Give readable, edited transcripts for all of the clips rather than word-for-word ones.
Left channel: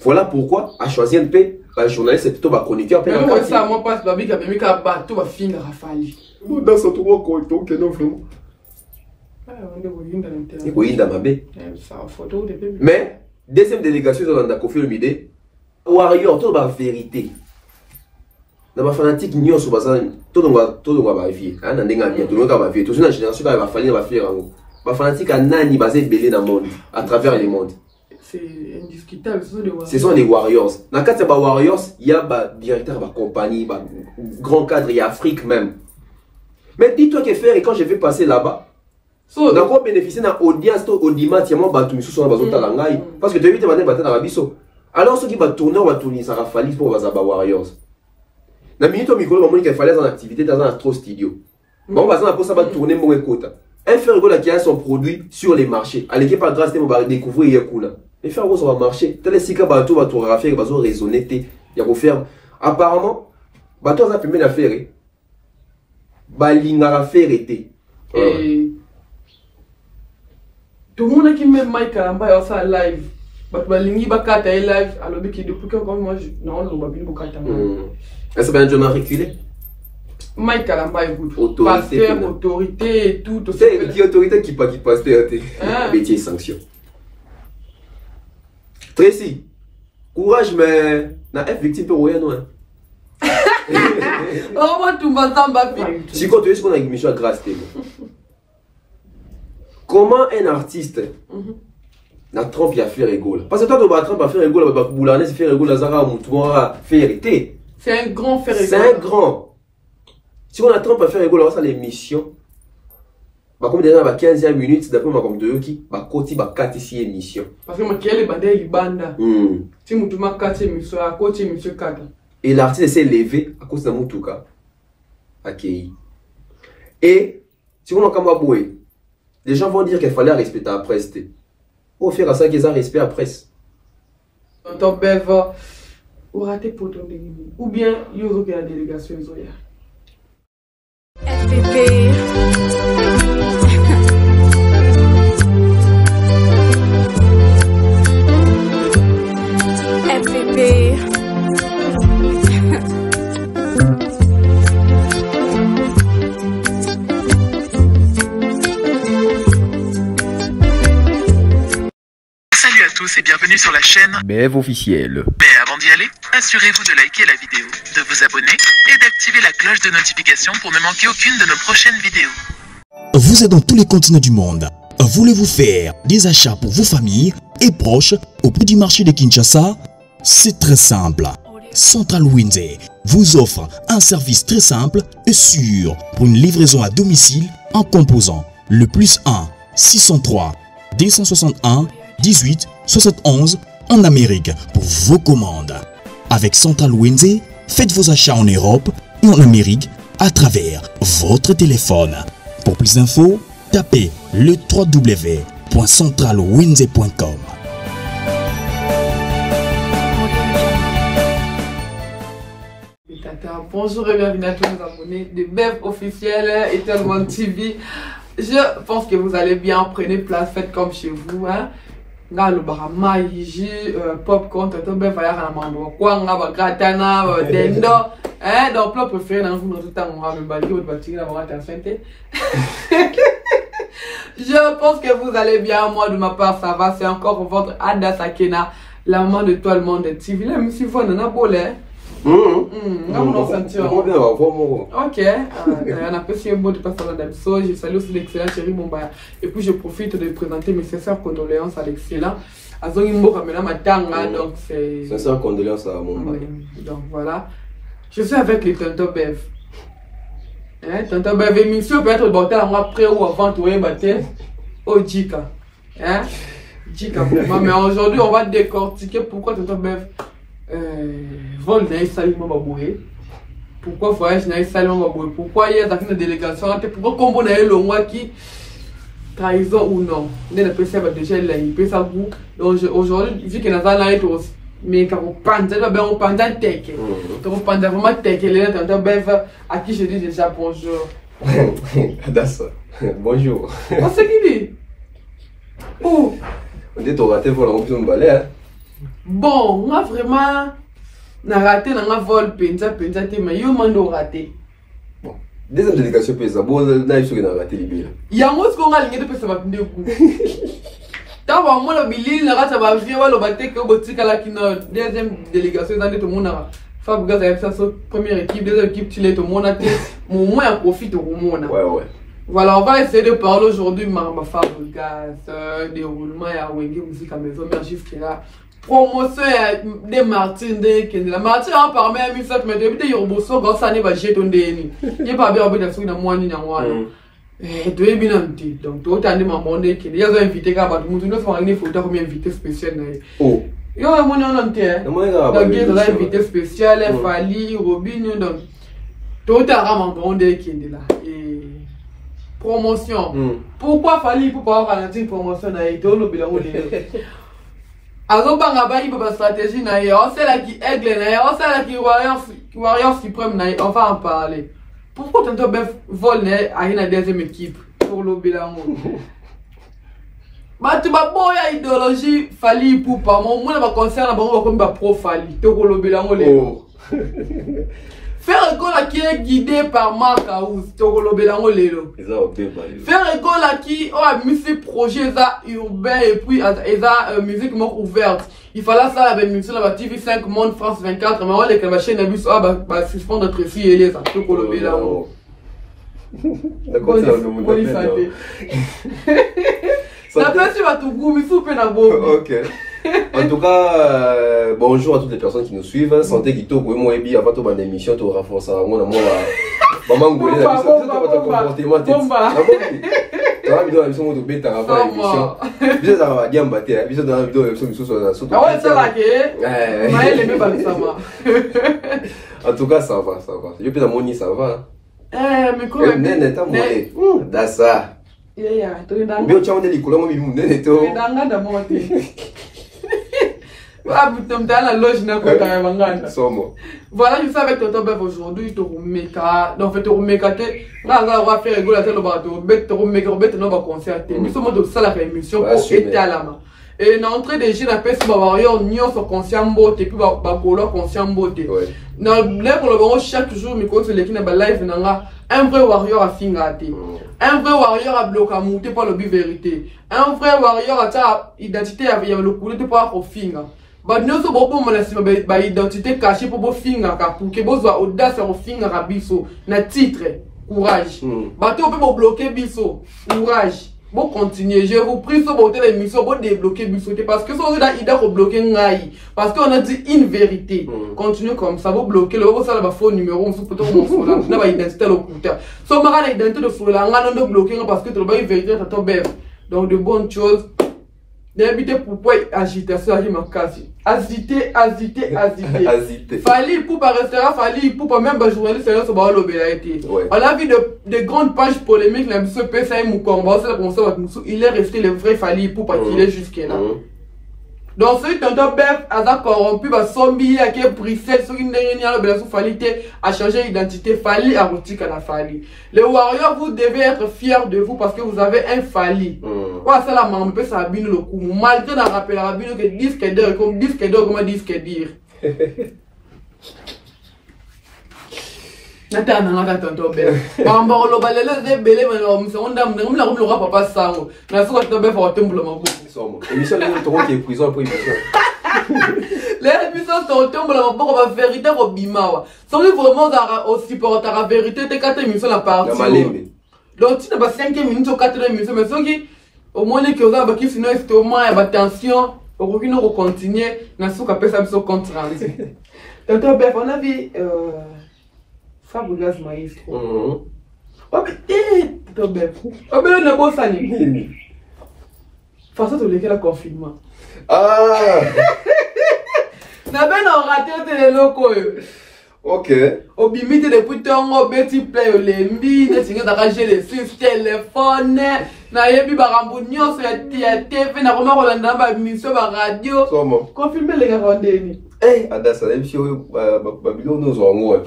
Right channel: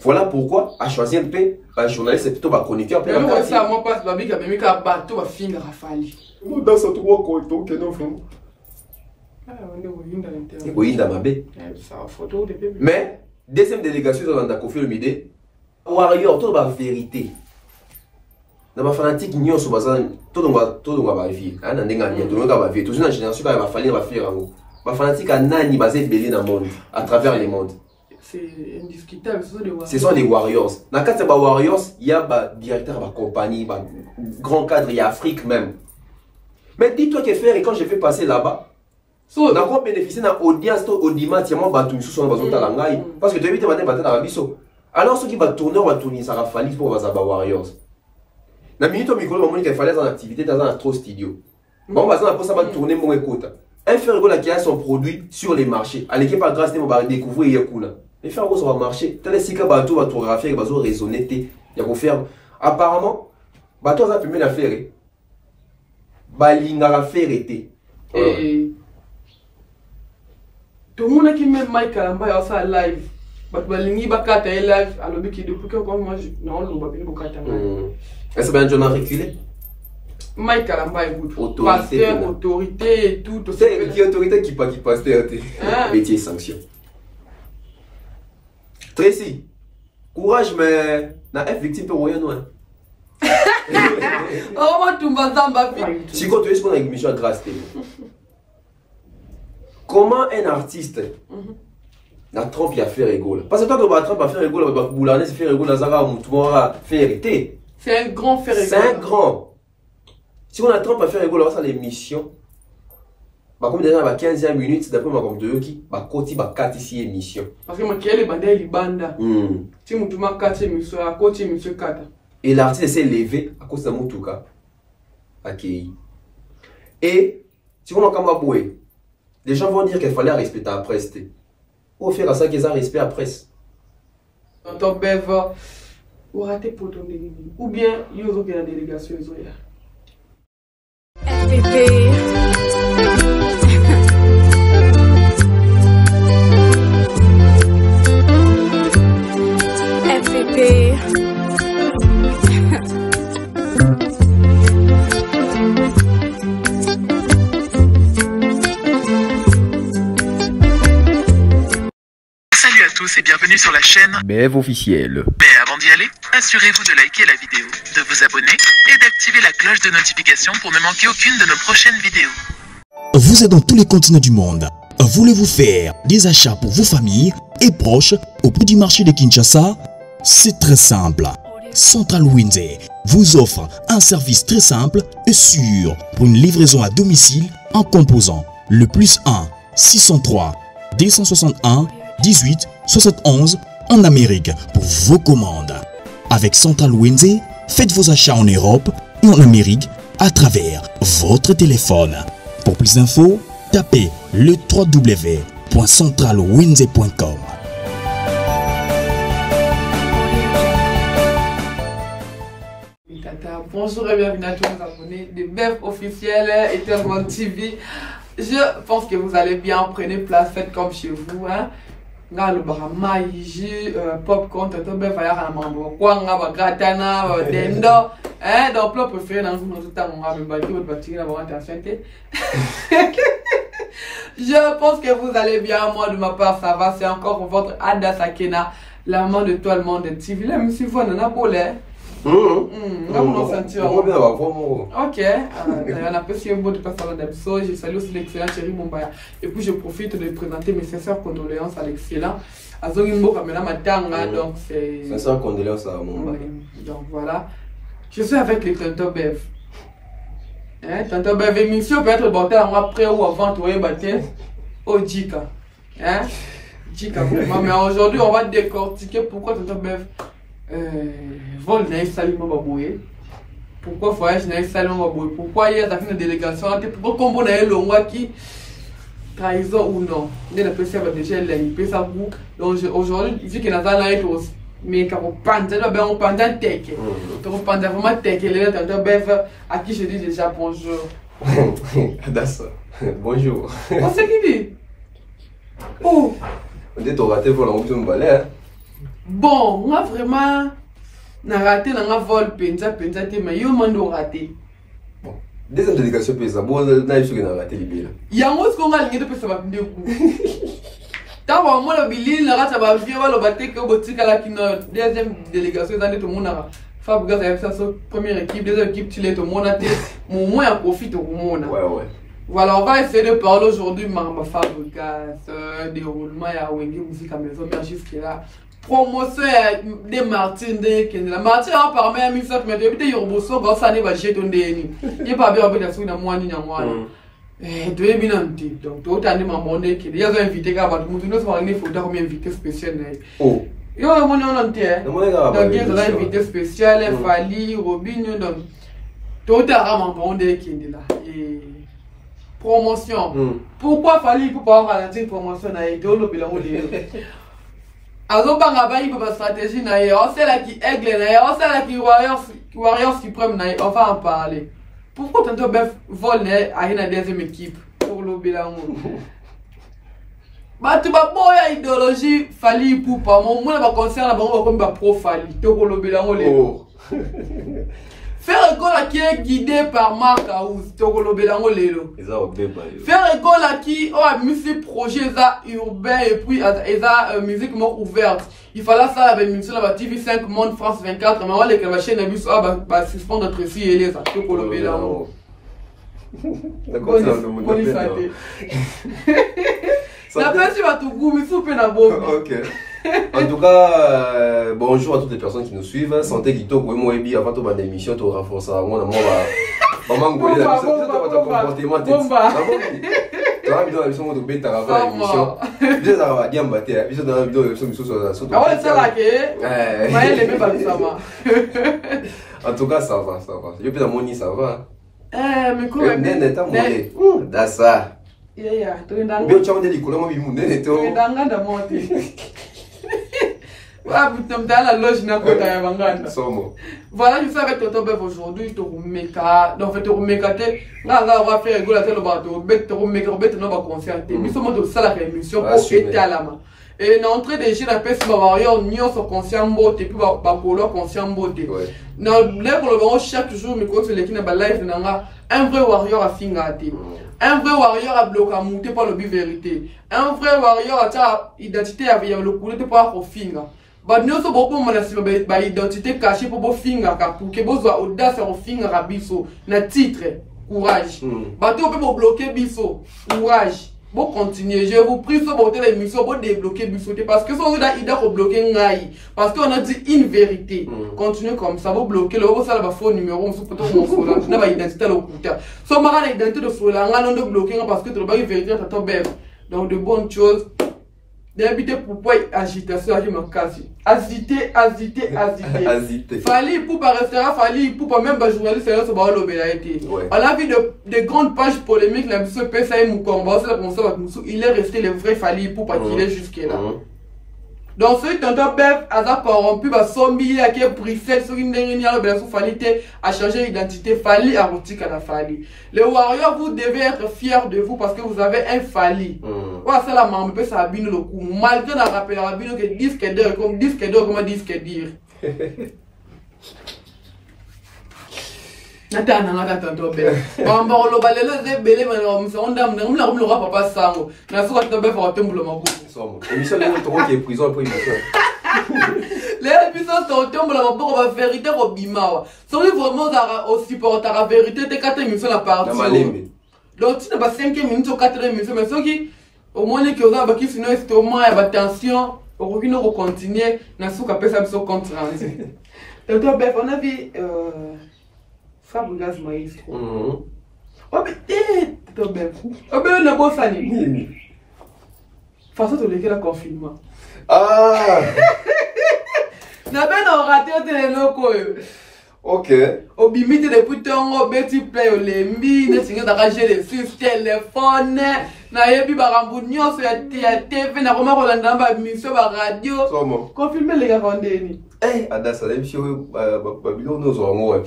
Voilà pourquoi, à choisir un peu, le journaliste, c'est plutôt chroniqueur. Mais moi, ça, moi, passe, babi, qui a mis un bateau, va finir à Fali. Dans son tour, donc, non, vraiment. Mais, deuxième délégation, on a confié le midi. Warrior, tout la vérité. Dans ma fanatique, nous sommes tout le monde va vérifier. Tout le monde va vérifier. Tout le monde génération va falloir va faire. Ma fanatique a nani basé belé dans le monde, à travers les mondes. C'est indiscutable, ce sont des warriors. Dans le cadre des warriors, il y a des directeurs de compagnie, des grands cadres, il y a Afrique même. Mais dis-toi que faire, et quand je vais passer là-bas, on a quoi bénéficier d'un audience, audimat, il y a mon bateau, sous son bazon talangaï. Parce que tu as vu, tu vas battre dans la biseau. Alors, ceux qui vont tourner, ça va falloir pour les warriors. Dans la minute, on m'a dit qu'il fallait dans l'activité dans un trop studio. Bon, on va tourner mon écoute. Un fer qui a son produit sur les marchés. À l'équipe, par grâce, on va découvrir Yakuna. Les fer ça va marcher. Tel si bateau va tout refaire, va raisonner, il y a qu'on faire. Apparemment, bateau ça peut la faire. Balinga faire été. Et tout le monde qui met Mike Kalamba ça live. Balingi bakata live alors que depuis que moi non le babine bukata. Est-ce que tu as reculé? Mike Kalamba est good. Pasteur, autorité et tout. C'est qui autorité qui passe métier sanction. Tracy, courage mais na F victime pour rien non. Oh moi tout m'entend si quand tu es sur une émission grâce télé. Comment un artiste na trompe ya faire rigolo? Parce que toi tu vas trompe à faire rigolo, bah boulaner c'est faire rigolo nazara mutuma faire hérité. C'est un grand faire rigolo. C'est un grand. Si on a trompe à faire rigolo, ça l'émission. Bah comme déjà 15e minute d'après ma comme de qui bah côté bah 4 ici émission. Parce que moi qui est le bandé il banda. Si mutuma 4 émission à côté émission 4. Et l'artiste s'est levé à cause de Moutuka. Accueilli. Et si on a comme aboué, les gens vont dire qu'il fallait respecter la presse. Au faire à ça qu'ils ont respect à la presse. Ton bève ou raté pour ton ou bien il y a la délégation. FPP. FPP. Salut à tous et bienvenue sur la chaîne BF officiel. Mais avant d'y aller, assurez-vous de liker la vidéo, de vous abonner et d'activer la cloche de notification pour ne manquer aucune de nos prochaines vidéos. Vous êtes dans tous les continents du monde. Voulez-vous faire des achats pour vos familles et proches au petit marché de Kinshasa? C'est très simple. Central Winze vous offre un service très simple et sûr pour une livraison à domicile en composant le +1 603 261 18 71 en Amérique pour vos commandes. Avec Central Winze, faites vos achats en Europe et en Amérique à travers votre téléphone. Pour plus d'infos, tapez le www.centralwinze.com. Bonjour et bienvenue à tous les abonnés de BF officiel et Tellement TV. Je pense que vous allez bien, prenez place, faites comme chez vous. Hein. Le barama, jus, popcorn, toto BF, va y avoir un mambo. Quoi, on va gratana, dendo. Hein, dans le plat préféré, dans tout le temps, on va me balayer, on va tirer la attention. Je pense que vous allez bien, moi de ma part ça va, c'est encore votre Ada Sakena, la maman de tout le monde de TV. Là, monsieur Von, on a beau l'air. Ok, on apprécie un beau de passer à l'épisode. Je salue aussi l'excellent Thierry Mombaya. Et puis je profite de présenter mes sincères condoléances à l'excellent Azongimbo Kamela Matanga. Donc c'est. Sincères condoléances à Mombaya. Donc voilà. Je suis avec les Tonton Bev. Hein, Tonton Bev, émission peut être bâtée après ou avant de bâtir au Jika. Hein? Jika vraiment. Mais aujourd'hui, on va décortiquer pourquoi Tonton Bev. Vol n'a salement baboué. Pourquoi voyage n'a salement baboué? Pourquoi il y a une délégation? Pourquoi combo n'a le roi qui trahison ou non? Il a déjà l'impression ça vous. Donc aujourd'hui, vu que nous allons aussi. Mais quand on pense, on pense à tech. Quand on pense vraiment tech, il est dans Bev à qui je dis déjà bonjour. Bonjour. On sait qui dit? Oh. On dit ton raté pour l'entrée de balai. Bon, moi vraiment, n'a raté, n'a vol, penza, mais yo mando raté. Bon, deuxième délégation pesa, bon, n'a eu ce qu'on a raté libéré. Il y a un mot qu'on a ligné de pesa va pinde coup. Tant que moi le billet, la race va venir, le bateau que boutique à la deuxième délégation, dans tout le monde a Fabregas avec sa première équipe, deuxième équipe, tu l'es tout le monde a été, mon moins profite au monde. Ouais. Voilà, on va essayer de parler aujourd'hui de Fabregas, déroulement à Wenge Musique à Maison Mère jusque-là. Promotion de Martin de Kendela. Martin a parlé à Missaf, mais depuis que Yorboso, quand ça n'est pas jeté, il n'y a pas bien de souvenir de moi ni de moi. Et tu es bien invité. Donc, tu as demandé qu'il y a un invité qui a battu. Nous avons une photo comme invité spécial. Oh. Il y a un invité. Donc, il y a un invité spécial, Fali, Robin. Donc, tu as demandé Kendela. Promotion. Pourquoi Fali pour pas ralentir une promotion à Edo, le bilan ou les. Alors, il y a une stratégie, on sait là qui aigle, on sait là qui Warriors qui prennent, on va en parler. Pourquoi tu as vol à une deuxième équipe pour le bilan? Tu as une idéologie, Fali pour pas. Moi, je concerne comme pro Fali, pour le bilan. Faire école qui est guidé par Marc Aouz, Tokolo Belango Lelo. Faire école qui a mis ses projets urbains et puis a musique ouverte. Il fallait ça avec musique la TV5 Monde France 24, mais on les la chaîne abus va suspendre notre fille et les Tokolo Belango. D'accord, bonne santé. La personne va tout goûter, mais soupe na bobo. OK. En tout cas, bonjour à toutes les personnes qui nous suivent. Santé qui toque, moi et bien avant toute ma émission, tu renforces moi maman ngolé la comportement. Bomba. Tu vas bien la mission de bêta avant l'émission. Bien ça va bien battre. Bien dans la mission sur la sauce. Ah ouais, ça là que. Mais les mêmes ça va. En tout cas, ça va. Je peux dans mon nid ça va. Mais quoi mais t'as monté. Dassa. Yeah, tu es dans. Bien tu as monté les couleurs moi il monte et tout. Tu es dans monter. Voilà, je suis avec Toto Bev aujourd'hui. Donc, on va faire rigoler le bateau. On va concerter. Nous sommes de ça la émission pour être à la main. Et l'entrée des jeunes appellent ce warrior, nous sommes conscients de puis bakolo conscient de. Dans le chaque jour, nous comptons les qui n'ont pas live. Un vrai warrior a fingati. Un vrai warrior a bloqué à monter par le but vérité. Un vrai warrior a ta identité avec le coulé de par au finger. Bah nous sommes beaucoup de ma identité cachée pour vos fingers pour que vous ayez audace au finger à biso na titre courage. Bah tu peux bloquer biso courage. Bon continuer, je vous prie sur votre émission pour débloquer biso parce que sans ça il doit bloquer ngai parce qu'on a dit une vérité. Continuez comme ça, vous bloquez le ça va faux numéro on se peut mon sola na ba identité le couteau. So mara l'identité de sola on doit bloquer parce que tu vas vérifier ta ton bébé. Donc de bonnes choses. D'habiter pourquoi agitation à ma case. Agiter. Fallait pour pas restaurant, fallait pour pas même journaliste c'est sur le bélaïté. On a vu de grandes pages polémiques la monsieur PSA Mukomba, c'est la comme ça il est resté le vrai fallait pour pas qu'il est jusque là. Donc celui tonton Bef a corrompu va zombie à qui est brisé sur une dernière le bélaïté fallait à changer d'identité fallait à rotique à la fallait. Les warriors vous devez être fiers de vous parce que vous avez un fallait. Voilà c'est la maman peut s'abîmer le coup malgré la rappel la bino que disque d'or comme disque d'or comment disque dire. Natana tonton Bef. Maman le balele c'est belé mais on dame on le roi papa sango. Na so tonton Bef va tomber le mako. Émission de trop qui est prison pour émission. Les émissions sont tombées là pour la vérité au bimawa. Sont vraiment aussi pour la vérité de 4 émissions la partie. Donc tu n'as pas 5 minutes ou 4 émissions mais ceux qui au moins les qui ont pas qui sinon c'est au moins attention au qui nous continuer na souka pesa biso compte rendu. Tonton Bef on a vu Fabregas Maestro. Oh mais Tonton Bef. Oh mais on a beau sani. Façon de lequel le confinement. Ah! N'a pas raté les locaux. Ok. Au bimite les boutons, au petit play, les mines, les signes d'arracher les six téléphones, n'a yebi barambunyo sur la TV, n'a pas rolanda ba mission ba radio. Confirmer les gars rendez-vous. Eh, Adassa, la mission Babylone nous avons.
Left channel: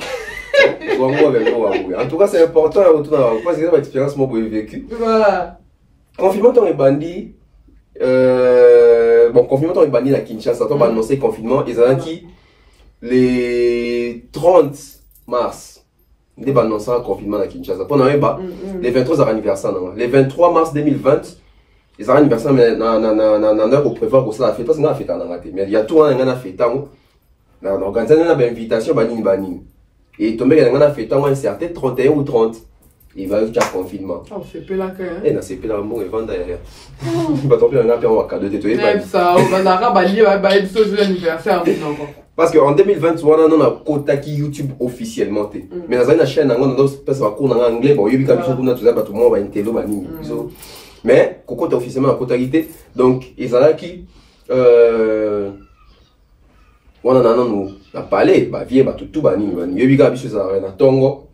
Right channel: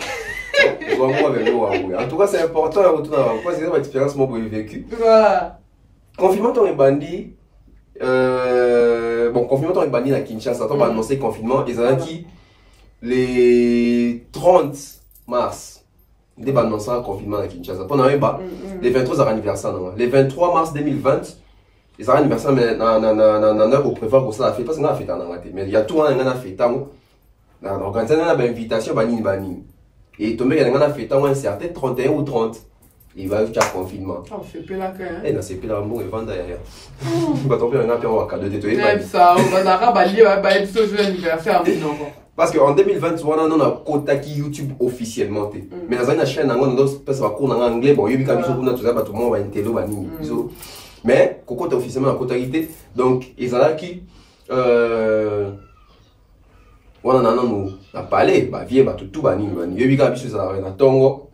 En tout cas, c'est important à retourner. Parce que c'est ma expérience moi j'ai vécu. Confinement ton bandit. bon, confinement, on est banni à Kinshasa, on va annoncer confinement, et ça qui les 30 mars, on va annoncer un confinement à Kinshasa. Pendant les 23 anniversaires, les 23 mars 2020, les anniversaires, mais on a prévoir pour ça la fête, parce qu'on a fait en Angleterre, mais il y a tout un an à fait, donc on a une invitation, banni. Et tombé qu'il y a fait un certain 31 ou 30. Il va y avoir confinement. Oh, c'est plus là quand même. Et c'est plus là, bon, il va derrière. Il va tomber, on a un cadeau de tout. Ça, on va avoir ce jour d'anniversaire. Parce qu'en 2020, on a un quota qui YouTube officiellement. Mais dans une chaîne, on a un cours en anglais. Bon, il y a tout le monde va intello, mais Coco est officiellement en quotalité. Donc, ils ont qui on a nous parlé, vieux, tout bani. Il y a des choses à Tongo.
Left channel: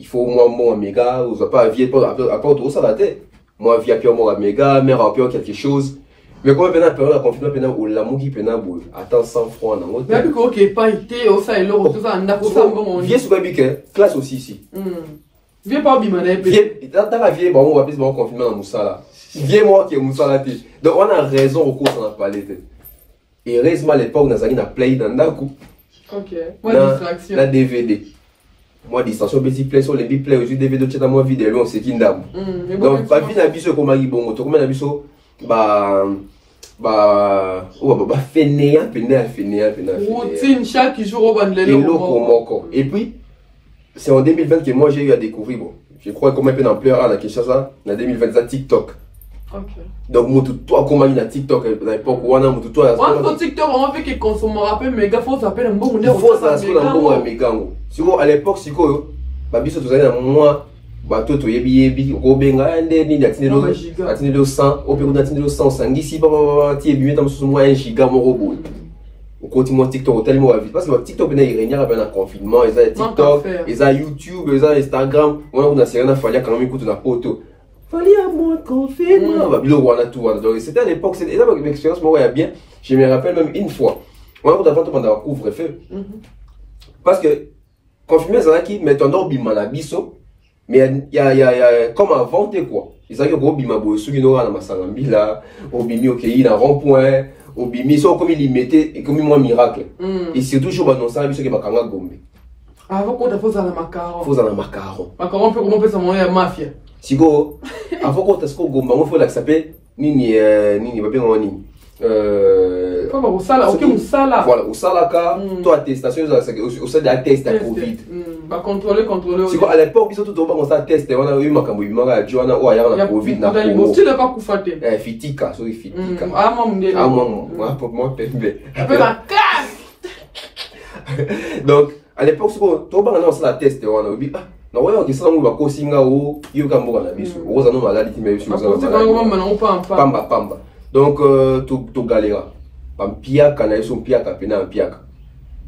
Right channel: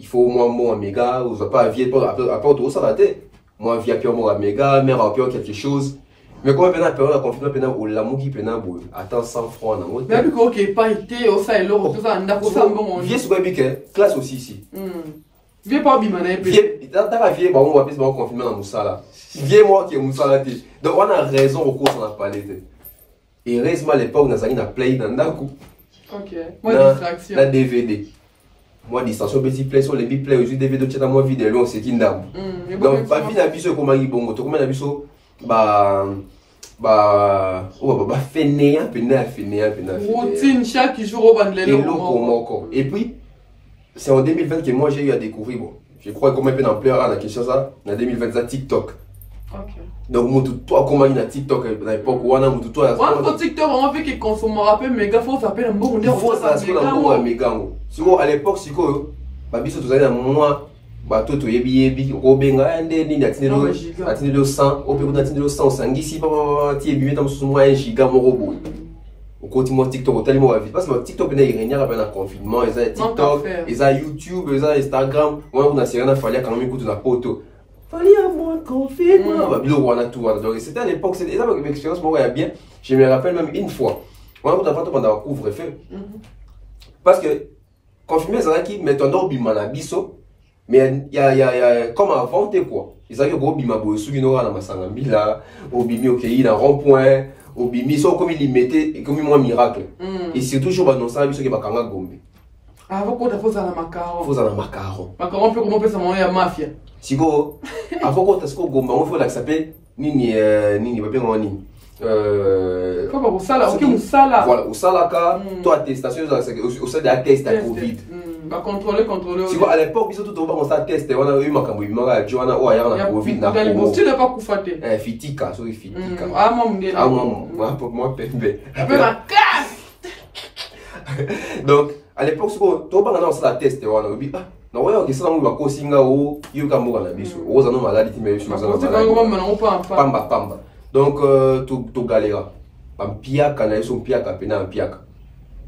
Il faut au moins bon méga, vous n'avez pas vieux, à part tout ça la tête. Moi, vieux, puis moi, méga, mère, à quelque chose. Mais quand on a peur, la confinement, on a l'amour qui peut n'avoir. Attends, 100 francs, on a. Mais puis, ok, pas été, au ça et l'eau, tout ça, on a pour ça, bon. Vieux, c'est quoi, classe aussi ici. Vieux, pas bimané, vieux, dans la vie, bon, on va appeler ce confinement dans Moussala. Vieux, moi, qui est Moussala. Donc, on a raison au cours, on a parlé. Et heureusement, à l'époque, on a play dans le coup. Ok. Moi, distraction. La DVD. Moi, distraction, petit play sur les big play, aussi DVD, tu as moi vidéo, c'est une dame. Donc, pas bien, un biseau comme un bon, tu remets un biseau, fainéant. Routine, chaque jour, au ban de l'eau. Et puis, c'est en 2020 que moi, j'ai eu à découvrir, bon, je crois qu'on met d'ampleur à la Kinshasa, en 2020, ça TikTok. Ok. Donc, moi, toi, comment il y a TikTok à l'époque où on a tout toi. Moi, TikTok, on fait qu'il consomme un rappel méga, faut s'appeler un bon méga. Faut s'appeler un bon méga. Sinon, à l'époque, c'est quoi? Babiso, tout ça, moi, bateau, tu yebi, Robenga, ni atinelo 100, au Pérou, atinelo 100, sangisi, tu yebi, tu as moi un giga, mon robot. Au quotidien, TikTok, tellement vite. Parce que TikTok, il y a un confinement, il y a TikTok, il y a YouTube, il y a Instagram. Moi, on a rien à faire quand même écouter la photo. Fallait à moi confinement. C'était à l'époque, c'était une expérience, moi, bien. Je me rappelle même une fois. On a d'abord pendant un couvre-feu. Parce que, confinement, c'est là qui met un ordre à biso. Mais il y a comme avant, quoi. Ils ont eu un gros bima, ceux qui n'ont pas dans Masangambila, au bimi, ok, il y a un rond-point, au bimi, ils sont comme ils mettaient, et comme un miracle. Et c'est toujours dans ça, ils sont qui bakanga gombe. Avant qu'on a fait ça, macaron. Faut ça, macaron. Macaron, peut comment peut ça, la mafia. Si go, avant qu'on t'as ce qu'on gomba, on faut la s'appeler nini, pas bien en nini. Faut pas au sala, ok, au sala. Voilà, au sala, toi, attestation, au sein de la test à Covid. Bah, contrôler. Si à l'époque, ils sont tout au bas, on s'est testé, on a eu ma cambo, Joanna, ou ailleurs, la Covid, n'a pas. Tu n'as pas coufaté. Fitika, sorry, Fitika. Ah, moi, ah, moi, pour moi, pembe. Un peu la casse. Donc, à l'époque, si on s'est la testé, on a eu, na waya okisa ngo bakosinga o yuka mboka na biso oza no maladi ti mesu pamba donc to galera pampiaka na yeso mpiaka pena mpiaka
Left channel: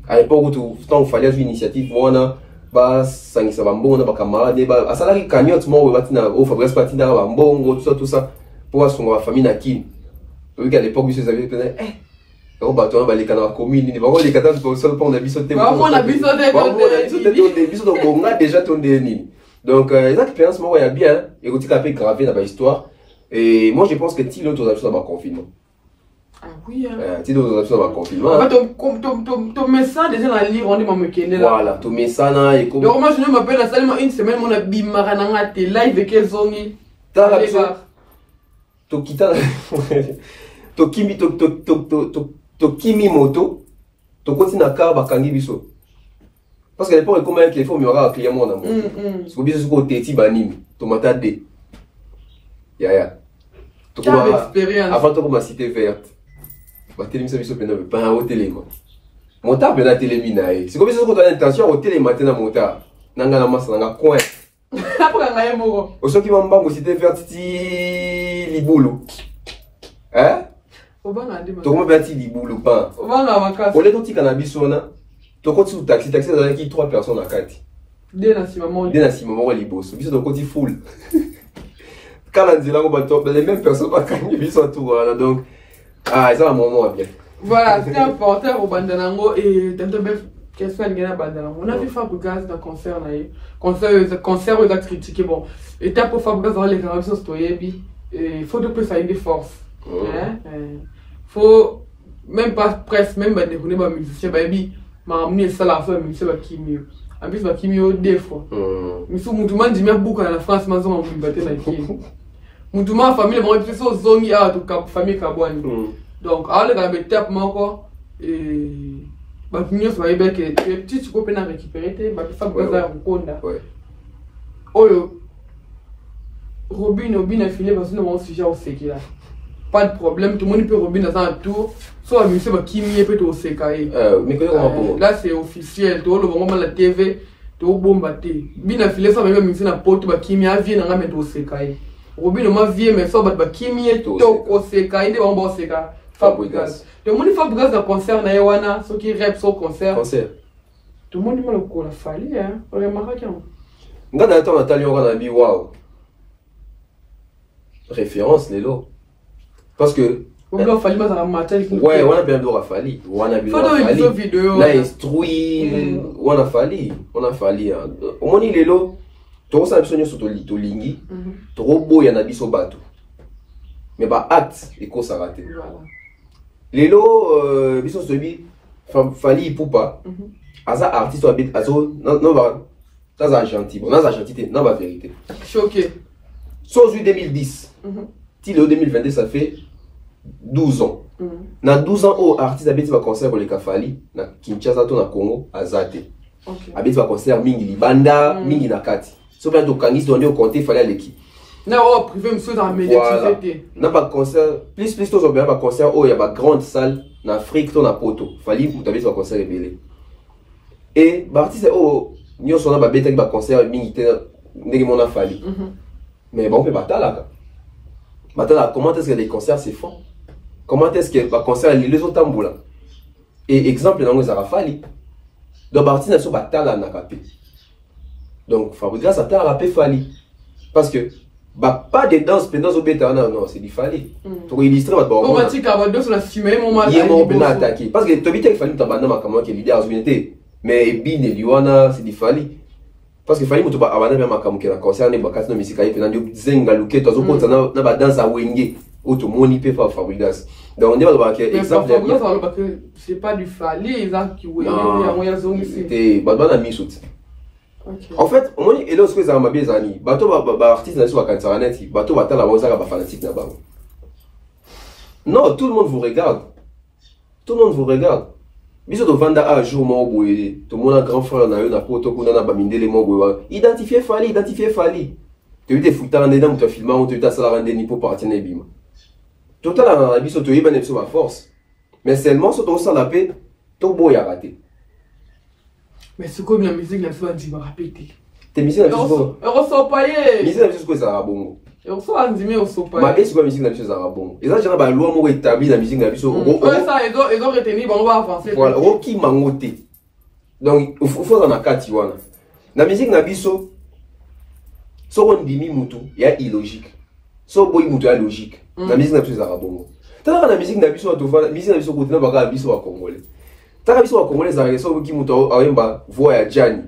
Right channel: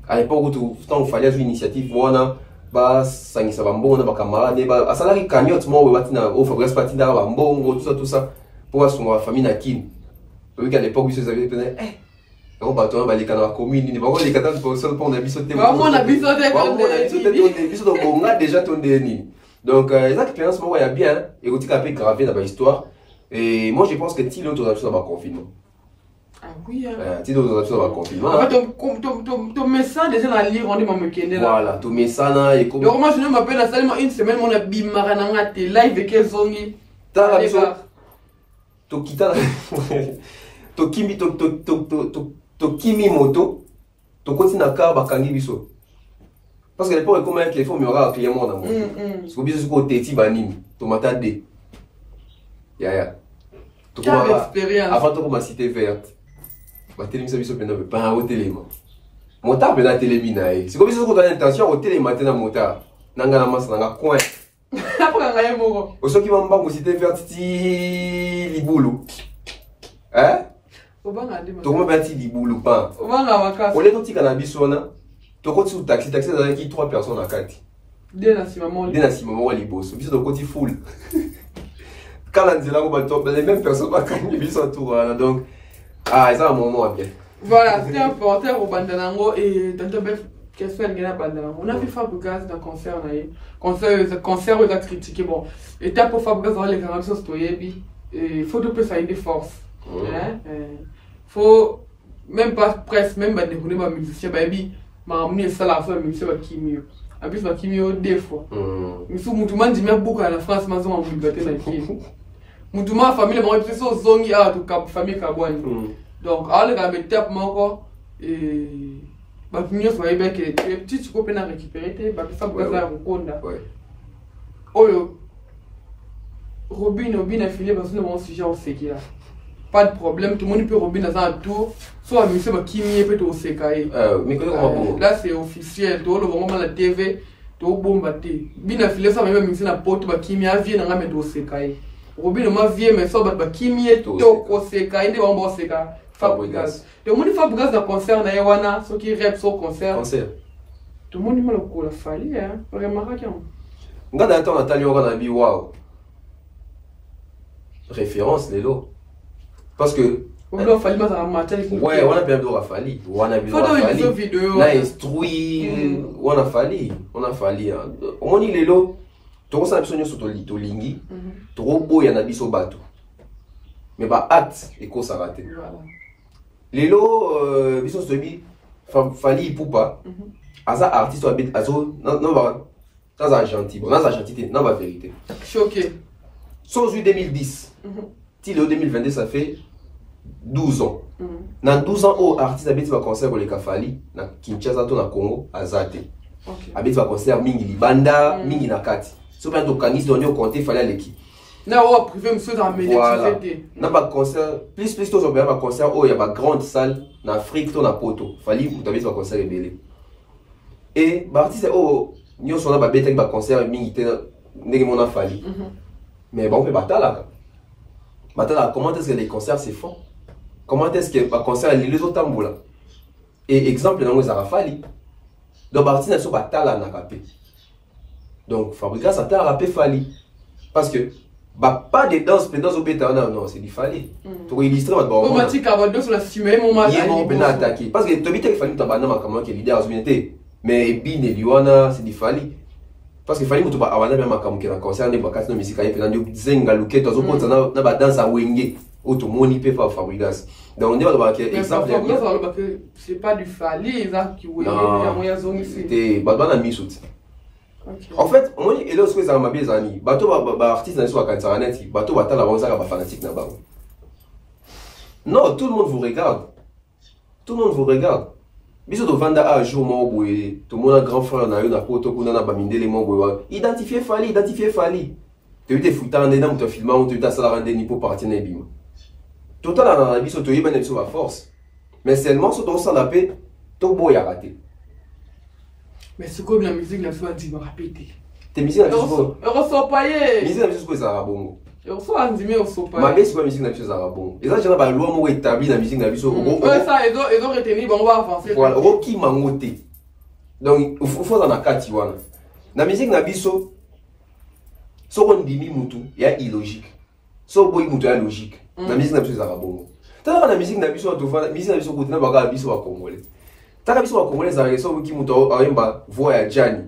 à l'époque où tant fallait une initiative wana ba sangisa bambona ba camarade ba asalaki cagnotte mo batina o Fabrice Patina ba mbongo tout ça pour son famille na kin oui à l'époque ils avaient peut-être on va tourner les canaux communes, on va les canaux pour ça pour on a biso de bon déjà ton déni. Donc les expériences moi il y a bien et aussi un peu gravé dans l'histoire et moi je pense que Tilo tu as fait ça dans confinement. Ah oui Tilo tu as fait ça dans confinement. En fait ton message déjà dans lire on est me kende là. Voilà, ton message là et comme donc moi je m'appelle la seulement une semaine on a bimara na ngate live que zongi. To kita to kimi to kimi moto to continue à car bakangi biso parce que l'époque est comme un téléphone mais on a un client mon amour parce que biso c'est côté ti banini to mata de ya to comme expérience avant to comme cité verte ba télévision biso pena pas au téléma monta pena télémina c'est comme biso ko ta intention au téléma tena monta nanga na masa nanga coin après ngaye moko o soki mamba mo cité verte ti libulu hein tout le monde va dire libulu pas. On est tout cannabis on a. Tu continues taxi avec 3 personnes à 4. Dès la moment où les boss. Bis donc côté full. Quand on dit là on va top les mêmes personnes pas quand ils sont tout donc ah ça un moment bien. Voilà, c'est important au bandanango et dans le question ngena bandanango. On a fait Fabregas dans concert là. Concert aux critiquer bon. Étape pour Fabregas dans les cannabis stoyer puis il faut de plus ça une force. Faut même pas presque, même pas déconner ma musicien, baby, m'a amené ça la fois, musicien va kimio. En plus, va kimio deux fois. Mais sous Moutouma, dit beaucoup à la France, ma zone, on va battre la kimio. Moutouma, famille, m'a fait ça, zone, il y a tout famille Kabouani. Donc, alors, quand même, tape, moi, quoi, et. Bah, kimio, ça va être que les petits, tu peux pas récupérer, bah, ça, pour ça, on compte. Oh, Robin a fini parce que nous avons un sujet au séqué. Pas de problème, tout le monde peut Robin dans un tour. Soit monsieur qui m'y peut au séqué. Là c'est officiel, tout le moment la TV, tout bombarder. Bien affilé ça même monsieur na porte ba qui m'y a vient na mettre au séqué. Robin m'a vie mais ça ba qui m'y est tout au séqué, de on bon séqué. Fabrigas. Tout le monde Fabrigas dans concert na Yawana, ceux qui rap sur concert. Tout le monde m'a le coup la fallu hein. Vraiment quand. Ngana attend Nathalie on a dit waouh. Référence les lots parce que ouais on a bien d'or Rafali on a bien on a instruit on a fallu au moins les lots tout ça besoin sur to lingi trop beau y en a biso bateau mais bah acte et quoi ça raté les lots biso se bi fali poupa asa artiste habite azo non va dans un gentil bon dans un gentilité non va vérité choqué sauf 2010 si le 2022 ça fait 12 ans. Dans 12 ans, au artiste habite va concert pour les Kafali, na Kinshasa, na Congo, Azate. Habite va concert Mingi Libanda, Mingi Nakati. Sauf que Kangis donné au compte, il fallait l'équipe. Na o privé monsieur dans médiatique. Na pas concert, plus tout ça bien concert oh il y a pas grande salle en Afrique, ton na poto. Fali vous habite va concert rebelle. Et artiste oh nous sommes là bête va concert Mingi ndenge mon Fali. Mais bon on peut battre là. Maintenant, comment est-ce que les concerts se font? Comment est-ce que les concerts les autres tambours? Et exemple, dans les Arafali, donc Bartine sur Batala n'a pas. Donc Fabrikas a tard à Fali. Parce que pas de danse, pendant au bêta, non, c'est du Fali. Pour illustrer votre bon. Comment tu as sur la cimée, mon il est bien attaqué. Parce que Tobi tel Fali, tu as banana comment qui est l'idée à l'unité. Mais Bin et Liwana, c'est du Fali. Parce que fallait que tu vas avoir même un camus qui a concert, les bacasses de musique, il y a des zenga, luquet, tu as danse à Wenge, ou tout le monde y peut pas Fabrikas. Donc on est dans le exemple. C'est pas du Fali, ils ont qui Wenge, il y a moyen de zone ici. C'était Badban a mis shoot. En fait, on est là, c'est un mes amis. Bateau va artiste dans la cantaranette, bateau va t'aller à la fanatique là-bas. Non, tout le monde vous regarde. Tout le monde vous regarde. Biso to vanda a jour mon boy, tout le monde a grand frère na yo na poto kuna na bamindele mon boy. Identifier Fali. Tu as des foutans dans dans ton film, tu as ça la rendre ni pour partir na bima. Tout là biso to yeba net sur la force. Mais seulement sur ton sang la paix, to boy a raté. Mais c'est comme la musique n'a pas dit répéter. Tes musiques na biso. Ressort paye. Musique na biso quoi ça rabongo. Et on soit andimé au sopa. Ma belle musique na biso ça rabongo. Et ça j'en ba loi mo établi la musique na biso. Ouais ça ils ont retenu bon on va avancer. Voilà, Rocky mangote. Donc il faut dans la kati wana. La musique na biso so on dimi mutu ya illogique. So boy mutu ya logique. La musique na biso ça rabongo. Tant la musique na biso to va musique na biso côté na ba biso wa congolais. Tant biso wa congolais ça so ki mutu ayemba voix ya Jani.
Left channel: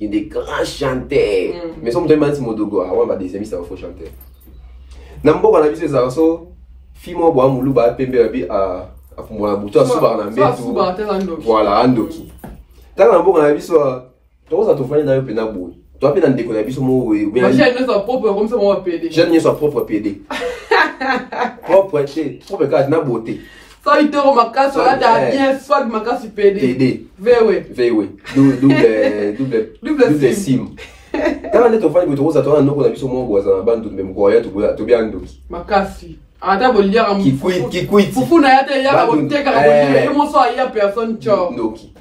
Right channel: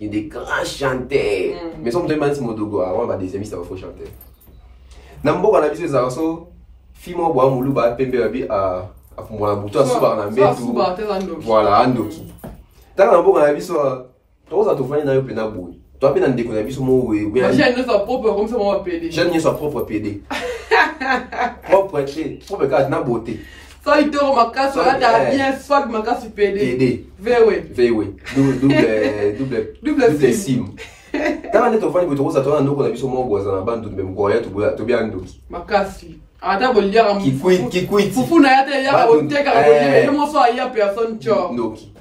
Il y a des grands chanteurs. Mais si on me demande si mon dogo, on va des amis, ça va faut chanter. Nambo on a vu ça, so fimo boa mulu ba pembe abi à fumona buto à suba na mbetu. Voilà, andoki. Tant nambo on a vu ça, toi ça te fait na yo pena boy. Toi pena ndeko na biso mo we. Moi j'ai sa propre comme ça moi PD. J'ai sa propre PD. Propre carte na beauté. Ça il te remarque ça là bien swag makasi PD. PD. VW. Double sim. Quand on est au fan de Rosa, on a nous on a vu son mot voisin bande de même goya to bien ndoki. Makasi. Ata bolia am qui quit. Fufu na yate ya ko teka ko bolia, yo mo so ya personne cho. Ndoki.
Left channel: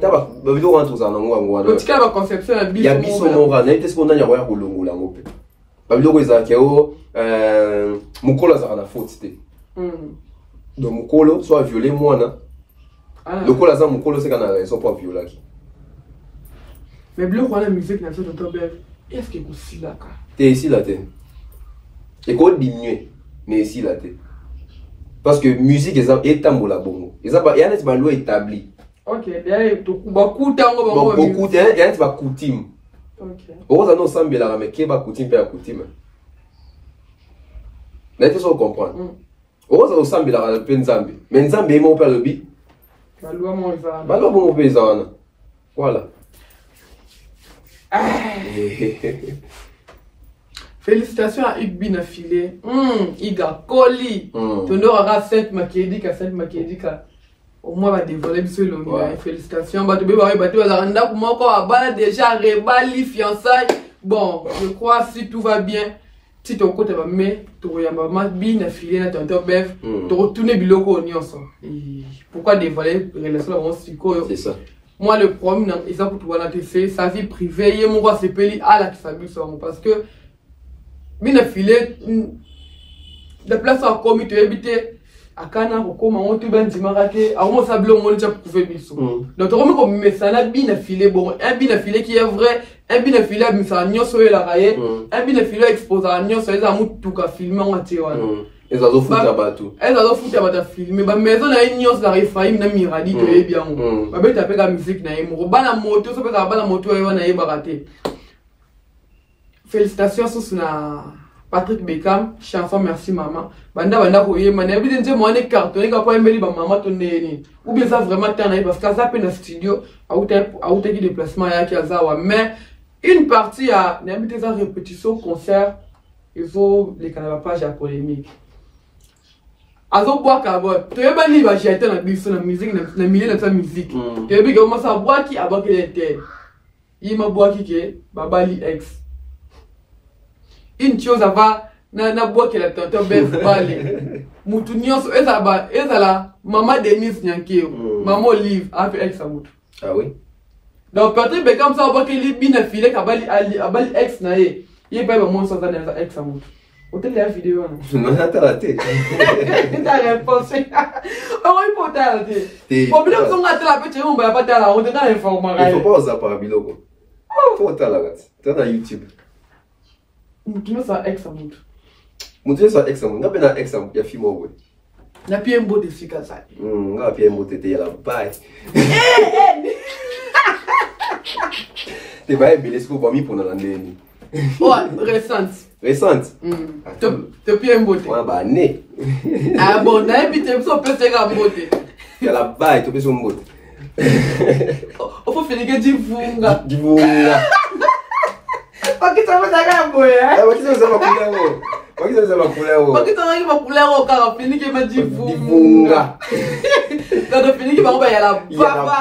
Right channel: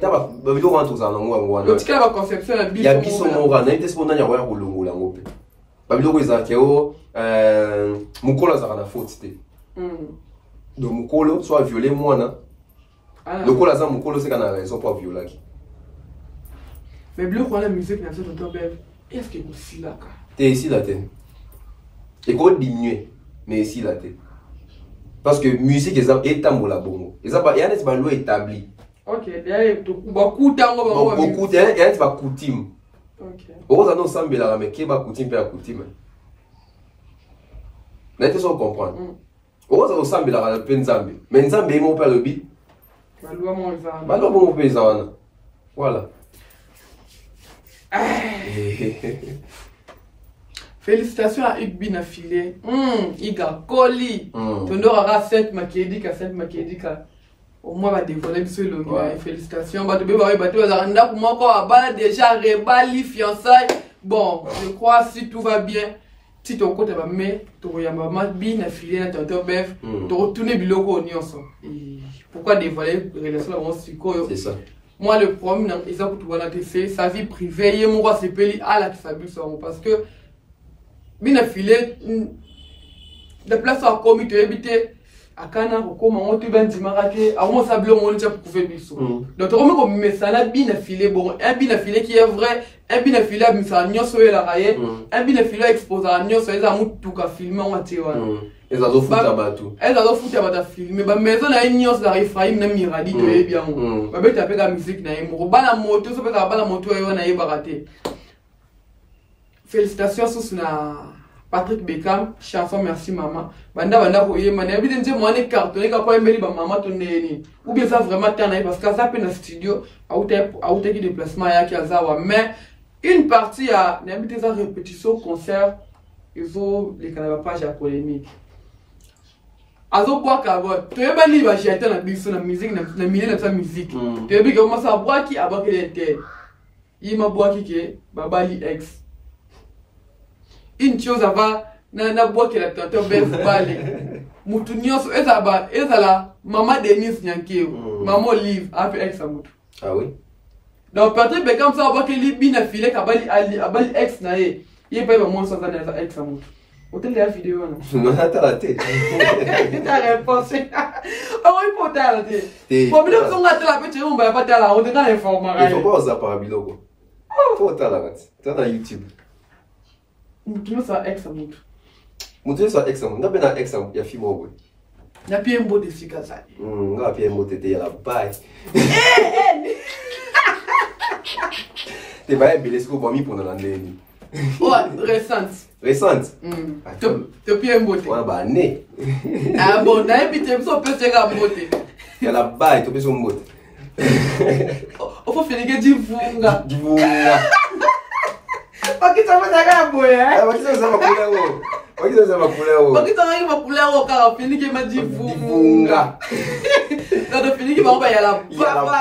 Taba babido wantu za nango ngwana. Otika ba conception ya biso. Ya biso monga na ite sibona nya ya kolongola ngope. Babido ko ezake o mukola za na faute te. Donc mukolo soit violé mwana. Le kola za mukolo c'est qu'on a raison pour violer qui. Mais bleu quoi la musique na tout ton bébé. Est-ce que aussi là ka? T'es ici là t'es. Et quoi diminuer mais ici là t'es. Parce que musique est tambola bongo. Exemple, il y a des balou établi. OK, derrière beaucoup tango bongo. Beaucoup il y a des coutume. OK. Oza no sambela mais ke ba coutume pe coutume. Là tu sais comprendre. Ose osambela pe nzambe. Mais nzambe mo pe lobi. Balwa mo eza. Balwa mo pe eza. Voilà. Félicitations à Igbi na filé. Iga Koli. Tondo aura 7 makedika. Au moins va dévoiler monsieur le félicitations. Bah tu peux voir bateau la randa pour moi quoi. Bah déjà rebali fiançailles. Bon, je crois si tout va bien. Si ton côté va mais tu vas maman bi na filé na tonton Bev. Tu retourner biloko nyonso. Pourquoi dévoiler relation vraiment psycho? C'est ça. Moi le problème ils ont tout voilà c'est sa vie privée. Et mon roi c'est peli à la qui s'habille parce que bien affilé de place à commis tu habiter à Cana ou comme on te ben dimarate à moi ça bleu on déjà prouvé biso donc comme comme mais ça la bien affilé bon un bien affilé qui est vrai un bien affilé mais ça nyoso la raye un bien affilé expose à nyoso les amour tout ka filmer on atiwa et ça doit foutre bateau elle doit foutre bateau filmer ba maison na nyoso la rifaim na miradi to e bien ba beta pe ka musique na mo ba na moto so pe ka ba na moto yo na ye barate. Félicitations sur Patrick Beckham, chanson Merci Maman. Banda koye mané bi denze mo ne cartonné ka pa mbeli ba maman tonné ou bien ça vraiment tana parce que ça pe na studio a outé qui déplacement ya ki azawa mais une partie a n'habite ça répétition concert ils ont les canaux page à polémique. Azo bois ka bo to yeba ni ba jeter na biso na musique na milieu na sa musique. To yebi ko masa bois ki abaki était. Yima bois ki ke babali ex. Une chose va na bois que la tonton Bev balé mutu nyonso ezala maman Denise Nyankeo maman Olive après ex amutu. Ah oui. Donc Patrick Beckham ça bois que li bina filé kabali abali ex na ye pas maman ça na ex amutu. Hôtel la vidéo non. On a raté. T'as réponse. Oh il faut t'arrêter. Pour bien qu'on a la petite on va pas là on te donne l'information. Il faut pas oser par biloko. Faut t'arrêter. Tu es dans YouTube. Mutu ça ex amutu. Mutu ça ex amutu. Na bena ex amutu ya fimo we. Na pia mbo de sikaza. Na pia mbo tete ya la bye. Te ba ebile siko bomi pour na ndeni. Oh, récente. Récente. Te pia mbo te. Wa ba ne. Ah bon, na ebite so pese ga mbo te. Ya la bye to pese mbo te. O faut finir divunga. Divunga. Pakita mtaka mboye eh. Pakita za makulero. Pakita za makulero. Pakita ngi makulero ka fini ke madivunga. Nado fini ke ba ya la papa.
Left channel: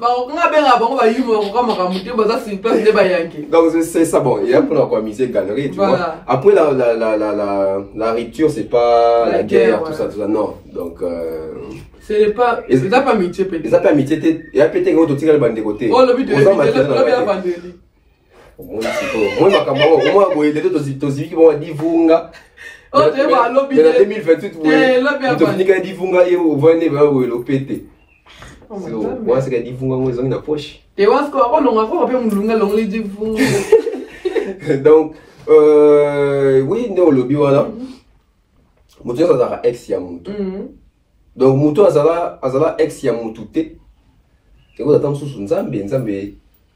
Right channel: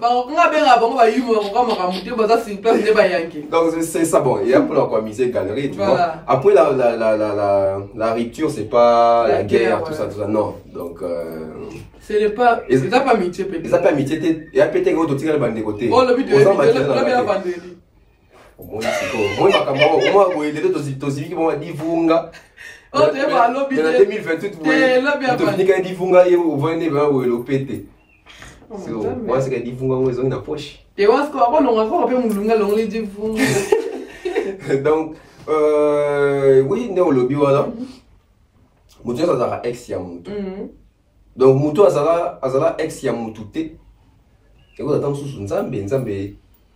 Ba nga benga ba yumo ko kama muté ba za simple ne ba yanki. Donc c'est ça bon, il y a pour quoi miser galerie tu vois. Après la rupture c'est pas la guerre tout ça non. Donc c'est pas amitié peut-être. C'est pas amitié, il y a peut-être que tu tires le bande de côté. Oh le but de bien vendredi. Moi il était aussi qui vont divunga. Oh tu vas lobby 2028 tu finis quand divunga et vous venez va le péter. Moi c'est que divunga moi ils ont une poche. Tu vois ce qu'on a encore peu mulunga longue divunga. Donc oui ne au lobby voilà. Mutu ça sera ex ya mutu. Donc mutu azala ex ya mutu te. Et vous attendez sous nzambe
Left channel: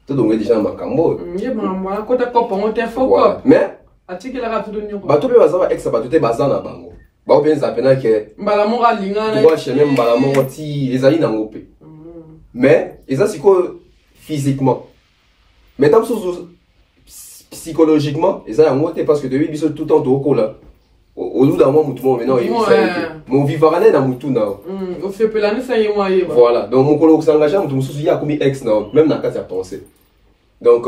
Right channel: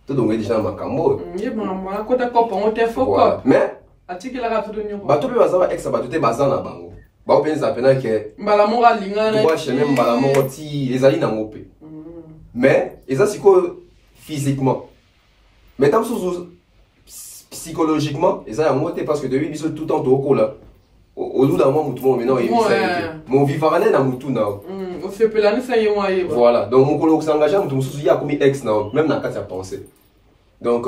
tout donc déjà makambo. Yebamba kota kopa on te foko. Mais atiki la rapide nyoko. Ba to pe bazaba ex ba to te bazana bango. Ba openza pena ke mbala monga linga na. Moi chez même mbala mongo ti ezali na ngope. Mais eza siko physiquement. Mais tam sous psychologiquement eza ya ngote parce que depuis biso tout temps to là. Au bout d'un moment tout le maintenant il fait mon vivarane na mutu na. On fait pelane ça y moi. Voilà, donc mon collègue s'engage mutu musu ya comme ex na même na kati ya pensée. Donc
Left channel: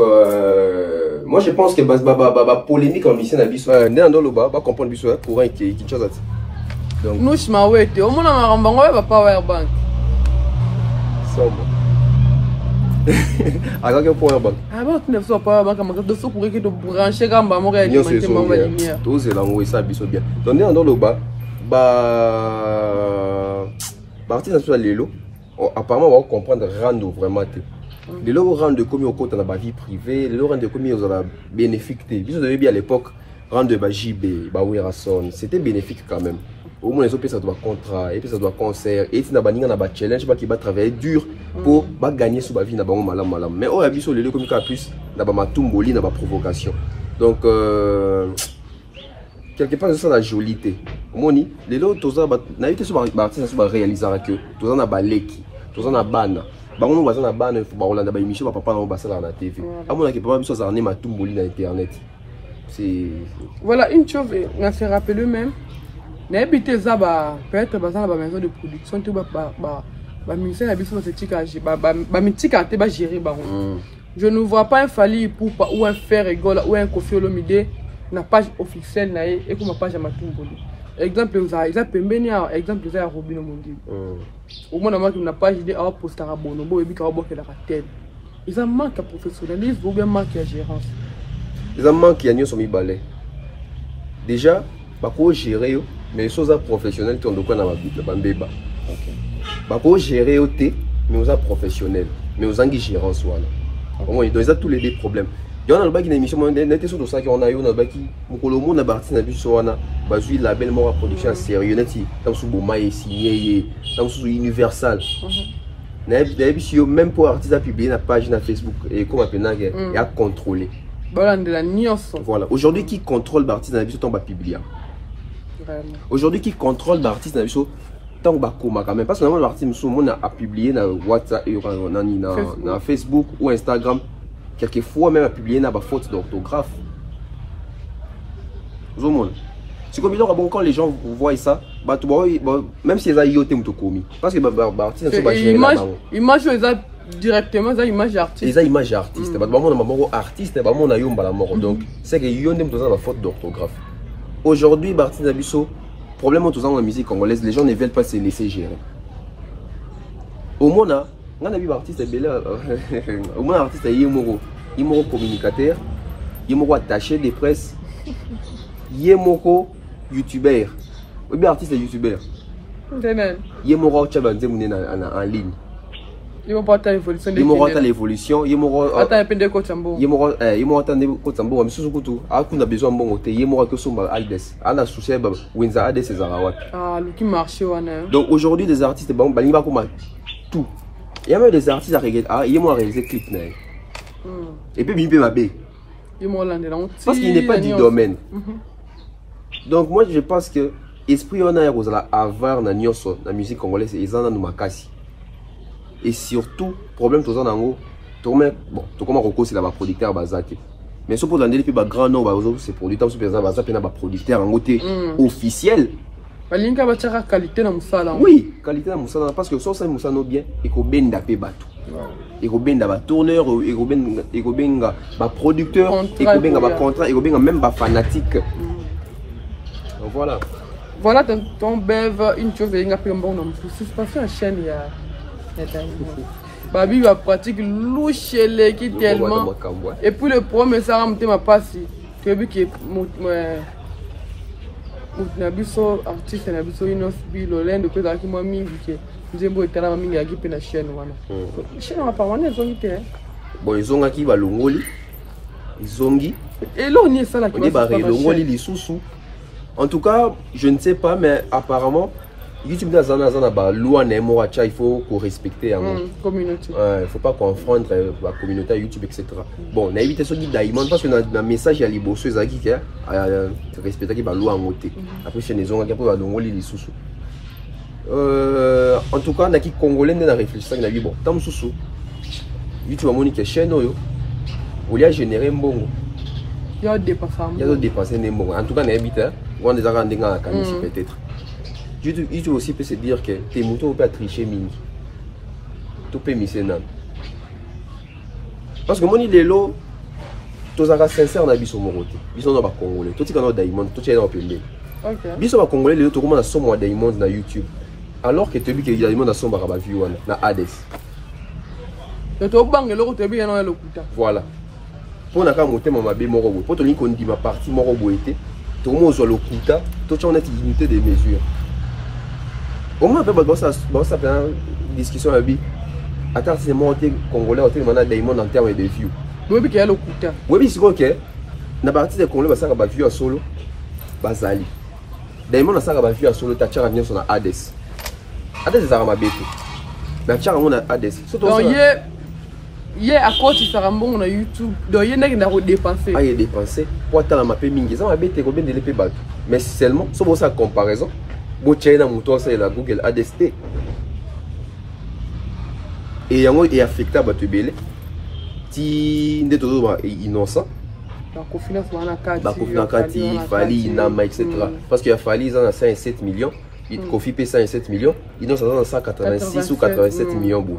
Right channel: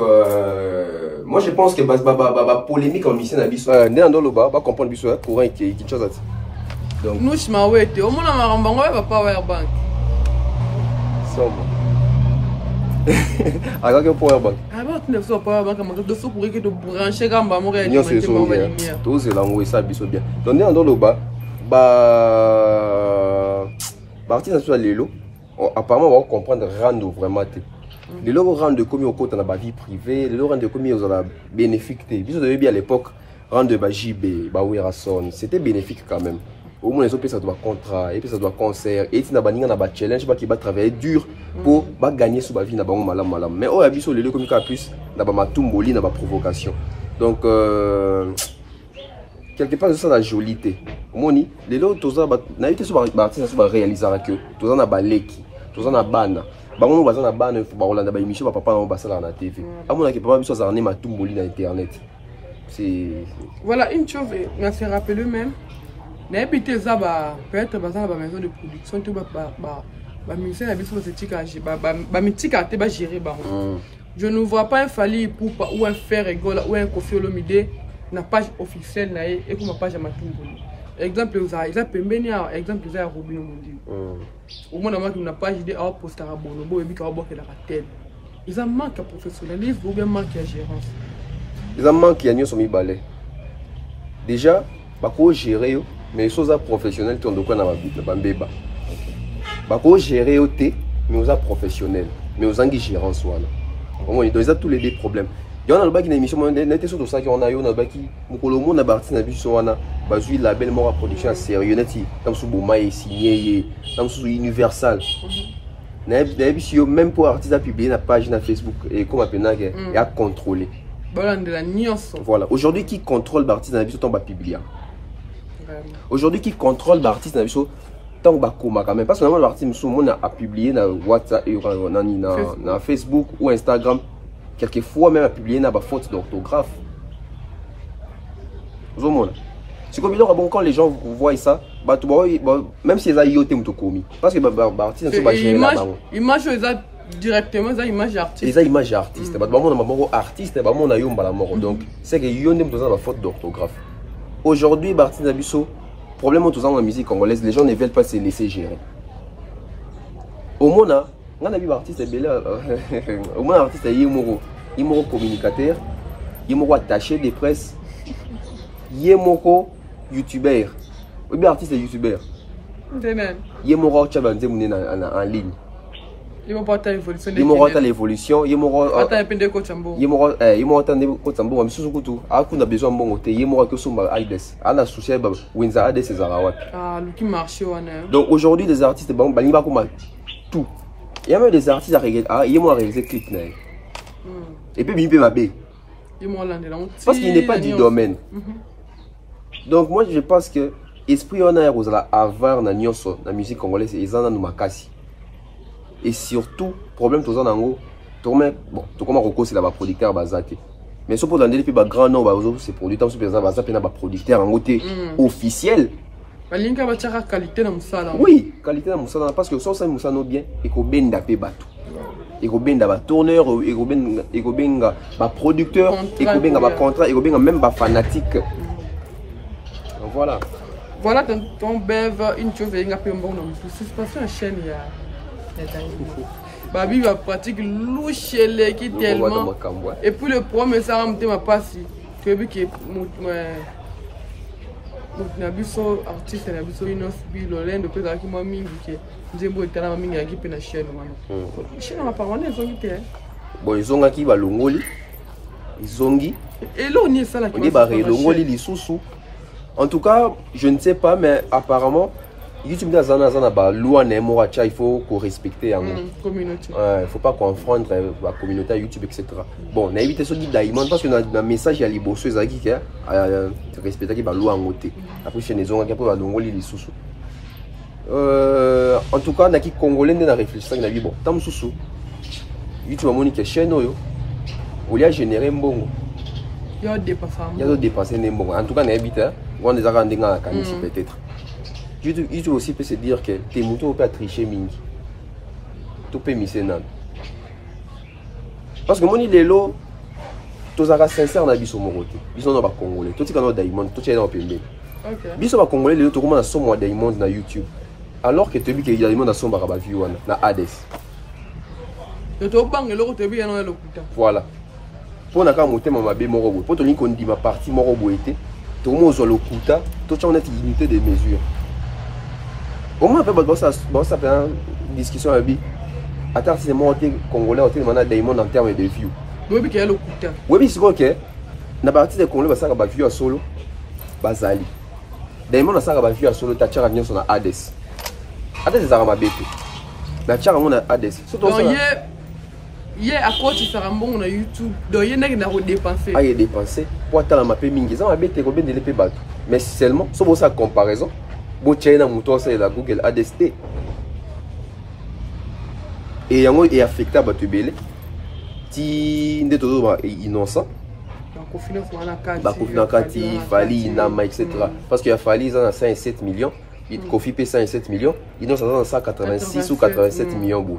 moi je pense que ba polémique en mission na biso. Né dans le bas ba comprendre biso courant qui chose. Donc nous je m'awete au mona marambango ba power bank. Somo. Alors que power bank. Ah bon tu ne fais pas power bank mais de faut pour que tu brancher gamba mo ga alimenté mo ba lumière. Tout c'est là où ça biso bien. Donc né dans le bas partie nationale lelo apparemment on va comprendre rendre vraiment té. Les lots rendent comme au côté de la vie privée, les lots rendent comme aux la bénéfique. Biso de bien à l'époque rendre ba JB, ba Werason, c'était bénéfique quand même. Au moins les autres ça doit contrat et puis ça doit concert et tu na baninga na ba challenge pas qui va travailler dur pour ba gagner sur ba vie na ba malam. Mais on a biso les lots comme plus na ba matumboli na ba provocation. Donc quelque part ça la jolité moni les autres toza na yite so ba artiste so ba réaliser que toza na baleki toza na bana bango baza na bana ba Rolanda ba émission ba papa na ba sala na TV amona ke papa biso za ne matumboli na internet c'est voilà une chose on se rappelle même na habité ça ba peut-être ba maison de production tout ba ministère na biso c'est tika ba mitika te ba gérer ba je ne vois pas un Fally Ipupa ou un Ferregola ou un Koffi Olomide na page officielle na et comme page à matumboli exemple ça pembeni exemple ça Robino Mondi au moins na ma page de a poster à Bonobo et bi ka boke la tel ils en manque à professionnalisme ou bien manque à gérance ils en manque à nyoso mi balé déjà ba ko gérer yo mais ils sont professionnels qui ont de quoi na ba mbeba ba ko gérer yo té mais aux professionnels mais aux angi gérance wala au moins ils ont tous les deux problèmes. Il y a une émission, on a sur ça qu'on a eu, on a baki, Mukolomo na parti na biso wana, bazui label mora production sérieux neti, tam sou Boma et signé, tam sou Universal. Na biso même pour artiste à publier na page na Facebook et comme appena et à contrôler. Voilà, aujourd'hui qui contrôle l'artiste na biso tant ba publier. Aujourd'hui qui contrôle l'artiste na biso tant ba koma quand même parce que normalement l'artiste nous on a publié na WhatsApp et na Facebook ou Instagram. Quelquefois même à publier na faute d'orthographe. C'est comme bon quand les gens voient ça, même si les IoT ont commis parce que artiste ne sont pas image directement ça image artiste. Les images artistes, artiste on a yomba la mort donc c'est que yonde besoin de faute d'orthographe. Aujourd'hui artiste Nabiso problème autour dans la musique congolaise, les gens ne veulent pas se laisser gérer. Au moins on a vu artiste belé au moins artiste yemoro communicateur yemoro attaché de presse yemoro youtubeur ou bien artiste youtubeur yemoro chabanze mune en ligne yemoro ta évolution yemoro ta l'évolution yemoro ata pende ko chambo yemoro ta ko chambo misusu kutu akuna besoin mbongo te yemoro ko somba aides ana souci ba wenza ades ezara luki marché wana donc aujourd'hui les artistes balimba ko tout. Il y a même des artistes à réaliser clip. Et puis il peut m'abbé. Parce qu'il n'est pas du domaine. Donc moi je pense que l'esprit on a avoir na nyoso la musique congolaise et ça nous makasi. Et surtout problème tous en ango tourner bon tout comme Roko c'est là producteur bazaki. Mais ce pour dans des plus grand nom c'est producteur sur exemple bazaki na producteur en côté officiel. Balinga bataka qualité na musala. Oui, qualité na musala parce que ça musala bien et ko benda pe bato. Et ko benda ba tourneur et ko benga ba producteur et ko benga ba contrat et ko benga même ba fanatique. Donc voilà. Voilà ton bev une chose inga pe mbon na musu parce que chaîne ya Diamond. Babi va pratique louchele qui tellement et puis le premier ça me ma passi. Tu as vu que na biso artiste na biso inos bilo lendo pe zaki mwa mingi ke nzembo etala mingi yaki pe na chaîne wana chaîne na parwana zongi te bon izonga ki balongoli zongi et là on y est ça là qui va balongoli lisusu en tout cas je ne sais pas mais apparemment YouTube dans zana ba loi na mo acha il faut qu'on respecte la communauté il faut pas confondre la communauté YouTube etc. Bon na éviter ce dit Diamond parce que na message ya liboso ezaki ke respecter ki ba loi ngote après c'est maison ka pour ba longoli lisusu en tout cas na ki congolais na réfléchir na bi bon tam susu YouTube amoni ke chaîne oyo olia générer mbongo ya dépasser mbongo en tout cas na éviter on des arrêts ndenga kanisi peut-être. YouTube aussi peut se dire que tes moutons peuvent tricher mini. Tu peux misser nan. Parce que moi, les lots, tous les sincères na biso morote. Biso na ba congolais. Tout ce qu'on a Diamond, tout ce qu'on a pembe. OK. Biso ba congolais les tout comment na somme Diamond na YouTube. Alors que tu dis que Diamond na somme ba view na Hades. Tu to bang le ko bi na lokuta. Voilà. Pour na ka motema mabe moko bo. Pour to ni ko ndima partie moko bo été. Tout le monde soit lokuta, tout on a une limité des mesures. Au moins, ça fait une discussion avec lui. Attends, c'est moi congolais, on a Diamond en termes de views. Oui, mais qu'il y a le coût. Oui, c'est ok. Na partie des congolais, ça va view à solo. Bazali. Diamond a ça va view à solo. T'as tiré à venir sur Hades. Hades, c'est Arama Bete. Mais t'as tiré à Hades. Donc, il à quoi tu seras bon on a YouTube donc il y a qui dépenser il dépenser pour attendre ma paix mingi ça va bête combien de l'épée bateau mais seulement sur sa comparaison bo China moto ça la Google ADST et yango est affecté bateau belé ti ndeto ba innocent ba confinement wana kati fali nama etc parce qu'il a fallu ça 5-7 millions il Kofi paye 107 millions innocent dans 186 ou 87 millions bon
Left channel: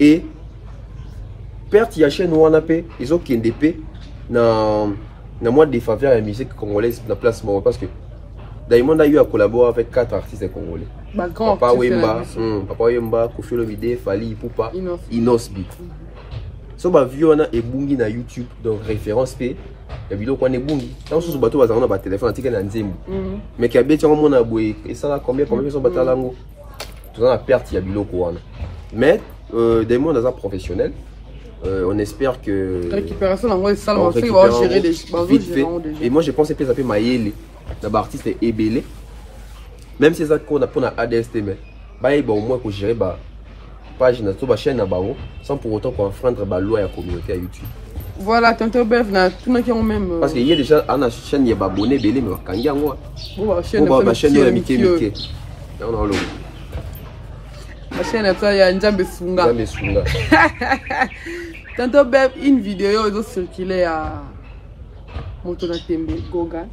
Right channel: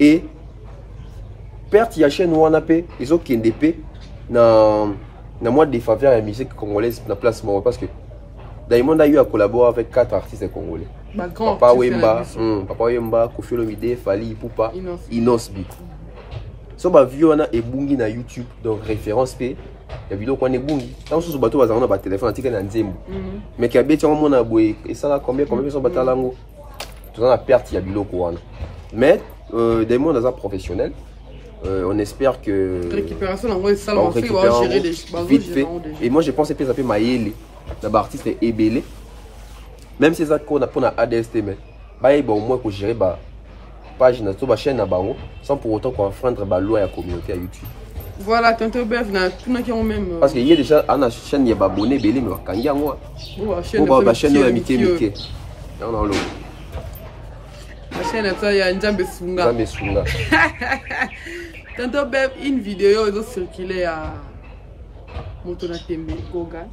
et perte ya chaîne wana pe ils ont kende pe na mois de faveur la musique congolaise na place Moro parce que Diamond a eu à collaborer avec 4 artistes congolais. Papa Wemba, Kofi Olomide, Fally Ipupa, Inosbi. So ba vu on a ebungi na YouTube donc référence pe la vidéo qu'on ebungi. Tant sous bateau bazana ba téléphone antique na nzembo. Mais ki abeti on mona boy et ça là combien so batalango. Tout ça la perte ya biloko wana. Mais Diamond est un professionnel. On espère que récupération vite fait. Et moi je pense que ça peut mailler les artistes ébélé même si ça qu'on a pour la ADST mais bah au moins que gérer bah page na to ba chaîne na bango sans pour autant qu'on enfreindre ba loi à communauté à YouTube. Voilà tonton Bev na tout qui ont même parce qu'il y a déjà une chaîne il y a abonné belé no kangia moi ba chaîne ya mike non lo la chaîne ça ya Nzambe Sunga tonton Bev une vidéo doit circuler à moto na tembe Goga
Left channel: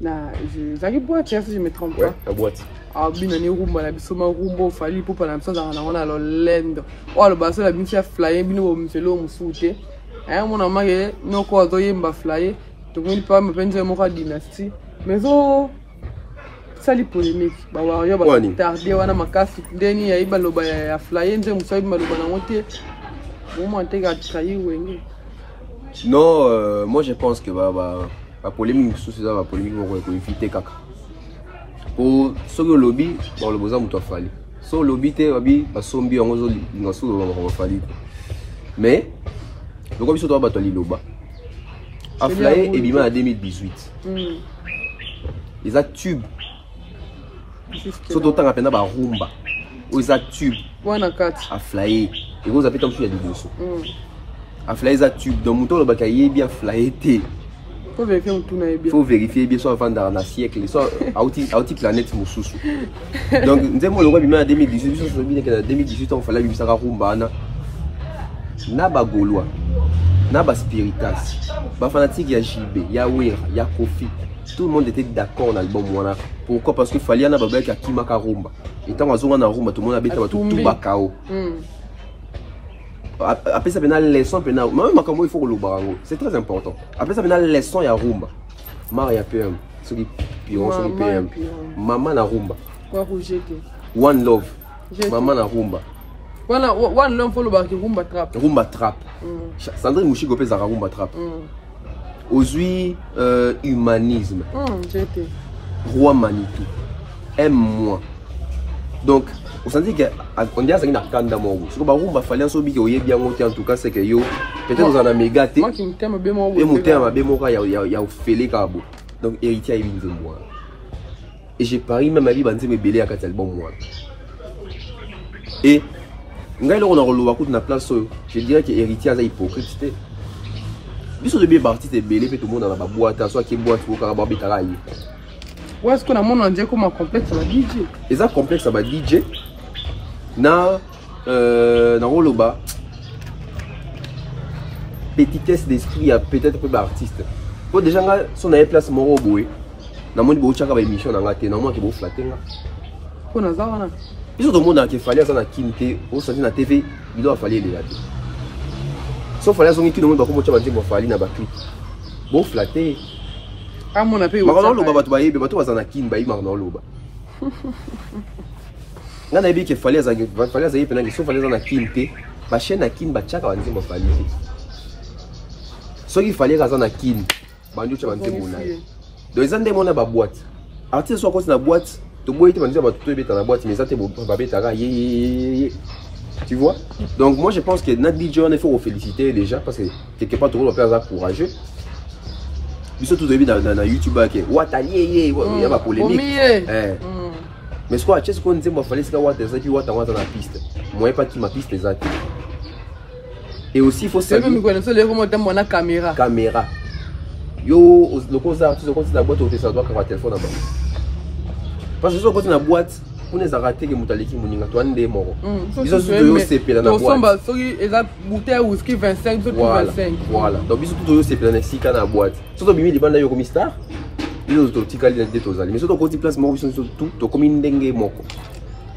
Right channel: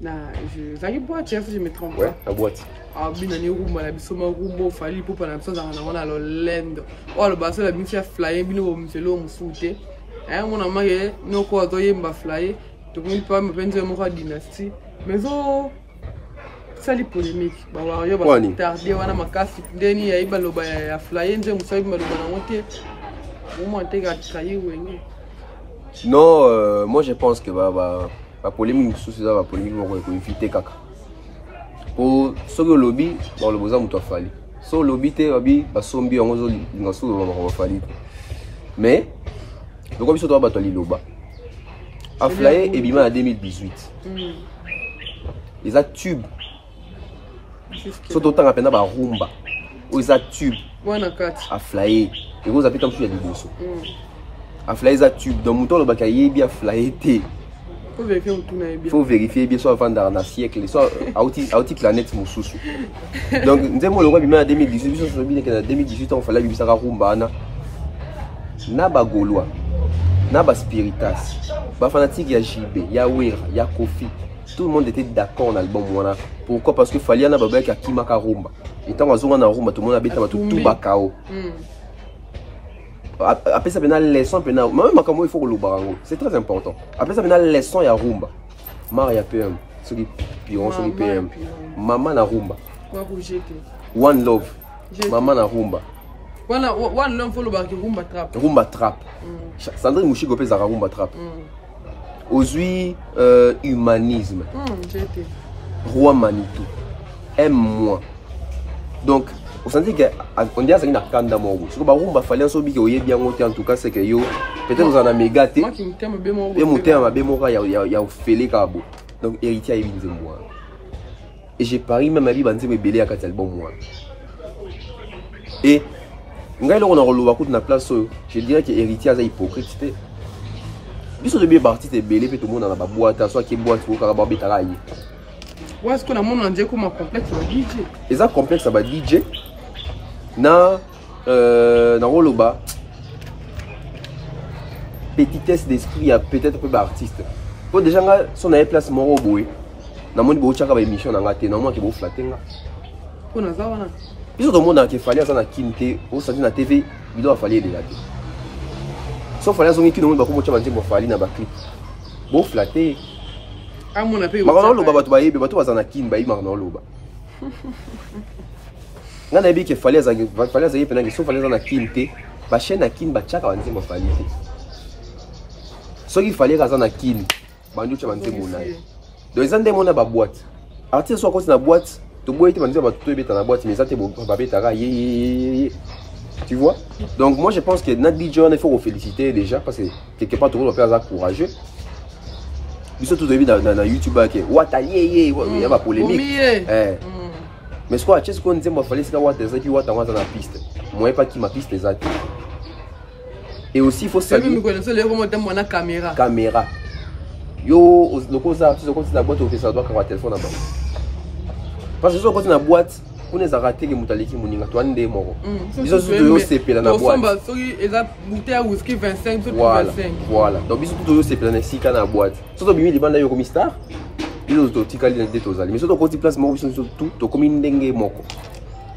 na je zaki boîte si je me trompe pas la boîte ah bina ni rumba la bisoma rumbo Fally Ipupa na msanza na wana lo lend o lo baso la bincha flyer bino mfelo mfute mon amage no ko zo yemba flyer to ngini pa me penze mo ka dynastie mais zo sali polémique ba wa yo ba tarder wana makasi ndeni ya iba loba ya flyer nze musabi maloba na mote mo anteka trahi wenge non moi je pense que la polémique sous ça la polémique on éviter kaka pour ce que lobby bon le besoin muto Fally so lobby te lobby ba sombi on zo ngaso lo Fally mais donc biso to ba to liloba a flyer et bima en 2018 ils a tube surtout tant apena ba rumba ils a tube wana kati a flyer et vous avez tant sur les bosso a flyer ils a tube donc muto lo ba kaye bien flyer te faut vérifier bien soit avant dans un siècle soit outil planète mususu donc nous avons le roi en 2018 en 2018 on fallait lui ça rumba na ba gaulois na ba spiritas ba fanatique ya JB ya Wera ya Kofi tout le monde était d'accord dans l'album wana pourquoi parce que Fally na ba ba ka kimaka rumba et tant azonga na rumba tout le monde habite ba tout bakao après ça vient leçon pena même comme il faut le barango c'est très important après ça vient leçon ya rumba Maria PM celui pion celui PM maman na rumba quoi rejeter one love maman na rumba voilà one love faut le barki rumba trap Sandrine Mouchigo pesa rumba trap aujourd'hui humanisme roi Manitou aime-moi donc on s'en dit qu'on dit à ça qu'il y a un candidat mongo. Si on va rumba Fally so big oye bien monté en tout cas c'est que yo peut-être dans un méga té. Moi qui me t'aime bien mongo. Et monté à bien mongo il y a félé kabo. Donc héritier il vient moi. Et j'ai pari même ma vie banze me belé à quatre albums moi. Et ngai là on a relevé beaucoup na place je dirais que héritier a hypocrite. Biso de bien parti te belé fait tout le monde dans la boîte soit qui boîte pour caraba betala yi. Ouais est-ce qu'on a mon indien comme un complexe ça va DJ. Et ça complexe ça va DJ. Na Roloba petitesse d'esprit a peut-être peu d'artiste pour déjà si on avait place moro boy na moni bo chaka ba émission na ngate na moi ke bo flatenga on a ça wana ils ont monde qui fallait ça na kimte au sorti na TV il doit fallait les later sauf fallait zongi ki no monde ba ko mo chaba nzembo Fally na ba clip bo flatter ah mon appel ba ko lo ba to ba yebe ba to ba na kin ba yi ma na lo ba nga na yebi ke Fally azali pena so Fally na kinte ba chaîne na kin ba chaka ba nzembo Fally so ki Fally kaza na kin ba ndu cha ba nzembo na donc ezande mona ba boîte artiste so ko na boîte to boîte te ba nzembo to ebeta na boîte mais ça te ba beta ka tu vois donc moi je pense que notre DJ il faut féliciter déjà parce que quelque part tout le monde va faire courageux biso tout début dans YouTube ke watalié il y a pas polémique mais ce qu'on a ce qu'on dit moi Fally c'est quoi tes amis wata na piste moi pas qui ma piste exacte Et aussi, il faut saluer. Même quand on a caméra. Caméra. Yo, le cosa, tu sais quand la boîte au fait ça doit avoir téléphone là-bas. Parce que quand tu as une boîte, on les a raté que mutaliki muninga toi ndé moro. Ils ont toujours CP dans la boîte. Ils ont bouteille whisky 25 voilà. 25. Voilà. Donc ils ont toujours CP dans sika na boîte. Surtout bimi de banda yo comme star. Ils ont tout tikali dans des tozali. Mais surtout quand tu places moro tout to comme ndenge moko.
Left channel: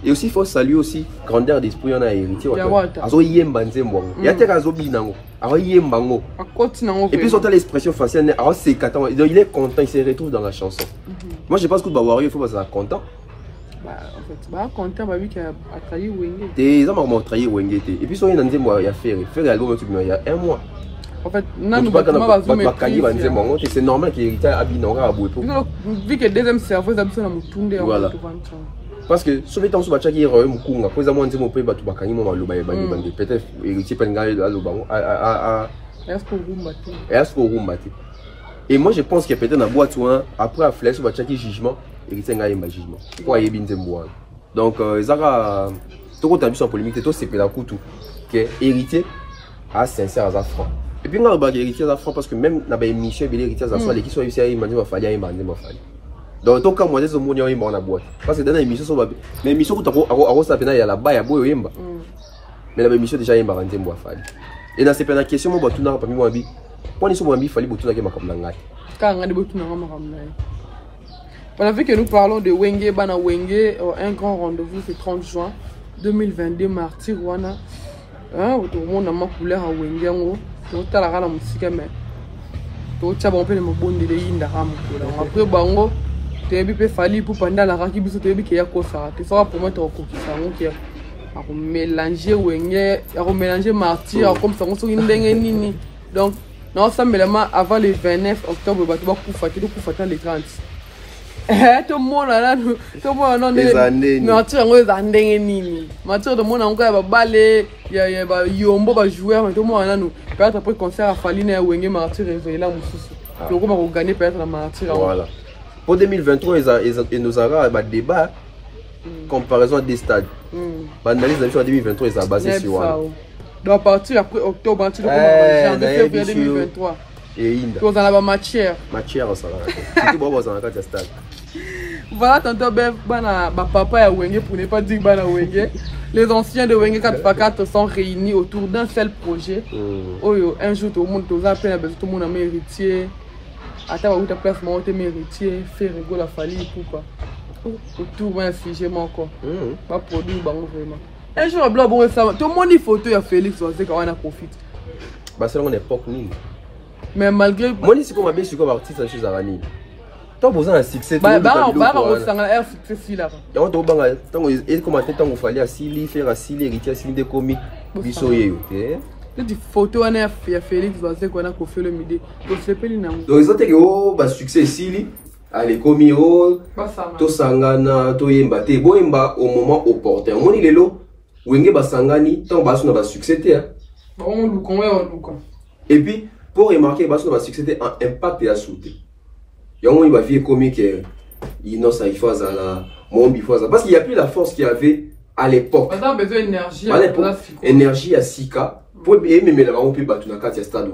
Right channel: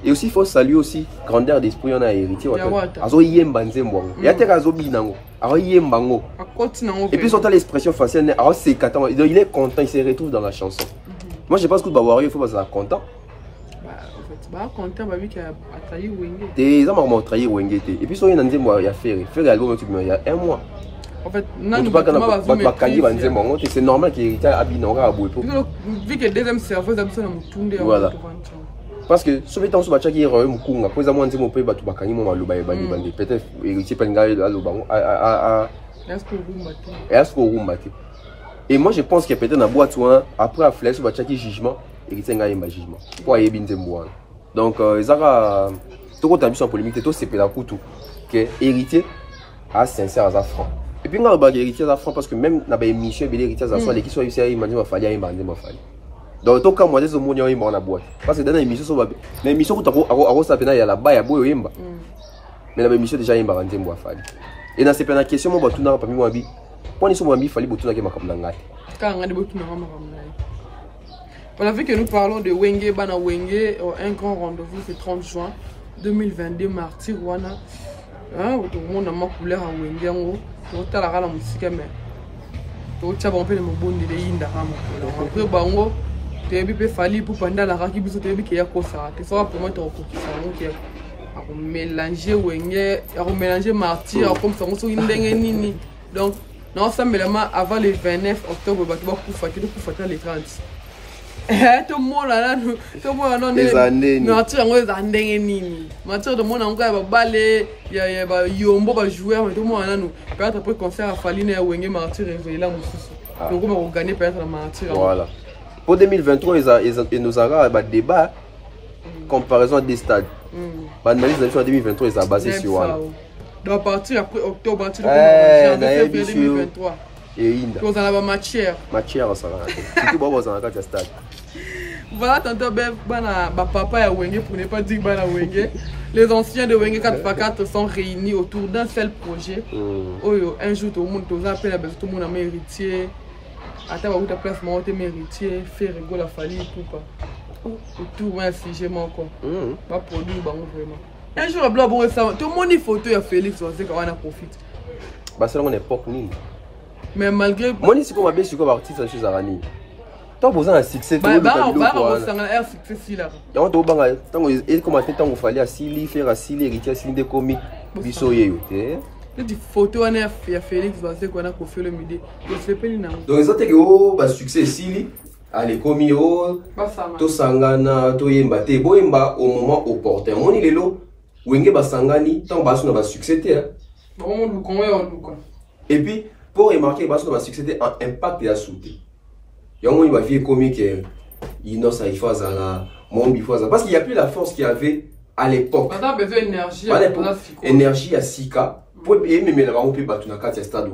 Et aussi il faut saluer aussi grandeur d'esprit on a hérité wata. Azo yemba nzembo. Ya te kazo binango. Azo yemba ngo. Et puis surtout l'expression faciale, alors c'est 4 ans. Il est content, il se retrouve dans la chanson. Moi je pense que Bawario il faut pas être content. Bah en fait, bah content bah vu qu'il a trahi Wenge. Des gens trahi Wenge. Et puis sur une année moi il y a fait l'album il y a 1 mois. En fait, non pas c'est normal qu'il hérite à Binanga à Bouépo. Vu que deuxième cerveau ça besoin de tourner voilà. Parce que sur les temps sur Bachaki Mukunga, après moi on peut battre Bakani moi le peut-être héritier Penga à Lobango à est-ce qu'on roule. Et moi je pense que peut-être dans boîte après à flèche sur Bachaki jugement héritier nga yemba jugement. Pour yebi nzembo. Donc ezaka tout quand tu as vu son polémique tout c'est la coutu que héritier à sincère à franc. Et puis on a héritier à franc parce que même dans les émissions héritier à franc les qui sont ici il m'a dit fallait yemba fallait. Donc tout cas moi des hommes on a boîte parce que dans l'émission sur mais l'émission où tu as ça il y a là-bas il y a beau yemba. Mais la émission déjà yemba nzembo fallait. Et dans cette question moi tout n'a pas mis moi bi. Quand ils sont moi bi fallait bout tout na ke makamlanga. Quand on a bout tout na makamlanga. Voilà, vu que nous parlons de Wenge, Bana Wenge, un grand rendez-vous c'est 30 juin 2022, martyr Wana. Tout le monde a ma couleur à Wenge, tout le monde a la musique, mais tout le monde a un bon de l'Indaham. Après, Bango, tu as vu Fali pour pendant la raki, tu as vu qu'il y a quoi ça. Tu feras pour moi ton coquille, qui a mélangé Wenge, a mélangé martyr, comme ça, on se dit donc, non, ça me avant le 29 octobre, tu vas couper les 30. Tout le monde là, tout le monde joueur, tout le monde là, peut-être après concert à Faline et Wenge Martyr et là, donc on va gagner peut-être la Martyr. Voilà. Pour 2023, il nous aura un débat comparaison des stades. L'analyse de 2023 est basée sur ça. Donc à partir après octobre, à partir de février 2023. Et vous en avez matière. Matière, ça va. Tout bon, vous en avez stade. Voilà, tantôt, papa et Wenge, pour ne pas dire Bana Wenge. Les anciens de Wenge 4x4 sont réunis autour d'un seul projet. Un jour, tout le monde, tout le monde a héritier. Attends, où ta place, moi, tu es héritier. Faire rigoler la famille pour pas. Autour d'un sujet, moi, quoi. Pas produit, vraiment. Un jour, tout le monde dit photo à Félix, on sait qu'on a profité. Bah, c'est une époque, mais malgré. Moi, si on m'a bien sûr artiste à chose à Rani. Tant que vous avez un succès, bah, un succès là. Donc, il comment il fallait assis, faire assis, héritier, assis des comics, du soye. Des photos, on a fait Félix, on sait qu'on a confié le midi. Donc, ils ont été au succès ici. Allez, comics, to sangana, to yemba, te boyemba au moment opportun. On est là, Wenge basangani, tant que on a succès. On look. Et puis, pour remarquer, parce que le succès a un impact et a sauté. Il y a un moment où il va vivre comique, il n'a pas fait ça, parce qu'il n'y a plus la force qu'il y avait à l'époque. On a besoin d'énergie. Énergie à 6K. Pour même là, on peut battre la carte à stade.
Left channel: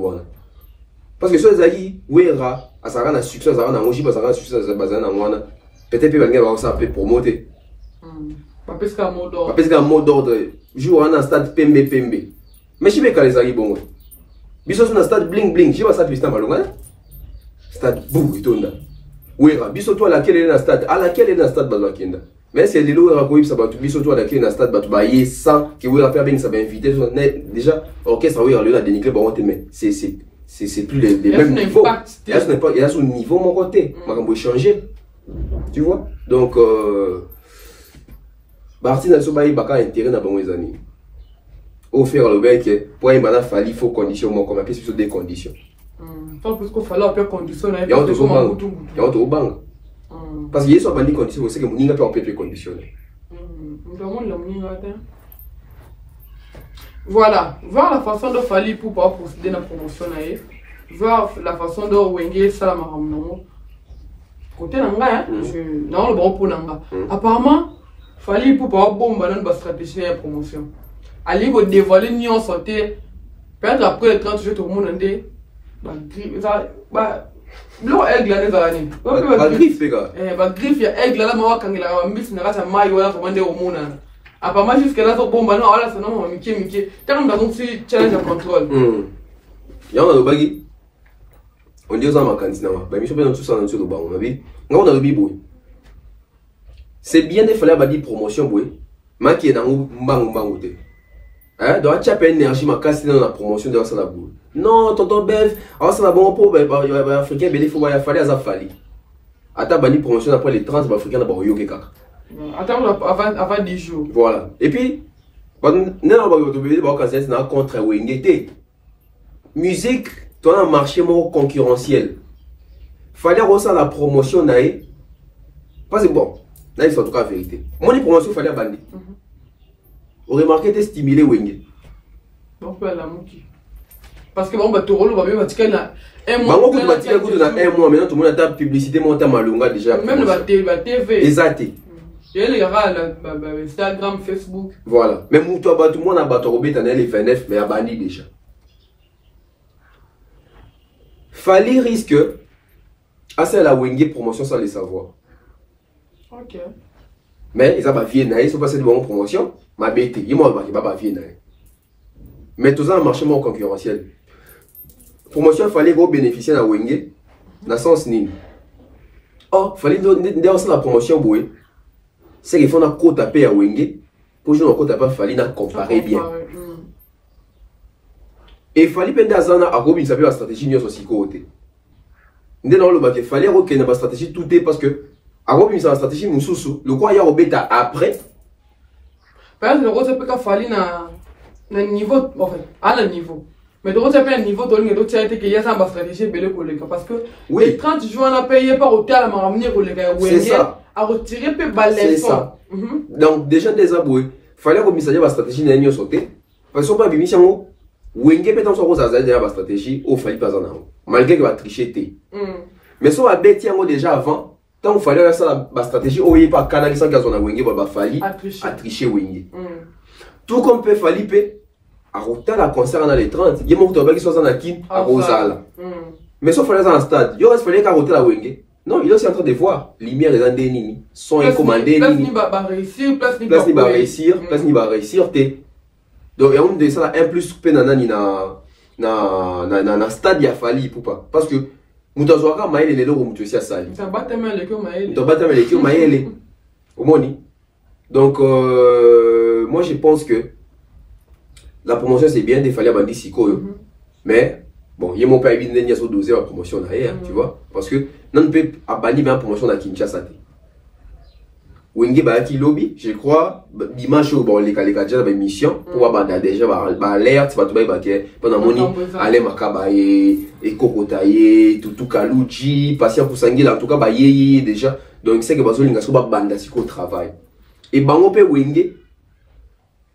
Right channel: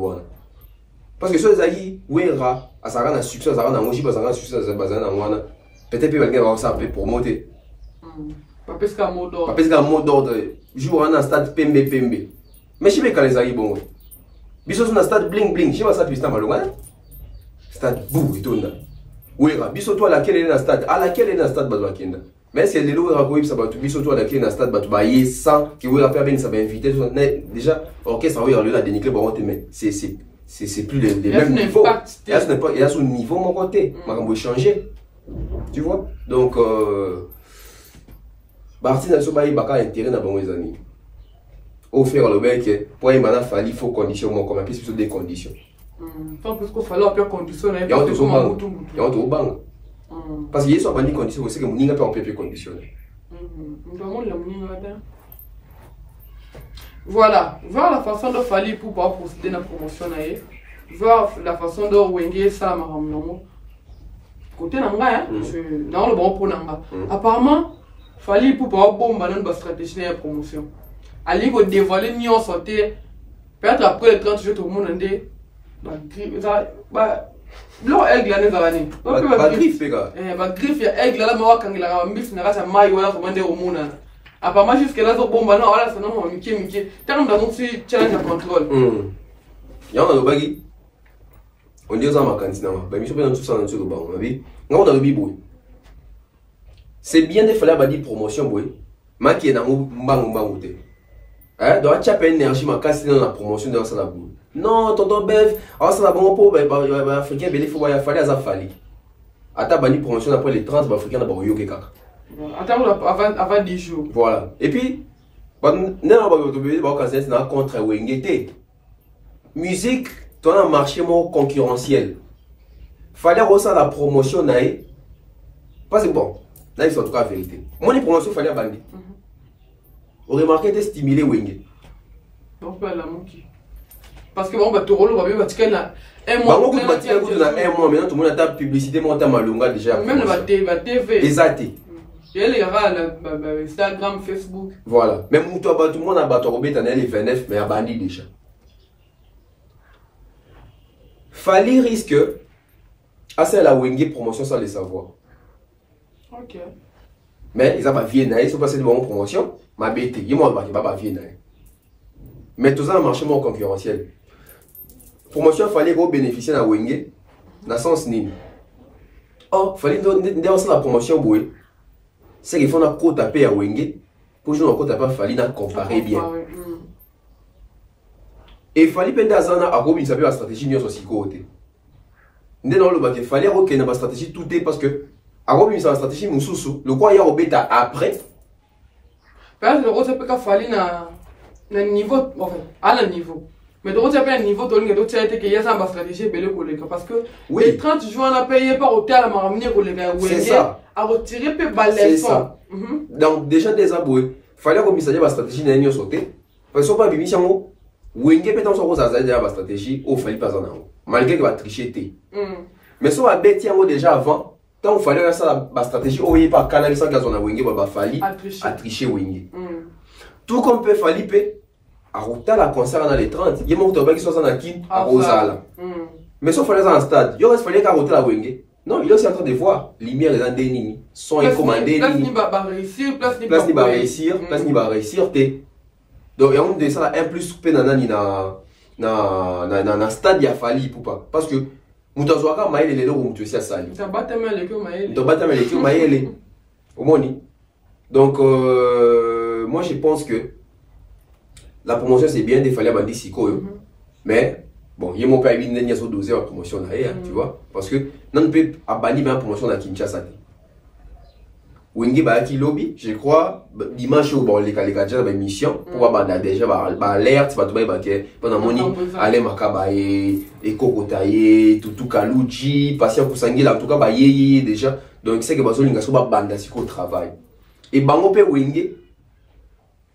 Parce que si vous avez Wera, à sa rana succès, à sa rana mochi, à sa rana succès, à sa rana wana, peut-être que quelqu'un va ça pour promoter. Pas parce qu'un mot d'ordre. Pas parce qu'un mot d'ordre. Joue en un stade PMB. Mais je sais pas quand les arrivent bon. Biso sur un stade bling bling, je sais pas ça tu stade malonga. Stade bou itonda. Wera, biso toi laquelle est dans stade, à laquelle est dans stade balakenda. Mais c'est les lois racoïb ça va tu biso toi laquelle est dans stade ba tu ba y sans qui Wera faire bien ça va inviter déjà orchestre Wera là déniquer ba on te met. C'est plus les mêmes niveaux. Il y a son niveau mon côté, makambo changer. Tu vois? Donc Martin Alsobaï baka intérêt dans bon amis. Au faire le bec pour un manaf il faut condition mon comme plus des conditions. Tant plus qu'il fallait faire condition il y a autre banc. Parce qu'il y a soit des conditions c'est que mon ninga peut conditionner. Voilà, voir la façon de Fali pour pouvoir procéder dans la promotion, voir la façon de Wenge ça côté nanga non le bon pour nanga. Apparemment Fali pour pouvoir bomber dans la stratégie de promotion. Ali go dévoiler ni on sortait Peut-être après les 30 jours, tout le monde a dit, l'eau aigle l'année d'année. Pas griffe, les gars. Bah, griffe, il y a aigle là, moi, quand il a un mix, il a un maille, on a commandé au monde. Apparemment, jusqu'à là, bon, bah non, voilà, c'est non, Mickey. T'as comme dans un petit challenge à contrôle. Il y a un baggy. On dit aux hommes à cantina, bah, je suis pas dans tout ça dans le banc, on a vu. On a le bibou. C'est bien de faire la promotion, oui. Mais qui est dans le banc, hein, donc tu as pas énergie ma casse dans la promotion de ça la boule. Non, tonton Bev, alors ça va bon pour africain il faut y fallait ça fallait. Ata bani promotion après les 30 africains na ba yo ke kaka. Attends avant 10 jours. Voilà. Et puis non ba yo to be ba cancer na contre wengete. Musique, ton un marché more concurrentiel. Fallait reçoit la promotion naïe. Parce que bon, là c'est en tout cas vérité. Mon promotion fallait bandi. On remarque que stimuler Wenge. Parce que bon, bah, tu roules, on va bien bâtir un mois. Bah, on va bâtir un mois, maintenant tout le monde a ta publicité, monte à Malunga déjà. Même la TV. Exact. Il y a les gars, Instagram, Facebook. Voilà. Même tout le monde a battu Robert en les 29, mais a banni déjà. Fallait risque à c'est la Wenge promotion sans les savoir. Ok. Mais ils ont pas vu naïs, ils sont passés de bonnes promotions. Ma bête, il m'a dit pas vu naïs. Mais tout ça a un marché moins concurrentiel. Promotion, il fallait bénéficier de la Wenge, dans le sens ni. Oh, il fallait donner la promotion, c'est qu'il faut un côte à payer à Wenge, pour jouer un côte à payer, il fallait comparer bien. Et il fallait penser à ça, à Robin, ça peut la stratégie, nous aussi côté. Il fallait qu'il y ait une stratégie tout est parce que, à Robin, c'est la stratégie, le quoi, il y a Robin après. Parce que le rôle, c'est qu'il fallait un niveau, enfin, à un niveau. Mais de l'autre, il y a un niveau de l'autre, il y a une stratégie, parce que les 30 jours, on a payé par hôtel à m'amener aux gars, c'est ça. À retirer peu balai. C'est ça. Donc, déjà, des aboués, il fallait que la stratégie n'ait pas sauté. Parce que, pas bien, si on Wenge peut-être qu'on s'en déjà la stratégie, il fallait pas en avoir. Malgré qu'il va tricher. Mais si on a bêté déjà avant, tant il fallait ça la stratégie, on n'y a pas canaliser sans qu'on a Wenge, il fallait tricher Wenge. Tout comme peut falloir à Rota la concert dans les 30, il y a mon tour qui soit en Akin à Rosala. Mais sauf fallait dans un stade, il fallait qu'à Rota la Wenge. Non, il est aussi en train de voir lumière des Andéni, son est commandé. Place ni va réussir, place ni va réussir, place ni va réussir. Donc il y a un de ça un plus penana ni na stade il a fallu pour pas parce que mutazwaka maele les deux mutu aussi à sali. Ça battait mal les que maele. Donc battait mal les que maele. Au moni. Donc moi je pense que la promotion c'est bien, il fallait bandi siko. Mais bon, il y a mon père qui n'a pas dosé la promotion derrière, tu vois, parce que non peut abandonner la promotion à Kinshasa. Wenge ba qui lobby, je crois dimanche bon les déjà dans mission pour avoir déjà alerte ba to ba ke pendant moni aller makaba et kokotaye tout kaluji patient pour sangila en tout cas ba yeye déjà donc c'est que bazolinga so ba banda siko travail et bango pe Wenge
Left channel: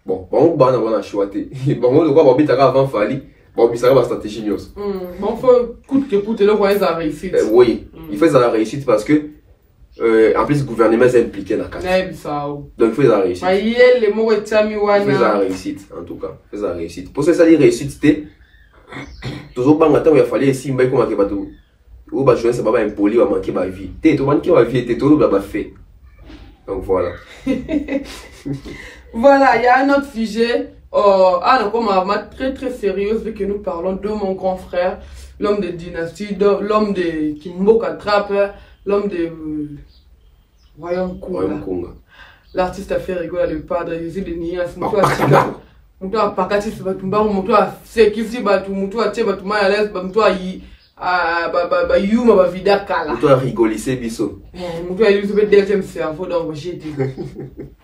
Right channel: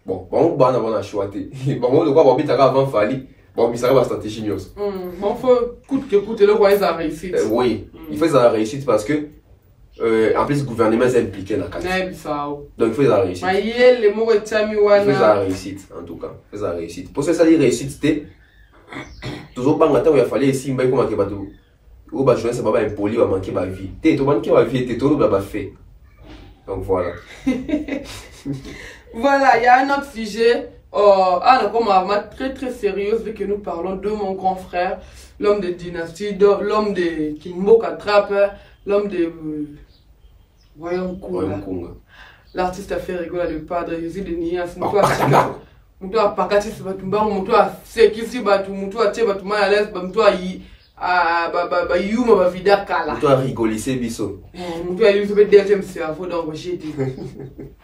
bon bango bana wana choité bango le quoi ba bitaka avant fali bon ça va stratégie news bon faut coûte que coûte là quoi ça réussite oui il fait ça réussite parce que en plus, le gouvernement est impliqué dans la carte. Donc, il faut la réussite. Il faut la réussite, en tout cas. Il faut la réussite. Pour ça, la réussite, c'était toujours pas longtemps il fallait essayer de manquer de tout. Ou bah, je sais pas, impoli, ou manquer de vie. T'es tout manquer de vie, t'es tout le fait. Donc, voilà. Voilà, il y a un autre sujet. Comme très très sérieuse, vu que nous parlons de mon grand frère, l'homme de dynastie, l'homme de Kimbo Katrape, l'homme de Royaume Kunga. L'artiste a fait rigoler le padre, Jésus de Nias, Moutou a pakati se batumba, Moutou a sekisi batu, Moutou a tche batu mayales, Moutou a yuma ba vida kala. Moutou a rigolissé biso. Moutou a eu le deuxième cerveau donc j'ai dit.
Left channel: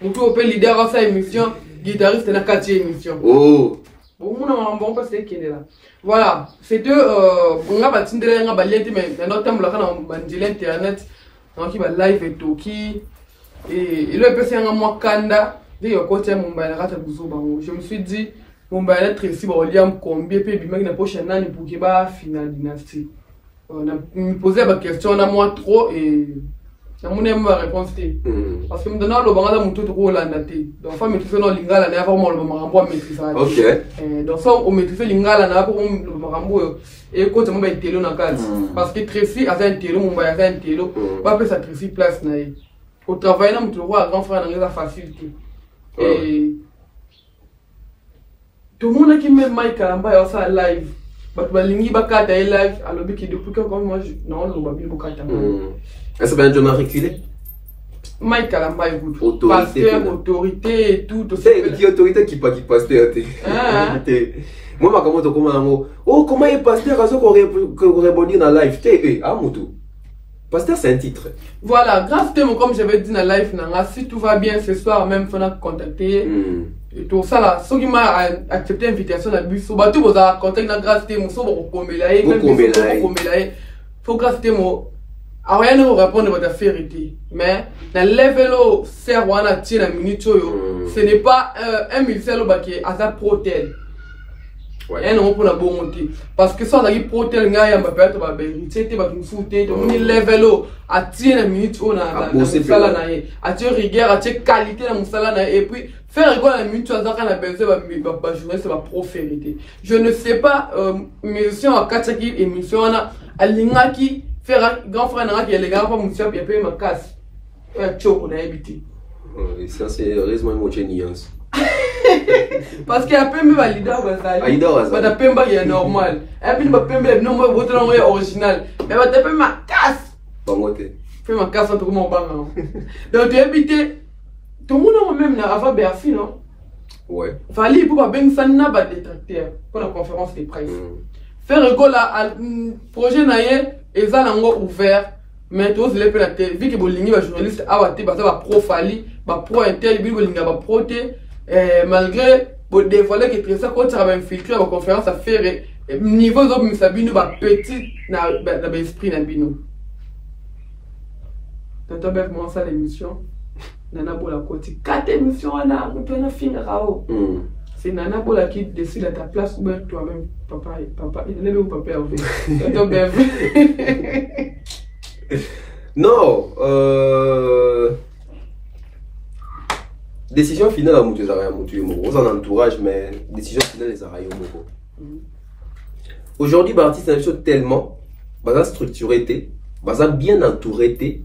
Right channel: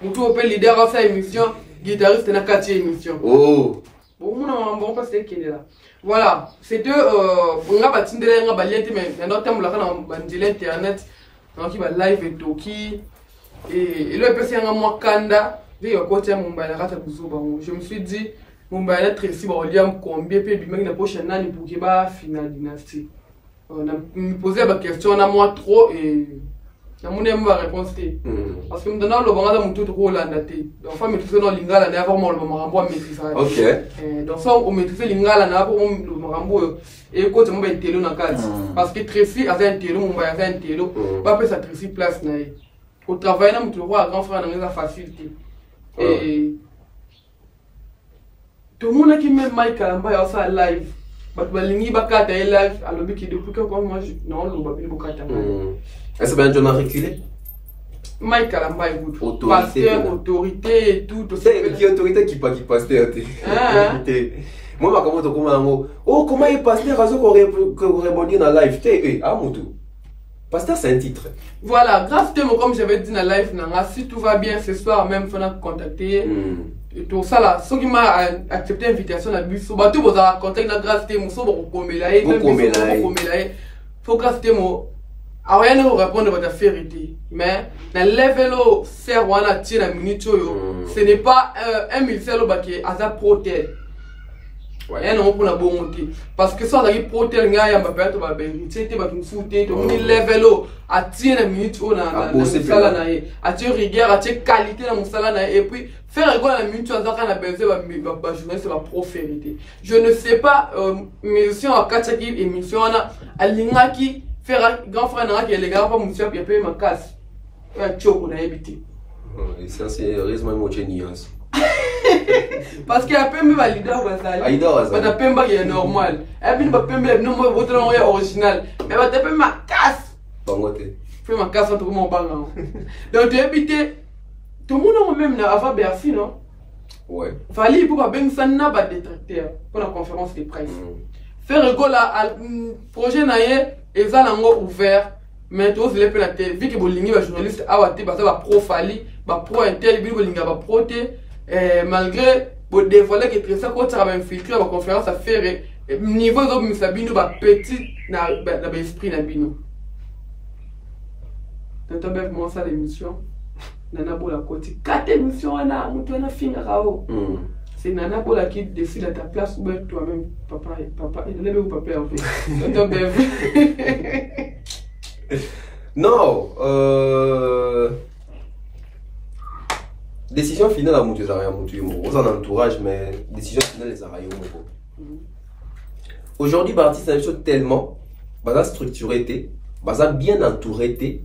Moutou a leader à sa émission, guitariste na kati émission. Oh. Bon parce qu'il est là. Voilà, c'est deux on a bâti de la baliente mais dans temps la kana bandile internet donc il va live et toki et le PC en moi kanda de côté Mumbai la rata buzoba. Je me suis dit Mumbai la Tracy ba William combien pe bi na prochaine année pour que ba finale dynastie. On a me posé la question on a moi trop et Mon réponse parce que maintenant le banga mon tout rôle en daté donc faut maîtriser le lingala na vraiment le marambo maîtriser OK donc ça on maîtriser lingala na pour le marambo et quand on va télo na case parce que Tracy a un télo mon ba a un télo va appeler ça Tracy place na au travail na mon roi grand frère na facilité et tout le monde qui met Mike Kalamba ça live but balingi bakata live alors biki depuis quand moi non le babi bakata est-ce que ben John a reculé Mike Kalamba écoute pasteur autorité et tout c'est qui autorité qui pasteur moi ma comment comment oh comment est pasteur azo ko rebondir dans live té amutu pasteur c'est un titre voilà grâce à comme j'avais dit dans live si tout va bien ce soir même faut contacter et tout ça là ceux qui m'a accepté l'invitation la bus so bato boza contact na grâce à so bo komela et même so bo komela faut grâce à mo rien ne répondre votre affaire mais dans level au ser wana ti na minute ce n'est pas un militaire baki aza protel et non pour la bonté parce que ça on a protel nga ya mbapé to ba héritier te ba kimfute to moni level au a ti na minute on a musala na e a ti rigueur a ti qualité na musala na et puis faire quoi la minute aza kana besoin ba journaliste ba proférité je ne sais pas mission à kataki émission na alingaki faire grand frère n'a qui est les gars pas monsieur puis payer ma casse choko na habité ça c'est heureusement mon nuance parce que après me valida bazali ba ta pemba est normal et puis ba pemba non moi votre nom est original mais ba ta payer ma casse bangote payer ma casse entre mon banga donc tu habité tout le monde même là avant Bercy non ouais fallait pour ba ben sana ba détracteur pour la conférence de presse faire rigole à projet naie et ça n'a pas ouvert mais tous les pénalités vu que bolingi va journaliste a wate ba ça va profali ba pro intel bi bolinga ba proté malgré bo dévoiler que très ça quand ça va infiltrer la conférence à faire niveau zo misabino ba petit na ba esprit na bino tant bête moi ça l'émission nana bola côté 4 émissions na mutu na finirao c'est Nana Bola qui décide à ta place ou toi-même, papa, il est où papa non, décision finale à Moutou Zara Moutou Yomo, en entourage, mais décision finale les Zara Yomo. Aujourd'hui, Barty c'est une chose tellement, structuré, bien entouré,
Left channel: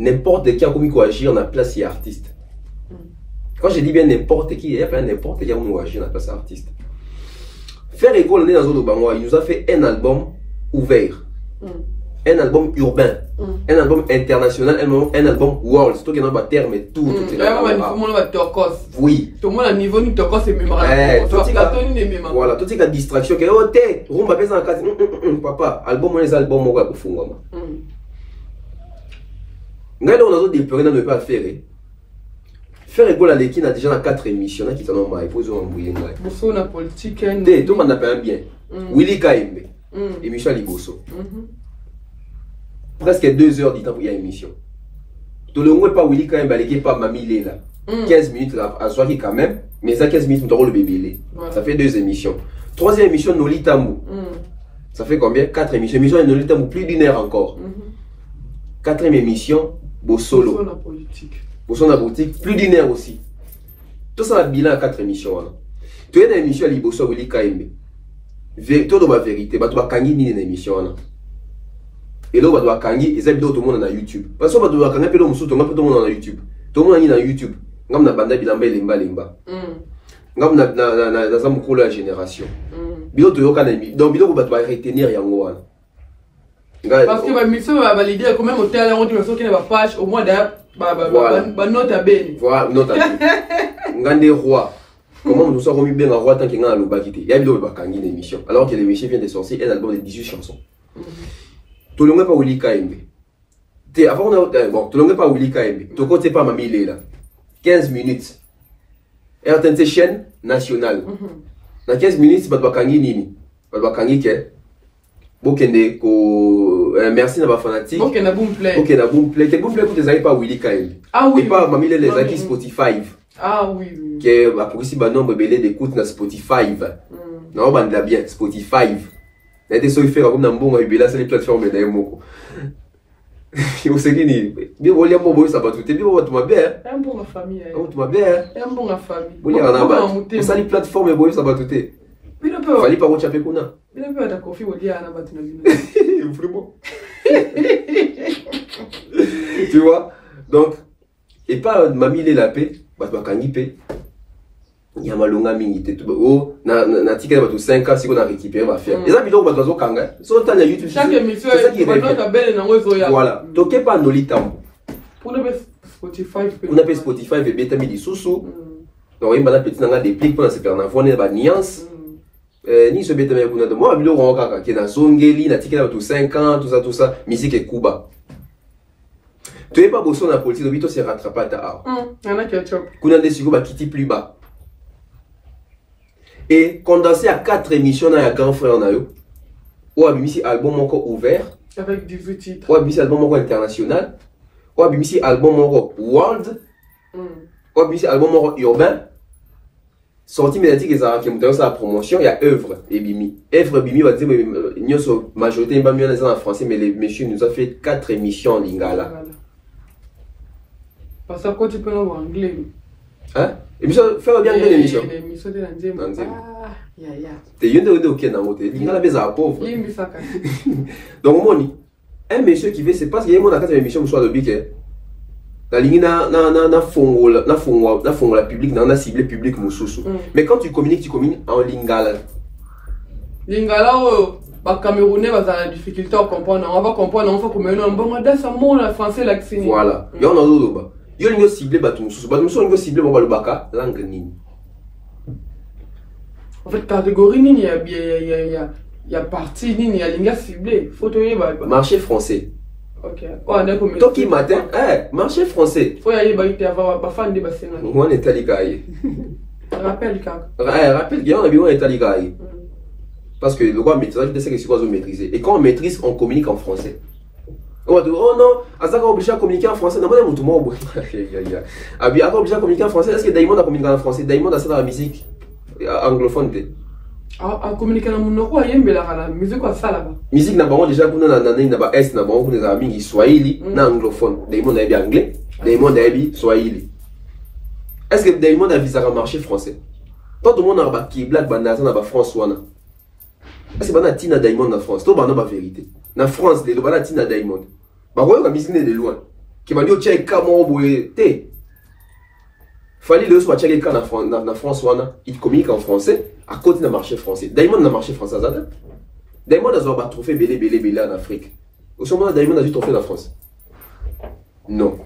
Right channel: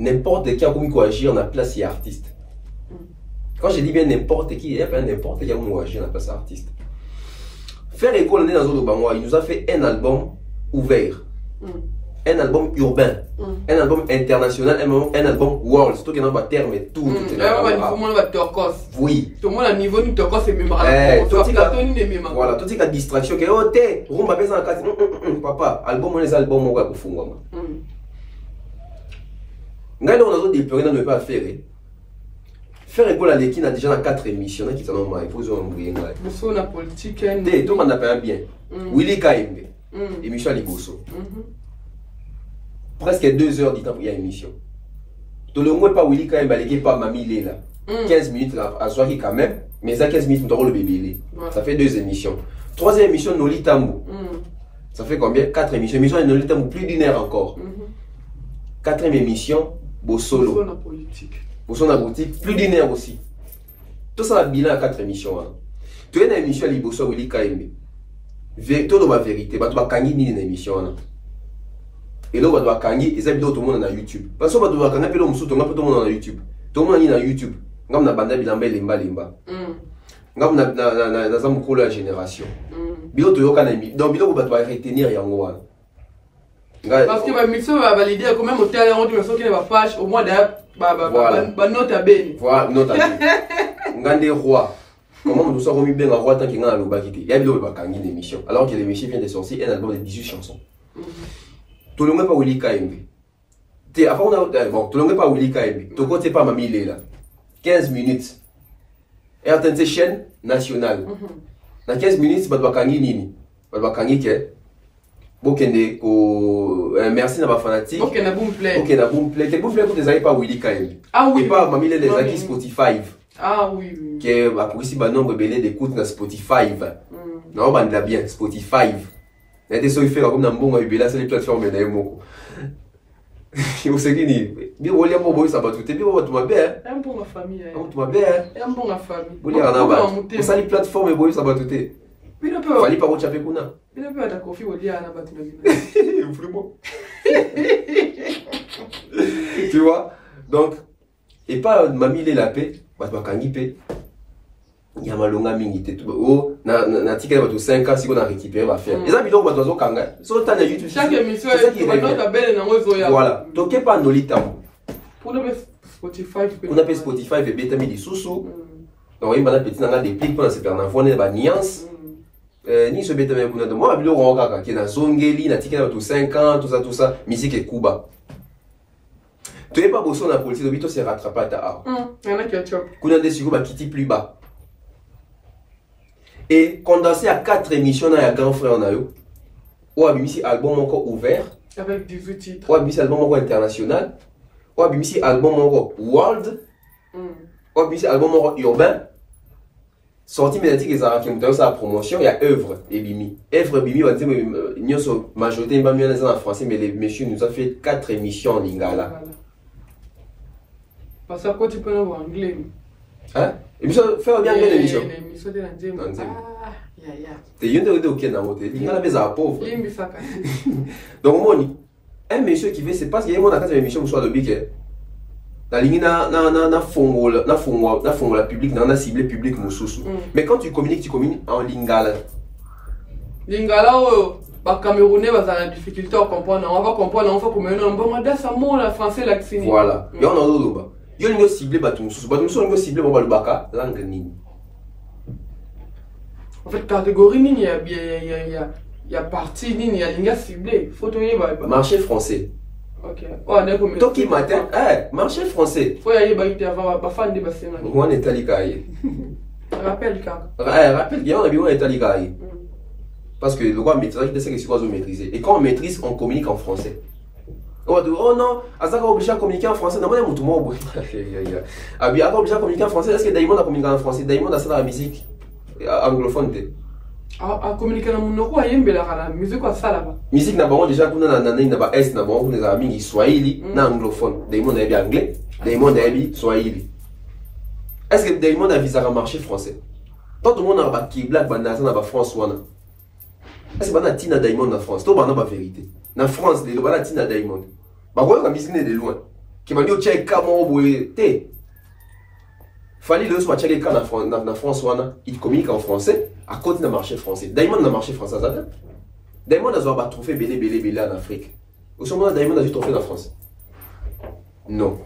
n'importe qui a commis quoi agir, on a place et artiste. Quand je dis bien n'importe qui, il y a pas n'importe qui a agir dans la place artiste. Faire école dans zone Obama, il nous a fait un album ouvert, un album urbain, un album international, un album world. C'est tout qui est dans le terme et tout. Oui. Tout le monde à niveau du Tokos c'est mémorable. Voilà, tout ce qui a distraction, qui est oh t'es, on va baisser en cas. Papa, album on les albums on va pour fond. Nous on a déploré de ne pas faire. Faire école à l'équipe, a déjà 4 émissions qui sont normales. Il faut se rembrouiller. Bosso na politique. Tout le monde n'a pas bien. Willy Kaimbe, émission à Liboso. Presque 2 heures du temps pour y a émission. Tout le monde pas Willy Kaimbe, l'équipe pas Mamie Léla. 15 minutes à soir quand même, mais ça 15 minutes, on aura le bébé. Ça fait 2 émissions. 3e émission, Noli Tamou. Ça fait combien? 4 émissions. Émission de Noli Tamou, plus d'1 heure encore. 4e émission, Bossolo. Bosso na politique. Bosso na boutique, plus d'1 heure aussi. Tout ça, le bilan à 4 émissions. Tu as une émission à Liboso, Willy Kaimbe. Tout dans ma vérité, tu vas kangi ni une émission. Et là, tu vas kangi, et ça, tout le monde dans YouTube. Parce que tu vas kangi, tout le monde dans YouTube. Tout le monde est dans YouTube. Ngam na banda bilamba lemba lemba. Ngam na zamu la génération. Bilo to yoka na mi. Donc bilo ba retenir yango wana. Parce que ba mission va valider quand même au terrain on dit que qui ne va page au moins d'ailleurs ba note à ben. Voilà, note à ben. Ngande roi. Comment nous sommes remis bien en roi tant qu'il y a un lobakité. Il y a bilo ba kangi d'émission alors que l'émission vient de sortir un album de 18 chansons. Tout le monde pas Willy Kaimbe. Avant on a bon, tout le monde pas Willy Kaimbe. Tout côté pas Mamie Léla. 15 minutes. RTNC chaîne nationale. Dans 15 minutes, tu vas kangi nini. Tu vas kangi ke. Bokende ko merci na ba fanatique. Bokende boom play. Bokende boom play. Quel boom play que tu as pas Willy Kaimbe. Ah oui. Pas Mamie Léla les acquis Spotify. Ah oui. Qui a ici ba nombre belé d'écoute na Spotify. Non, bande bien Spotify. Il y a des choses qui font comme dans bon c'est les plateformes de moko. Vous savez, bien, vous voulez ça va tout. Bien, vous bien. Un bon ma famille. Tu m'as bien. Un bon ma famille. Vous voulez un vous savez, plateforme, et vous ça va tout. Fallait pas vous chaper pour nous. Il a pas de coffee au dia, on a battu. Vraiment. Tu vois? Donc, et pas mamie les lapés, bah, tu vas cangiper. Il y a malonga mingi tout oh na tika ba 5 ans si on a récupéré va faire. Les amis donc ba zo kanga. So ta na YouTube. Chaque émission est ba nota belle na ngozo ya. Voilà. Toke pas nolita. Pour le Spotify. On appelle Spotify et beta mi di susu. Donc il m'a petit nanga des clics pour se faire na fone ba nuance. Ni ce beta mais kuna de moi bilo ronga ka ki na zongeli na tika ba 5 ans tout ça musique et kuba. Tu es pas bossé dans la politique, le bito se rattrape à ta art. Il y en a qui ont chop. Kuna de sigo ba kiti plus bas. Et condensé à 4 émissions dans la grand frère on a eu. Ou a mis album encore ouvert. Avec 18 titres. Ou a mis album encore international. Ou a mis album encore world. Ou a mis album encore urbain. Sorti médiatique et ça qui est sa promotion, il y a œuvre et bimi. Œuvre bimi va dire nous sommes majorité pas mieux en français mais les messieurs nous ont fait 4 émissions en lingala. Voilà. Parce que quoi tu peux avoir anglais. Hein? Émission, faire bien l'émission. L'émission de l'anglais. Ah, ya. T'es une de ok dans mon télé. Il m'a la pauvre. Donc mon un monsieur qui veut c'est parce qu'il y a mon dans cette émission soit de bique. La ligne na fongola public na ciblé public mususu. Mais quand tu communiques en lingala. Lingala bah Camerounais bah ça a la difficulté à comprendre. On va comprendre on va comme un bon modèle ça mon la français l'accent. Voilà. Et on a d'autres bah. Yo lingo ciblé batumsusu lingo ciblé bon balubaka langue nini. En fait catégorie nini il y a partie nini il y a linga ciblé photo ba marché français. OK. Oh on est comme Toki matin marché français. Faut y aller ba ite avoir ba fan de ba senga. On est talikaye. Rappelle quand. Rappelle bien on a bien talikaye. Parce que le roi maîtrise de ce que c'est quoi maîtriser et quand on maîtrise on communique en français. Oh non, Azaka obligé à communiquer en français. Non, mais tout le monde obligé à communiquer en français. Est-ce que Daimon a communiqué en français? Daimon a fait la musique anglophone. À communiquer dans mon roi, il y a la musique quoi ça là-bas. Musique n'a pas déjà qu'on a n'a pas est n'a pas on a mis swahili na anglophone. Daimon a bien anglais. Daimon a bien swahili. Est-ce que Daimon a visé à marché français? Tout le monde a pas qui black banana n'a pas François. Est-ce que bana tina Daimon na France? Tout bana pas vérité. Na France les bana tina Daimon. Bah ouais, on a de loin. Qui m'a dit check comment boité. Fallait le soit checker quand na France wana, il communique en français à côté d'un marché français. Daimon na marché français ça. Daimon a pas trophée belé en Afrique. Au moment Daimon a du trophée en France. Non.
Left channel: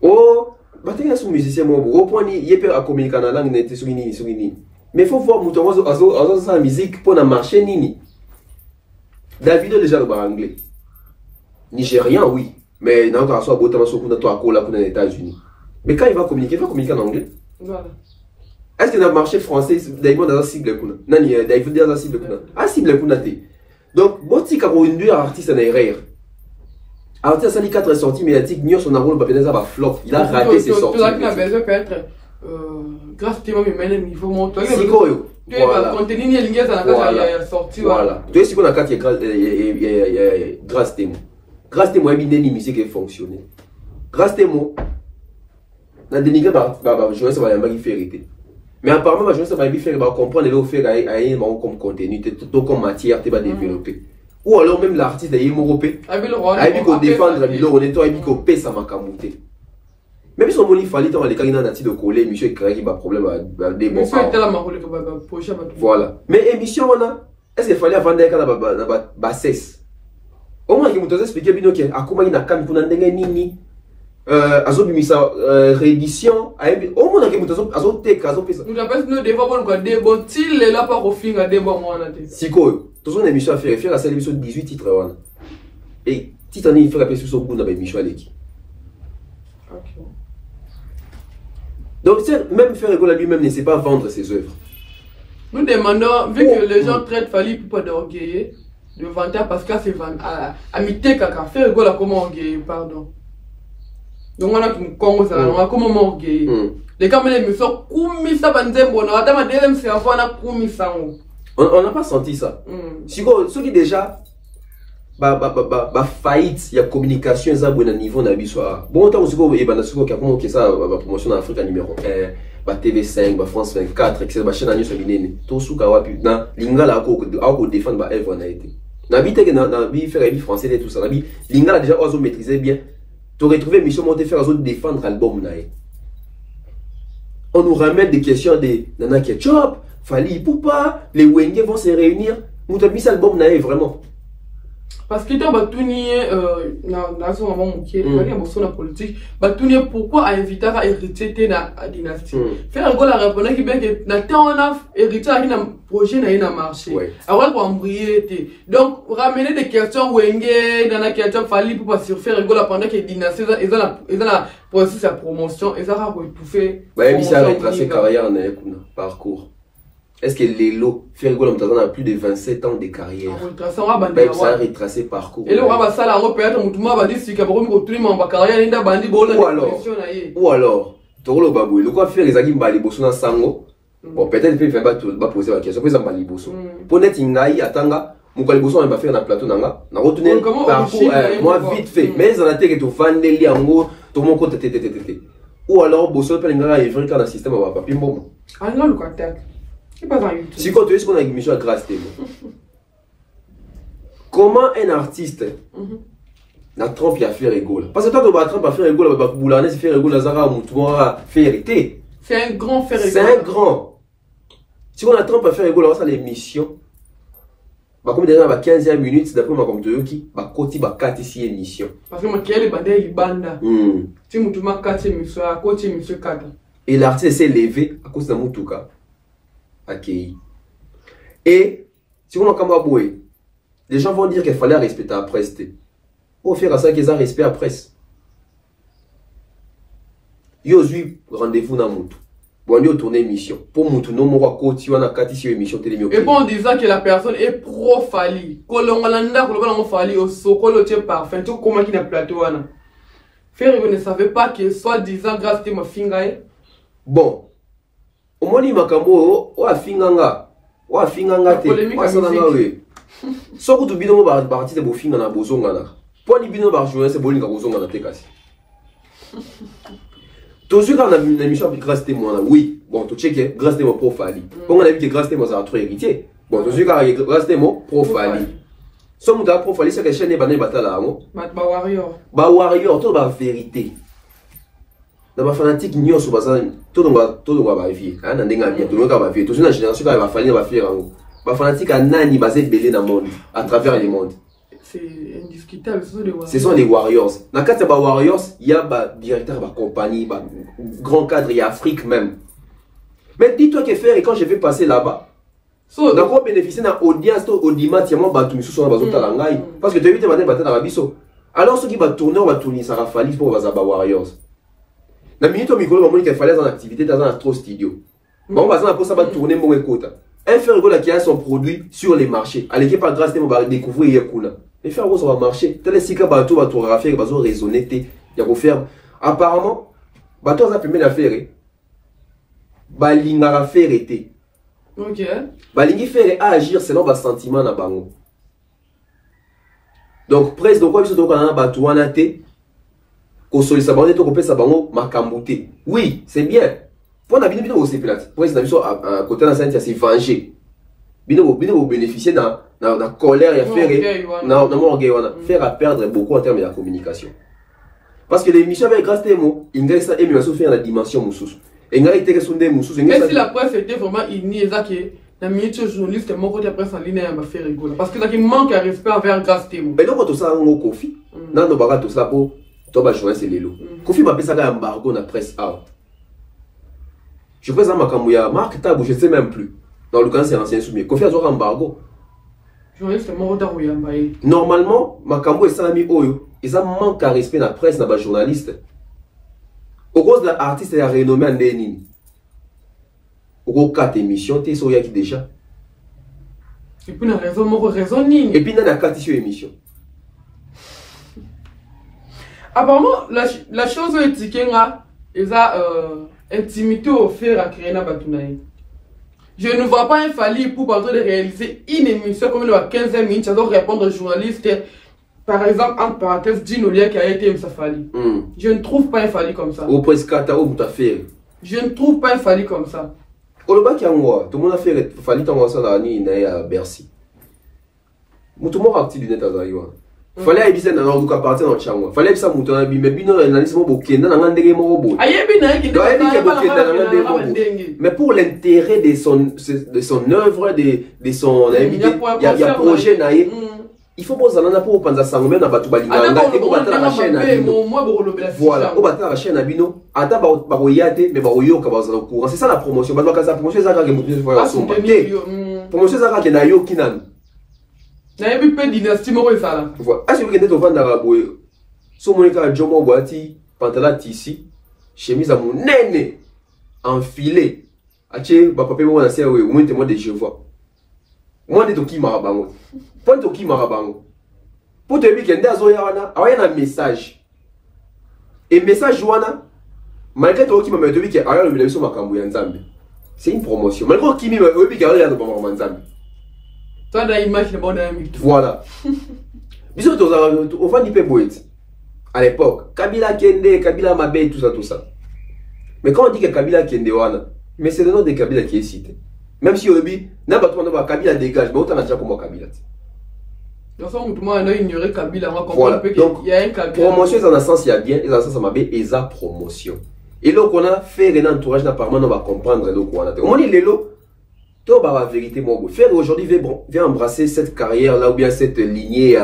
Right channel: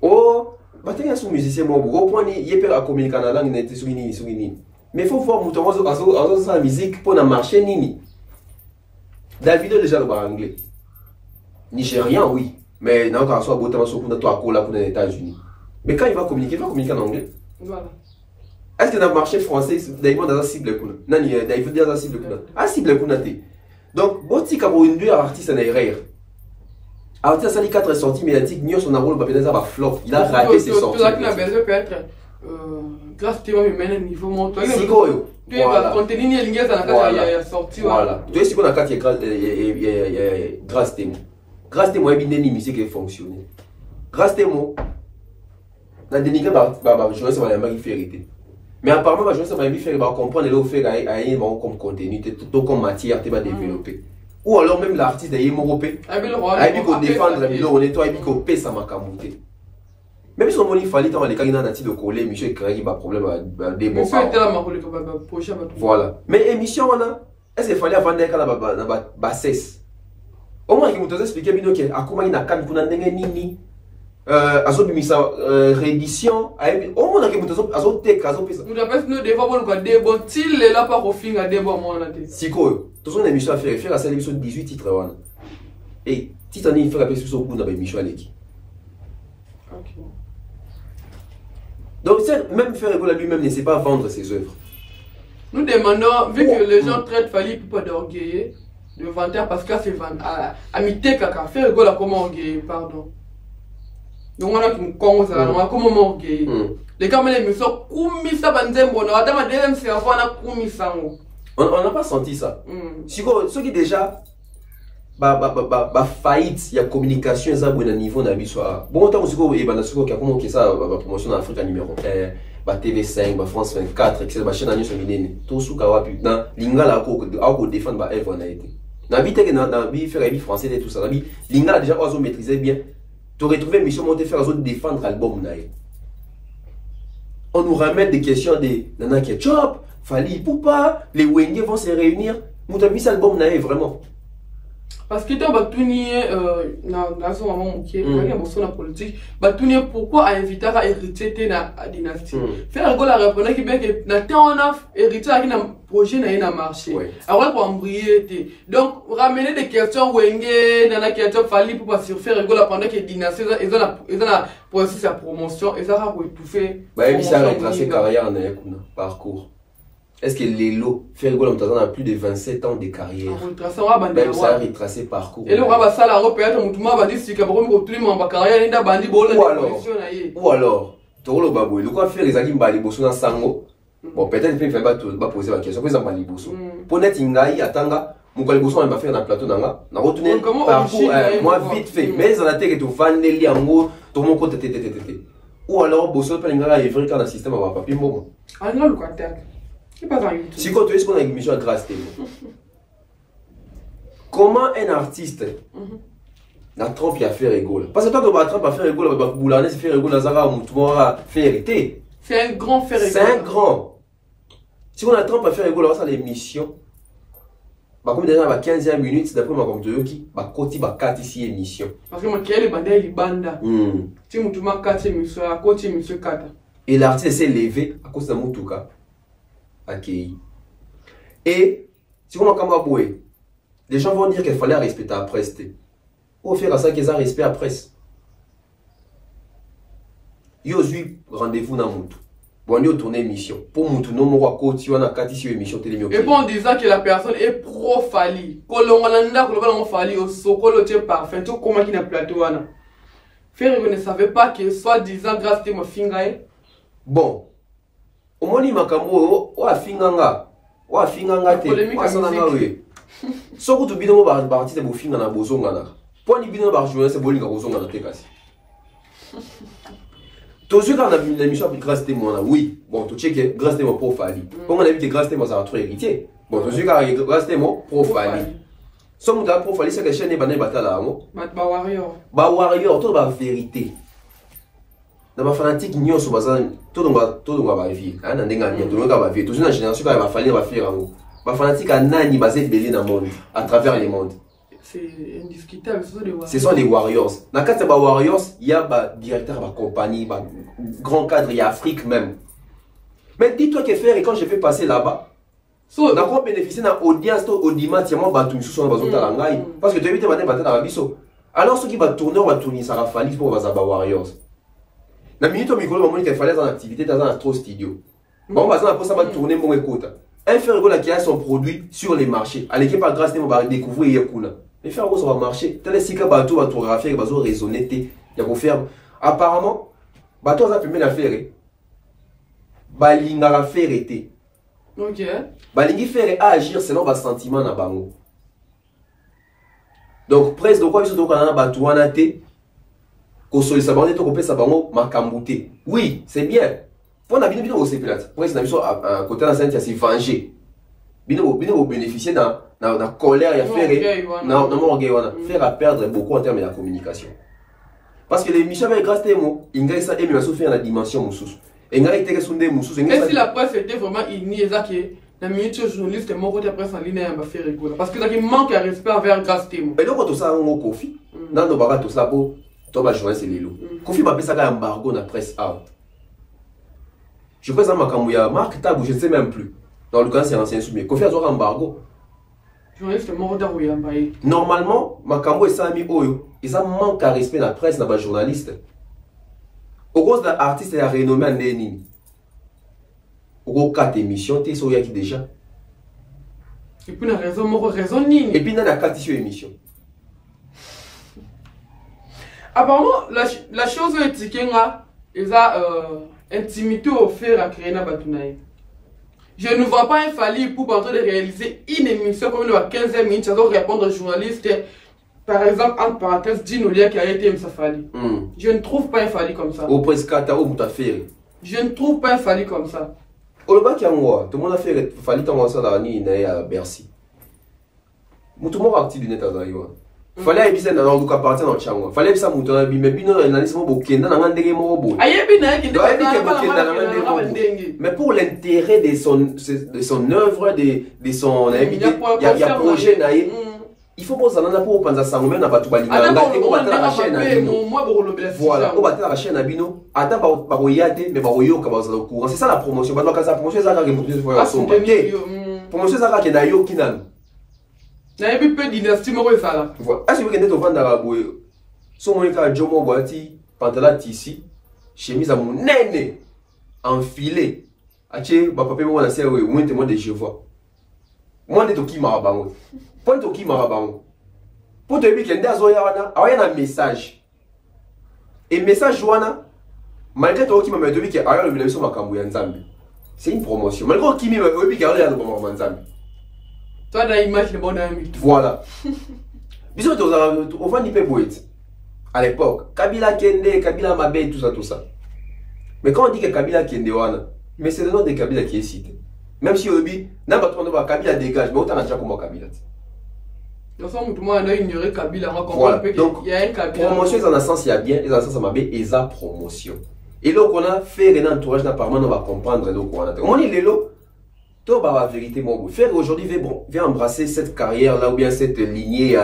Oh, bah t'es un musicien mon au point il est à communiquer en langue n'était sur ni. Mais il faut voir mouton à sa musique pour na marché nini. Davido déjà le bar anglais. Nigérien, oui. Mais il n'a pas soit beau sur pour les États-Unis. Mais quand il va communiquer en anglais. Voilà. Est-ce que dans le marché français, Daimon a un cible Non, David a un cible ah, cible donc, si pour une deux artistes en erreur. Artiste a 4 sorties médiatiques, Nios son rôle va flop. Il a raté ses sorties. Tout ça besoin peut-être grâce à toi, mais il faut monter. Tu vas contenir les liens dans la carte sortie. Voilà. Tu sais qu'on a 4 grâce à moi. Grâce à moi, il y a une musique qui fonctionne. Grâce à moi, la dénigré je vais savoir qu'il fait hériter. Mais apparemment, je vais savoir qu'il fait comprendre le fait qu'il comme contenu, tout comme matière, tu vas développer. Ou alors même l'artiste d'ailleurs européen. Il faut défendre, il faut payer sa macamoté. Même si on il fallait dans les cas de coller, monsieur créé qui a problème à débat. Voilà. Mais émission on a est-ce qu'il fallait avant d'aller à cesse. Au moins il nous expliquer bien que à comment il n'a quand kuna ndenge nini azo bimisa réédition au moins il nous azo teka azo pesa. Nous appelle nous devons voir quoi débat til là pas au fin à débat moi on a dit. Siko, toute une émission à faire la émission 18 titres wana. Et titre il fait la pesa sur kuna ba émission aleki. OK. Donc, même Ferregola lui-même ne sait pas vendre ses œuvres. Nous demandons, vu que les gens traitent Fally pour d'orgueiller, de vanter parce que c'est à mité kaka. Ferregola comment orgueiller, pardon. Donc on a qui nous commence à comment orgueiller. Les caméras me sont koumisa banzembo, on a dama deuxième cerveau, on a koumisa. On n'a pas senti ça. Si ceux qui déjà faillite ya communication za bon niveau na biso. Bon tant aussi ko e bana siko comment que ça ba promotion en Afrique numéro 1, ba TV5, ba France 24, etc. ba chaîne nyonso minene. To suka wapi na lingala ko défendre ba œuvre na été. Na vie que na vie faire vie français et tout ça. Na vie lingala déjà ozo maîtriser bien. Tu retrouver mission monter faire ozo défendre album na. On nous ramène des questions de Nana Ketchup, Fali Poupa, les Wenge vont se réunir. Nous avons mis cet album naïf vraiment. Parce que dans dans ce moment où il y a une politique, pourquoi inviter à hériter la dynastie? Faire un la répondre qui est que on a hérité à un projet n'a marché. Alors pour embrayer. Donc ramener des questions Wenge, Nana Ketchup, Fali Poupa sur faire un la pendant que dynastie ils ont la processus de promotion et ça va étouffer. Il s'est retracé carrière en parcours. Est-ce que Lélo fait rigolo a plus de 27 ans de carrière? Ça a retracé parcours. Et là, ça va peut-être va dire si carrière ou alors, Toro Babou, le quoi faire les agim bali bosso na sango. Bon, peut-être qu'il ne pas poser la question. Pour exemple, bali bosso. Pour net ingai atanga, mon bali bosso on va faire un plateau nanga. Na retourner parcours moi vite fait. Mais ils ont été que tu vas nelli en gros, tout mon côté tété. Ou alors bosso pas l'ingai est vrai quand le système va pas plus bon. Ah non le contact. Si quand tu es sur une émission à Grâce TV, comment un artiste n'a Trump à faire rigolo? Parce que toi, tu vas Trump à faire rigolo, tu vas bouler, faire rigolo, Nazara, Moutoua, faire été. C'est un grand faire rigolo. C'est un grand. Si on a Trump à faire rigolo, ça l'émission. Comme déjà, 15e minute, d'après ma comme Toyoki, côté, 4 ici émission. Parce que moi, qui est le bandé, il banda. Si Moutouma 4 émissions, à côté, émission 4. Et l'artiste s'est levé à cause de Moutouka. Et si on a boué, les gens vont dire qu'il fallait respecter la presse. Au faire à ça qu'ils ont respect à la presse. Ils ont eu rendez-vous dans Moutou. Bon, ils ont tourné émission. Pour Moutou, nous avons côté, on a 4 ici émission télévision. Et pour en disant que la personne est pro-Fali, Kolongalanda, Kolongalanda, au Sokolo, tu es parfait, tout comment qui n'a plateau. Faire, vous ne savez pas que soit disant grâce à ma fingaye. Bon. Au moins, il m'a dit Finganga te, Sananga we. So que tu bino ba parti de bofinga na bozonga na. Pour ni bino ba jouer c'est bolinga bozonga na te kasi. Toujours quand on a une émission avec grâce témoin oui. Bon, tu check grâce témoin pour Fali. Comme on a vu que grâce témoin ça a trop héritier. Bon, toujours quand grâce témoin pour Fali. So muta pour Fali c'est que chaîne ba na batala ngo. Ba warrior. Ba warrior to ba vérité. Dans ma fanatique n'y a pas tout le monde va vivre. Hein, dans des gars bien, tout le monde va vivre. Toujours la génération qui va falloir va faire en haut. Ma fanatique a nani basé belé dans le monde, à travers les mondes. C'est indiscutable, ce sont des warriors. Ce sont des warriors. Dans le cas de warriors, il y a des directeurs de compagnie, grand cadre, il y a Afrique même. Mais dis-toi que faire et quand je vais passer là-bas, d'accord bénéficier d'une audience, audimat, il y a mon bateau sous son bazooka langai, parce que tu as vu tes bandes battre dans la biso. Alors ceux qui vont tourner, ça va falloir pour les warriors. La minute au micro, il fallait dans l'activité dans un astro studio. Bon, on va ça va tourner mon écoute. Un fer qui a son produit sur les marchés. À l'équipe par grâce, on va découvrir Yakuna. Les fer ça va marcher. Tel est bateau va tout faire, va raisonner. Il y a qu'on faire. Apparemment, bateau ça permet d'affaire. Balinga faire été. Ok. Balingi faire agir selon votre sentiment na bango. Donc presque donc quoi que ce soit dans bateau en athée. Qu'on sollicite ça, on peut ça bango makambuté. Oui, c'est bien. Pour on a bien aussi plate. Pour ça à côté de la scène, c'est venger. Bien bénéficier dans la colère et faire non faire à perdre beaucoup en termes de la communication. Parce que l'émission avec grâce à moi, il y a ça émission faire la dimension moussous. Et il y a été sondé moussous. Mais si la presse était vraiment unie, ça que la minute journaliste mon côté presse en ligne va faire rigoler parce que ça qui manque à respect envers grâce à moi. Mais donc tout ça on Kofi. Non non baga tout ça pour toi journaliste Lelo. Kofi m'a appelé ça un embargo dans la presse A. Je crois que ça m'a camouillé Marc Tabou, je ne sais même plus. Dans le cas c'est un ancien soumis. Kofi a un embargo. Journaliste mort d'Arouyambaye. Normalement, Makambo et Sami Oyo, ils ont manqué à respect la presse, la journaliste. Au cause de l'artiste et la renommée en Lénine. Au cours de 4 émissions, tu es sur Yaki déjà. Et puis, on a raison, Nini. Et puis, on a 4 émissions. Apparemment, la chose est que ils ont intimité au faire à créer un batounaï. Je ne vois pas un Fali pour de réaliser une émission comme il y a 15 minutes, ça doit répondre aux journalistes. par exemple, entre parenthèses, Dinolia qui a été Msafali. Je ne trouve pas un Fali comme ça. Au Prescata, au Moutafé. Je ne trouve pas un Fali comme ça. Au Loba qui a moi, tout le monde a fait Fali tant ça dans à Bercy. Tout le monde a actif du net à Zaïwa. Fallait éviter dans le cas partir dans le champ. Fallait que ça monte dans mais bino analyse mo bokenda na ngandege mo bo. Mais pour l'intérêt de son œuvre de son il y a projet naïe. Il faut pas ça pour penser ça même na batu balinganga et pour battre la chaîne na bino. Voilà, on battre la chaîne na bino, ata ba royate mais ba royo ka ba za courant. C'est ça la promotion. Ba ka ça promotion ça ka ke motu fois son. Promotion ça ka ke na yo kinam. Na yebi pe dynastie moko esala. Voilà. Ah c'est vrai que tu vends dans boye. So monika jomo boati pantalon tissu, chemise à mon nene enfilé. Ache ba papa mo na se we, moi témoin de Jéhovah. Moi de toki marabango. Point toki marabango. Pour te dire que ndazo ya wana, awaya na message. Et message wana malgré toki mama to bi ke aya le biso makambo ya Nzambe. C'est une promotion. Malgré kimi we bi ke aya no mama Nzambe. Toi, dans l'image, le bon ami. Voilà. Bisous, on va dire poète. À l'époque, Kabila Kende, Kabila Mabé, tout ça. Mais quand on dit que Kabila Kende, mais c'est le nom de Kabila qui est cité. Même si au début, n'importe quoi, Kabila dégage, mais autant on a déjà comme Kabila. Dans son mouvement, on a ignoré Kabila. Voilà. Donc, il y a un Kabila. Promotion, dans un sens, il y a bien, et dans un sens, ça m'a et ça promotion. Et donc, on a fait un entourage, apparemment, on va comprendre. Donc, on a dit, la vérité, mon faire aujourd'hui vient embrasser cette carrière là ou bien cette lignée, il y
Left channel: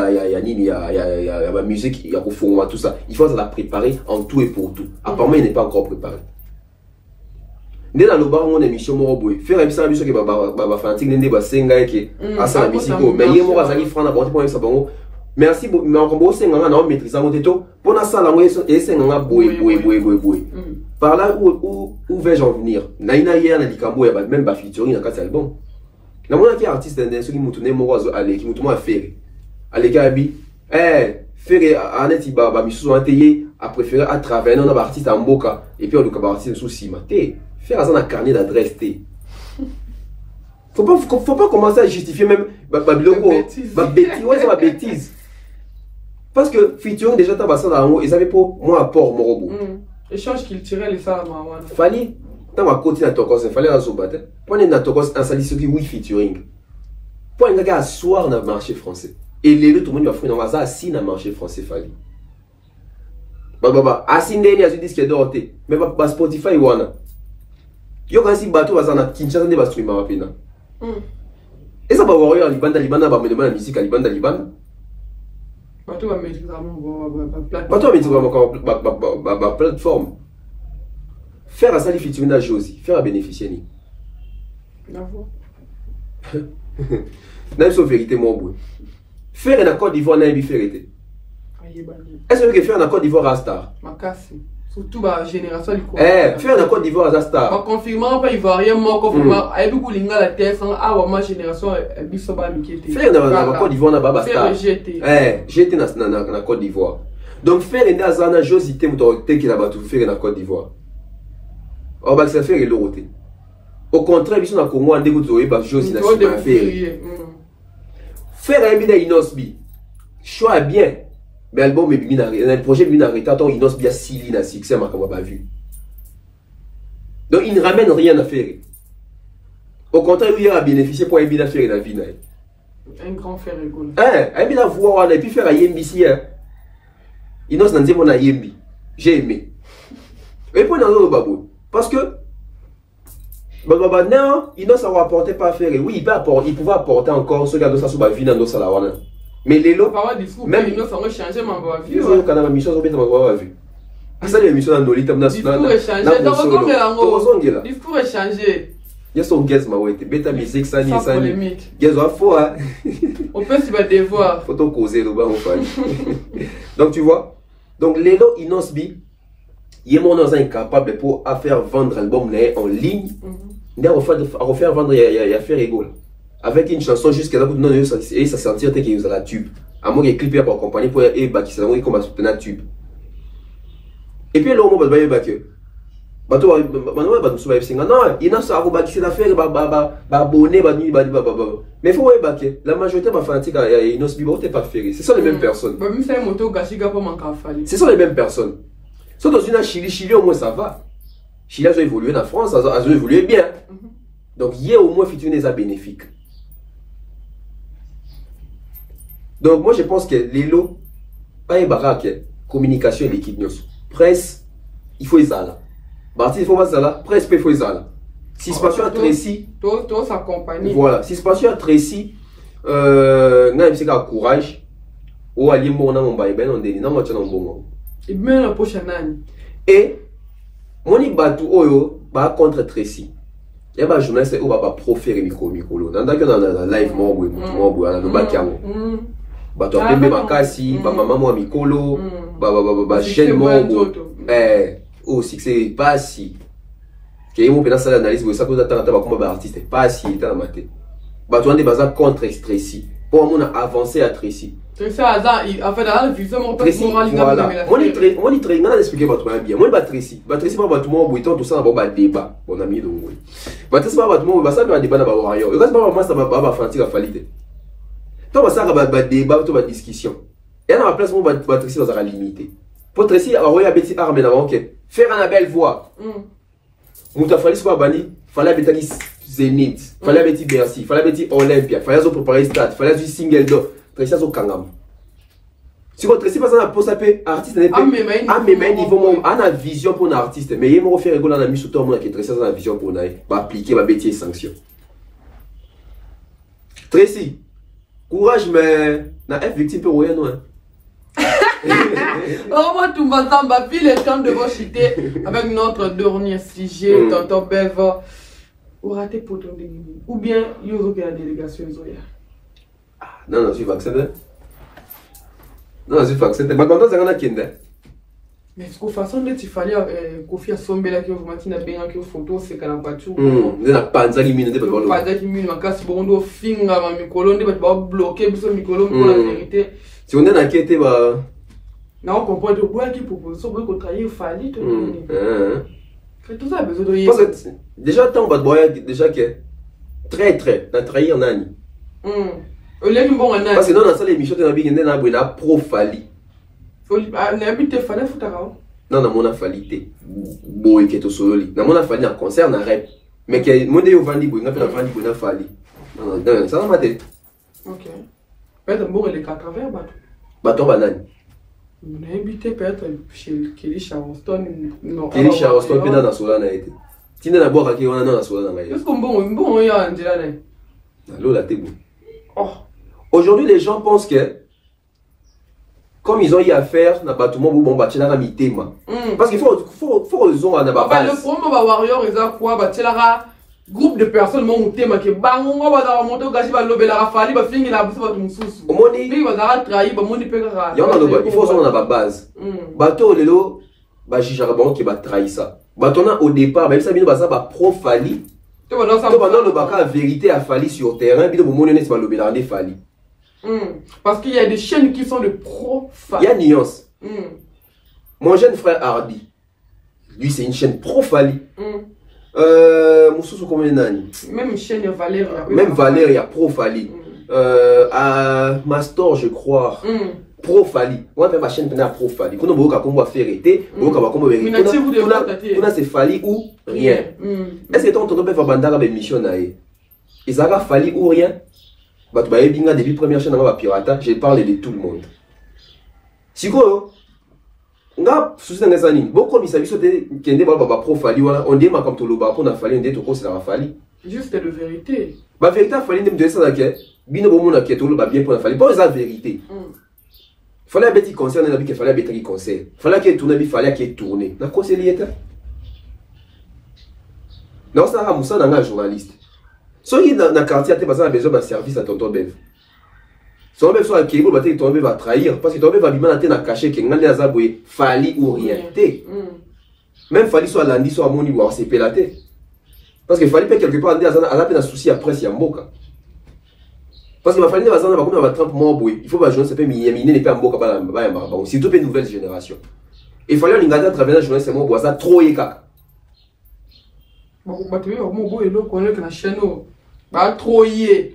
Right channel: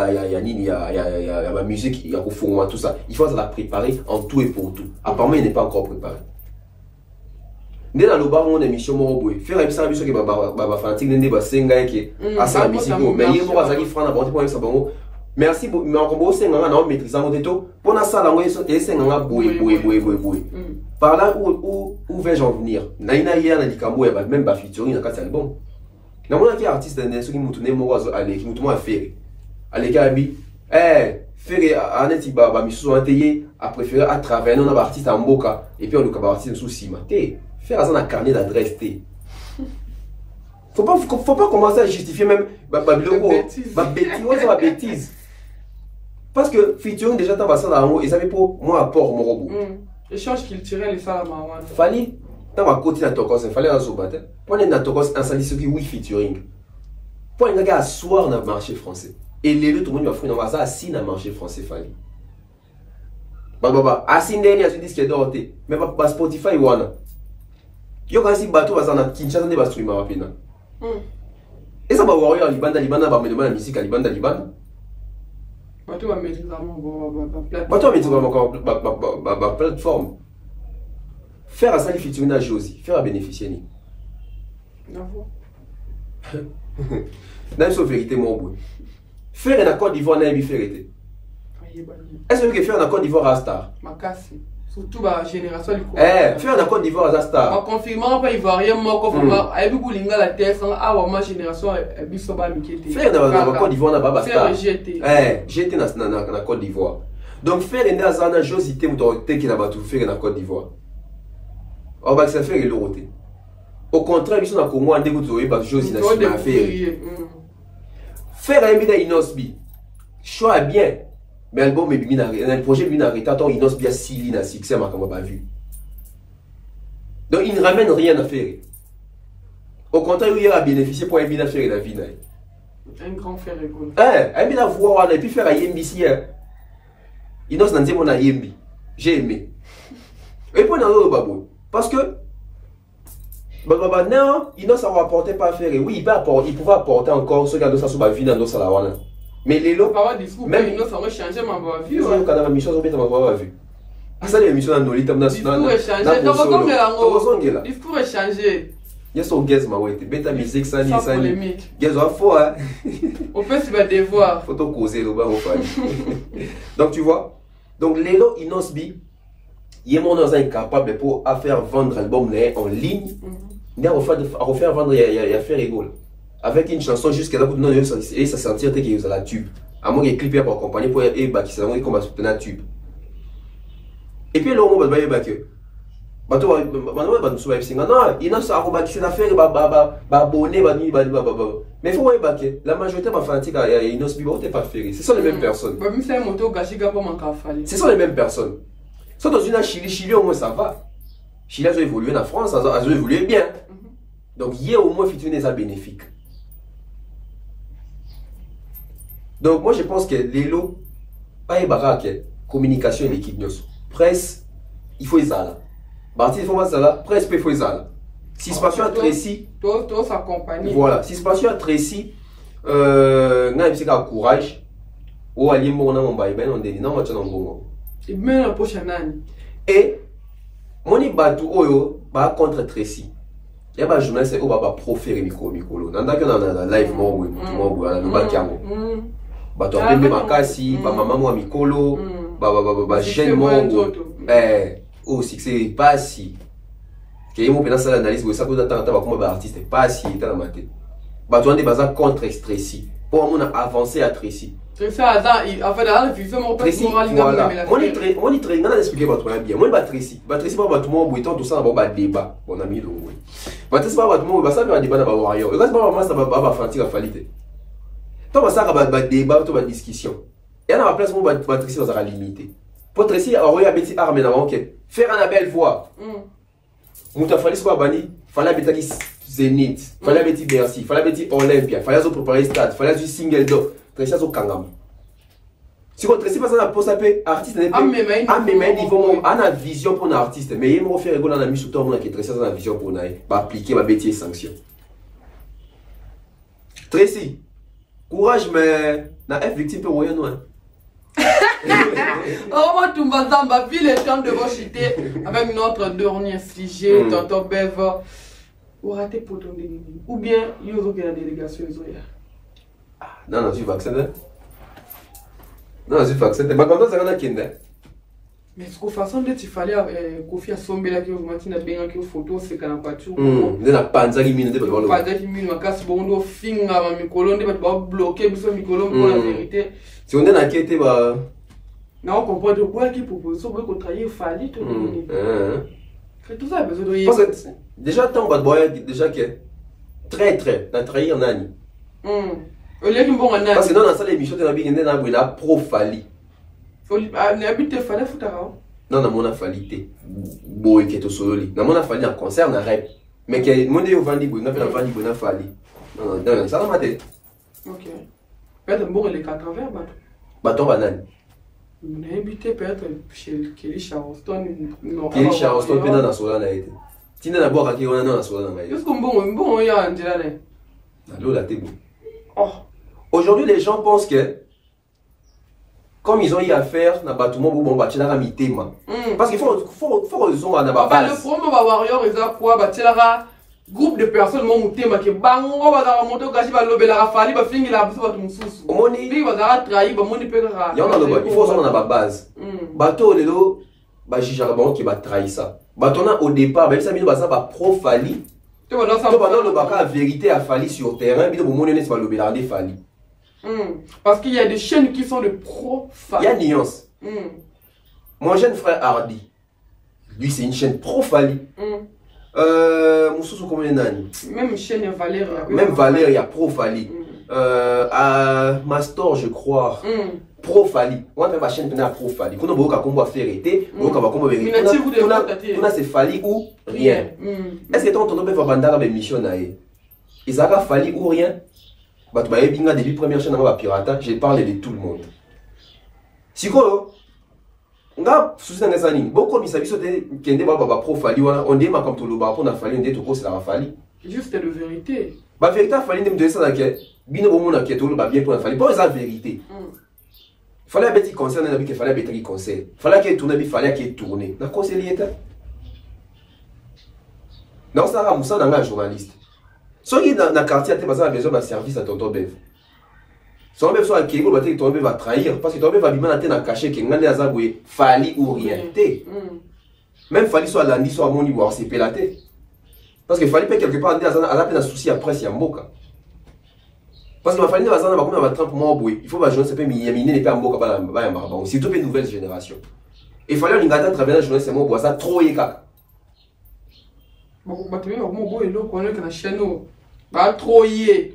a ma musique, il y a au fond, tout ça. Il faut la préparer en tout et pour tout. Apparemment, il n'est pas encore préparé. Dès dans le bar, on a émission Moroboy. Faire une émission qui va fanatique, n'est pas senga qui a sa musique. Mais il y a moi qui franc d'abord pour ça bon. Merci mais encore beau senga na maîtriser en teto. Pour na sala moi et senga boy. Par là où vais-je en venir? Naina hier na dikambo ya même ba featuring na kati album. Na mona ki artiste na ce qui mutune morazo ale qui mutuma faire. Ale kabi faire aneti ba misusu anteye a préféré à travers un artiste en boka et puis on le artiste sous cima. Faire ça dans carnet d'adresse T. Faut pas commencer à justifier même ma bêtise. Parce que featuring déjà t'as passé dans haut et ça fait pour moi apport morobo. Échange culturel et ça mawana. Fallait dans ma côté à tokos, fallait à zobater. Pour les tokos un sali ce qui oui featuring. Pour un gars asseoir dans le marché français. Et les deux tout le monde va faire dans ça assis dans le marché français fallait. Assis ndeni à ce disque d'orté. Mais pas Spotify wana. Yo quand si bateau va na Kinshasa ne va streamer rapidement. Et ça va voir en Libanda va me demander la musique à Libanda. Bateau va mettre plateforme. Bateau va mettre ma plateforme. Faire à ça les featuring à Josie, faire à bénéficier ni. D'accord. N'a pas vérité mon bout. Faire un accord d'Ivoire n'a pas vérité. Est-ce que faire un accord d'Ivoire à Star? Makasi. Surtout la génération du coup. Faire un accord d'Ivoire à Star. En confirmant pas ivoirien moi comme avec beaucoup linga la terre sans ma génération bisoba mikete. Faire un accord d'Ivoire na baba Star. GT. GT na Côte d'Ivoire. Donc faire un azana josité motorité qui là-bas tout faire un accord d'Ivoire. On va se faire l'autorité. Au contraire, ils sont dans Congo en début de zoé parce que josi na faire. Faire un bina inosbi. Choix bien. Mais album est bien un projet bien arrêté tant il n'ose bien Sili na succès ma comme pas vu. Donc il ne ramène rien à faire. Au contraire, il a bénéficié pour un bien faire la vie. Un grand frère rigolo. Un bien voir et puis faire à Yembi ici. Il n'ose pas mon Yembi. J'ai aimé. Et puis dans le babou parce que non, il n'ose pas apporter pas faire. Oui, il peut apporter, il pouvait apporter encore ce gars de sa sous vie dans sa lawana. Mais les lots, même ils ont changé ma vie. Ils ont quand même mission sur ma vie. Ça les missions dans nos lits national. Discours est changé. Il y a son guest ma ouais, bêta musique ça ni ça. Guest en faux hein. On peut se battre devoir. Faut donc causer le bas au fan. Donc tu vois. Donc les lots Inosbi, il est mon incapable pour faire vendre l'album en ligne. Il a refaire vendre il y a faire rigole. Avec une chanson jusqu'à là pour non et ça sentir que vous la tube à moins qu'il clipé pour accompagner pour et qui s'est comme soutenir tube et puis là on va que bato ba nous ba singa non il n'a ça ko ba qui l'affaire ba abonné ba ni ba mais faut ouais baké la majorité ba fanatique et nos bibo t'es pas ferré ce sont les mêmes personnes ba mi c'est moto gashiga pour manka fali ce sont les mêmes personnes sont dans une Chili au moins ça va Chili a évolué en France a évolué bien donc hier au moins fitune des bénéfique donc moi je pense que les lots pas et baraque communication et l'équipe news presse il faut ça Barti, il faut pas ça là, presque il faut ça là. Si se passe à Tracy, toi s'accompagner. Voilà, si se passe à Tracy, n'a pas courage. Ou aller bon dans mon bail, ben on dit non, moi tu n'en bon. Et bien la prochaine année. Et mon ibatu oyo ba contre Tracy. Et bah journaliste ou ba proférer micro. Dans la live moi na ba kiamo. Ba to apembe makasi, ba maman moi mikolo, ba chaîne moi. Oh, si c'est pas si. Que y a mon ça l'analyse, vous savez que vous attendez comme artiste, pas si il est dans la maté. Bah, tu as des bases contre Tracy. Pour moi, on a avancé à Tracy. C'est ça, en fait, dans la vision, on peut voilà. Moi, il très bien expliqué votre bien. Moi, Tracy. Tracy, pas tout le monde, tout ça, on va débat. Mon ami, donc, oui. Tracy, pas tout le monde, va ça, on va débat dans le warrior. Et quand moi, ça va faire la qualité. Tant ça, va débat, va discussion. Et à la place, on va Tracy dans la limité. Pour Tracy, on va y armé là, ok. Faire une belle voix. Mouta fallait soit banni, fallait habiter Zénith, fallait habiter Bercy, fallait habiter Olympia, fallait se préparer stade, fallait du single door. Tracy a son kangam. Si vous Tracy passe à la pause à paix, artiste n'est pas à même niveau, on a vision pour un artiste, mais il m'a fait rigoler dans la mise sous ton monde qui Tracy a la vision pour naï, pas appliquer ma bêtise sanction. Tracy, courage mais na F victime pour rien non. Oh, moi, tout le temps, vu le temps de vos cités avec notre dernier sujet, Tonton Bev, ou raté pour ton déni. Ou bien, il y a la délégation. Non, je suis vacciné. Non, je suis vacciné. Mais quand on s'en a kinder. Mais ce qu'on façon de tu fallait confier à son bel qui vous matin bien que photo c'est quand pas tout. De la panza qui mine de pas panza qui mine ma casse bondo finga ma micolo de pas bloquer biso micolo pour la vérité. Si on est inquiété bah non, on comprend de quoi qui propose ça pour travailler fallait tout tout ça besoin de parce que déjà tant bad boy déjà que très la trahir en année. Au lieu de bon en parce que dans la salle émission de la bien na buena pro fali. N'habite fallait foutara. Non, na mona falité. Boy qui est au sololi. Na mona fali en concert na rap. Mais que mon au vandi boy na pas vandi boy na fali. Non, ça va mater. OK. Peut-être bon les 80 bateau. Bateau banane. On a invité peut-être chez Kelly Charleston. Non, Kelly Charleston pena na sola na été. Tina na boka ki on a na sola na mai. Est-ce qu'on bon il y a un là. Allô la tebo. Oh. Aujourd'hui les gens pensent que comme ils ont eu à faire, na bâtiment bon bâtiment la mitema. Parce qu'il faut raison à na base. Enfin le problème va warrior ils a quoi bâtiment groupe de personnes mon tema que bango va dans moto gachi va lober la fali va finir la bouche va tout mususu. Omoni bi va dans trahir ba moni pe ka. Il faut ça na base. Bateau lelo ba jijarbon qui va trahir ça. Bateau na au départ même ça bino ba ça ba pro fali. To ba dans le baka vérité à fali sur terrain bino moni ne va lober la ne fali. Parce qu'il y a des chaînes qui sont de pro-fali. Il y a nuance. Mon jeune frère Hardy, lui c'est une chaîne pro-fali. Moussou combien d'années? Même chaîne Valéria. Même Valéria pro-fali. À Mastor je crois. Pro-fali. On fait ma chaîne pro-fali. Quand on va combo faire été, on va combo vérité. On a c'est fali ou rien. Est-ce que ton tonton peut faire bandara de mission naé? Ils ont fali ou rien? Depuis première chaîne de pirata, j'ai parlé de tout le monde. Si quoi, on a sous un des animes, beaucoup de services qui ont des profali, on dit comme tout le bas, on a fallu un détour, c'est la fali. Juste de vérité. La vérité, il fallait me dire ça, bien au monde qui est tout le bas bien pour la fali. Pas la vérité. Il fallait un petit conseil, on a dit qu'il fallait un petit conseil. Il fallait qu'il tourne, il fallait qu'il tourne. N'a quoi c'est lié? Non, ça a moussa dans un journaliste. Si dans le quartier, tu as besoin d'un service à Tonton Bev. Si on besoin de Kébo, Tonton Bev va trahir. Parce que Tonton Bev va lui mettre caché qu'il y a des fali ou rien. Même fali soit lundi, soit moni ou c'est pélaté. Parce que fali peut quelque part, à la peine un souci après, c'est un boca. Parce que ma famille va s'en avoir comme un trempe moins boué. Il faut que je ne sais pas, miner n'est pas un boca, c'est toute une nouvelle génération. Il fallait un ingrédient à travers la journée, c'est mon bois, ça trop écart.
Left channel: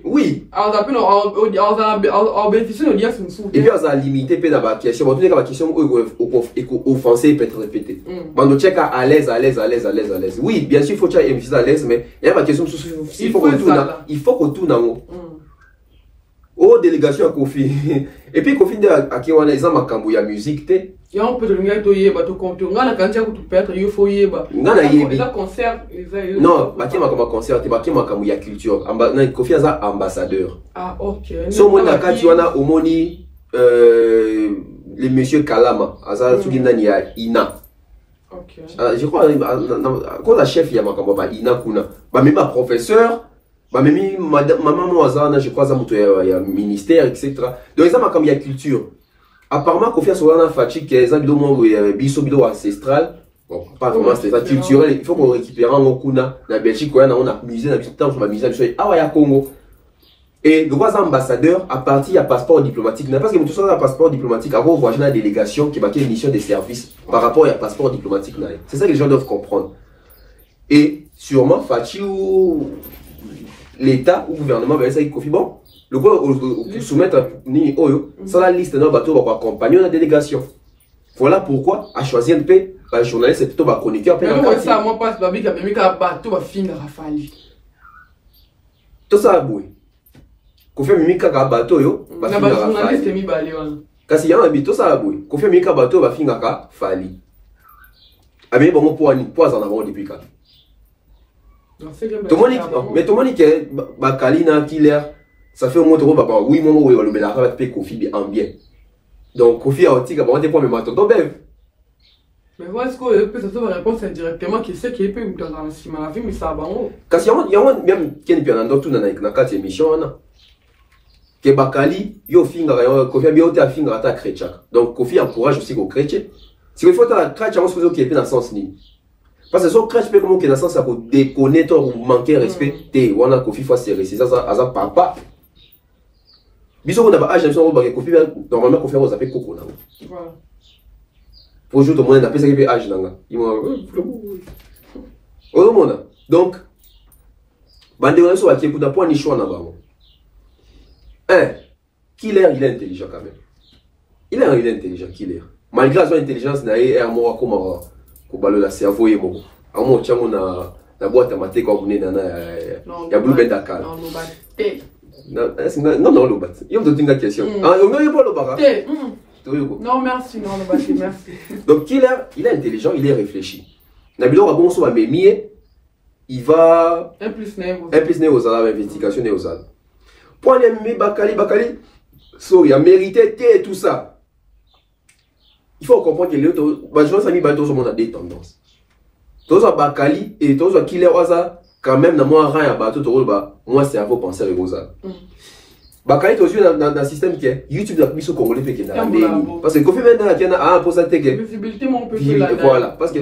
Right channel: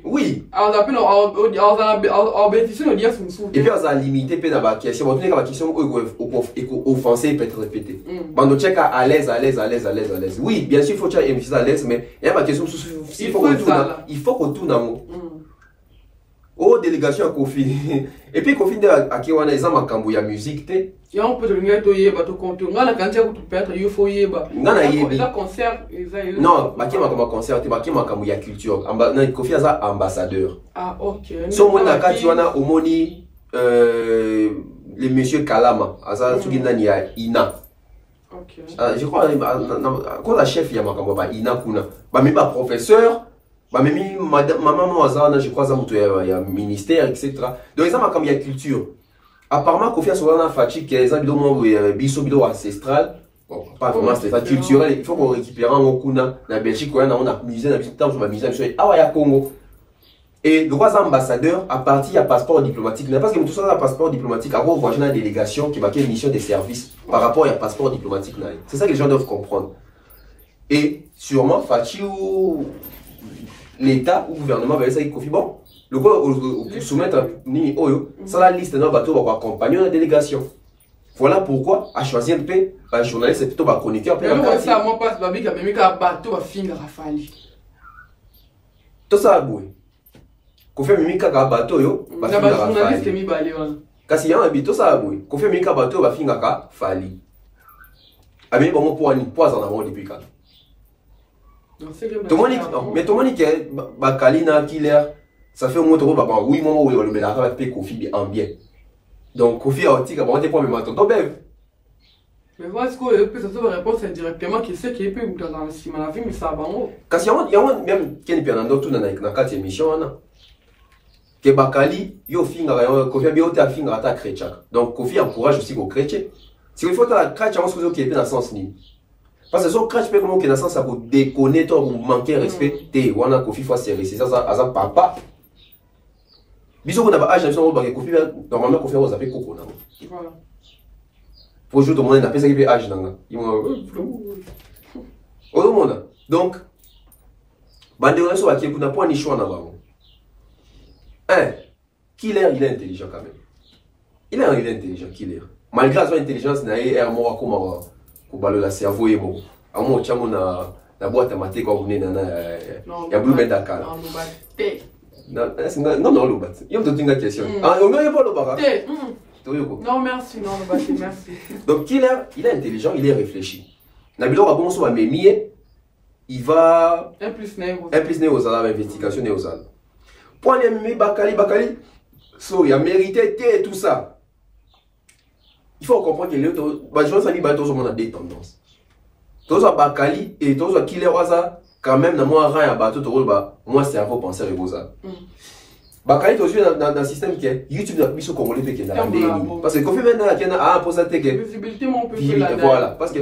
Oui. Et puis, on a limité dans la question. On a la question offensée peut être répétée. On check à l'aise. Oui, bien sûr, il faut checker à l'aise, mais il y a ma question. Il faut qu'on tourne en haut. Oh, délégation à Kofi. Et puis, Kofi, à qui on a les hommes à la musique. Et on peut donner tout compte. On a quand il faut y concert. Non, ma concert, il y a culture. Kofi a ambassadeur. Ah, ok. So, moi, tu as Omoni, le monsieur Kalama. Il y a Ina. Ok. Je crois, quand la chef, il y a Ina Kuna. Même ma professeur. Même maman, je crois, il y a ministère, etc. Donc, il y a culture. Apparemment, Kofi a souvent fatigue qui est un biso ancestral. Bon, pas vraiment ancestral, culturel. Il faut qu'on récupère en Okuna. Dans la Belgique, on a musée, on a musée, ah ouais, à Congo. Et le roi ambassadeur, à partir du passeport diplomatique, parce que tout ça, un passeport diplomatique, avant, on voit la délégation qui va une mission de service par rapport au passeport diplomatique. C'est ça que les gens doivent comprendre. Et sûrement, Fati ou l'État ou le gouvernement va essayer de Kofi, bon. Le gars, soumettre ni Oyo, ça la liste d'un bateau va accompagner la délégation. Voilà pourquoi, à choisir un peu, un journaliste, c'est plutôt chroniqueur. Mais nous, ça, moi, passe, babi, quand même, un bateau va finir à Fali. Tout ça, boué. Qu'on fait mimi kaka bateau, yo, va finir à Fali. Journaliste, mi balé, Kasi y a un habit, tout ça, boué. Qu'on fait mimi kaka bateau, va finir à Fali. Ah, mais bon, pour aller, pas en avant depuis quand. Tout le monde dit que Bakali n'a killer. Ça fait au moins trop papa. Oui, mon oui, le mélange avec Kofi en bien. Donc Kofi a aussi qu'à point même attendre bébé. Mais voilà ce que peut ça va répondre directement qui sait qu'il peut dans la ciment la vie mais ça va bon. Parce qu'il y a même qui est bien dans tout dans la quatre émissions là. Que Bakali yo finga Kofi bien au finga ta chrétien. Donc Kofi encourage aussi aux chrétiens. Si il faut ta chrétien on se qui est dans sens ni. Parce que son crash peut comment que dans sens ça pour déconner ou manquer respect. On a Kofi faut serrer c'est ça ça papa. Bisous on a pas âge normalement qu'on fait aux appels coco là. Voilà. Pour jouer tout le monde appelle ça qui âge là. Ils vont au monde. Donc bandé sur qui n'a pas ni choix là bas. Killer il est intelligent quand même. Il est intelligent Killer. Malgré son intelligence na est moi comme ko balo la cerveau et bon. À moi tiens on a la boîte à mater quand on est dans ya blue bed Dakar. Non, le bat. Il y a une question. Ah, on n'a pas le bar. Non, merci, non, le bat, merci. Donc, Killer, il est intelligent, il est réfléchi. Nabilo a bon soit mémier, il va. Un plus né aux arabes, investigation né aux arabes. Pour aller mémier Bakali, so, il a mérité et tout ça. Il faut comprendre que les autres, je pense que tout le monde a des tendances. Tout ça, Bakali et tout ça, Killer, quand même, dans moi, rien à bateau, moi, c'est à vous penser à ça. Bakali, tu es dans un système qui est YouTube, la mission congolais, qui est dans la parce que quand tu maintenant, il y a un pour ça, visibilité, mon peu plus là. Voilà, parce que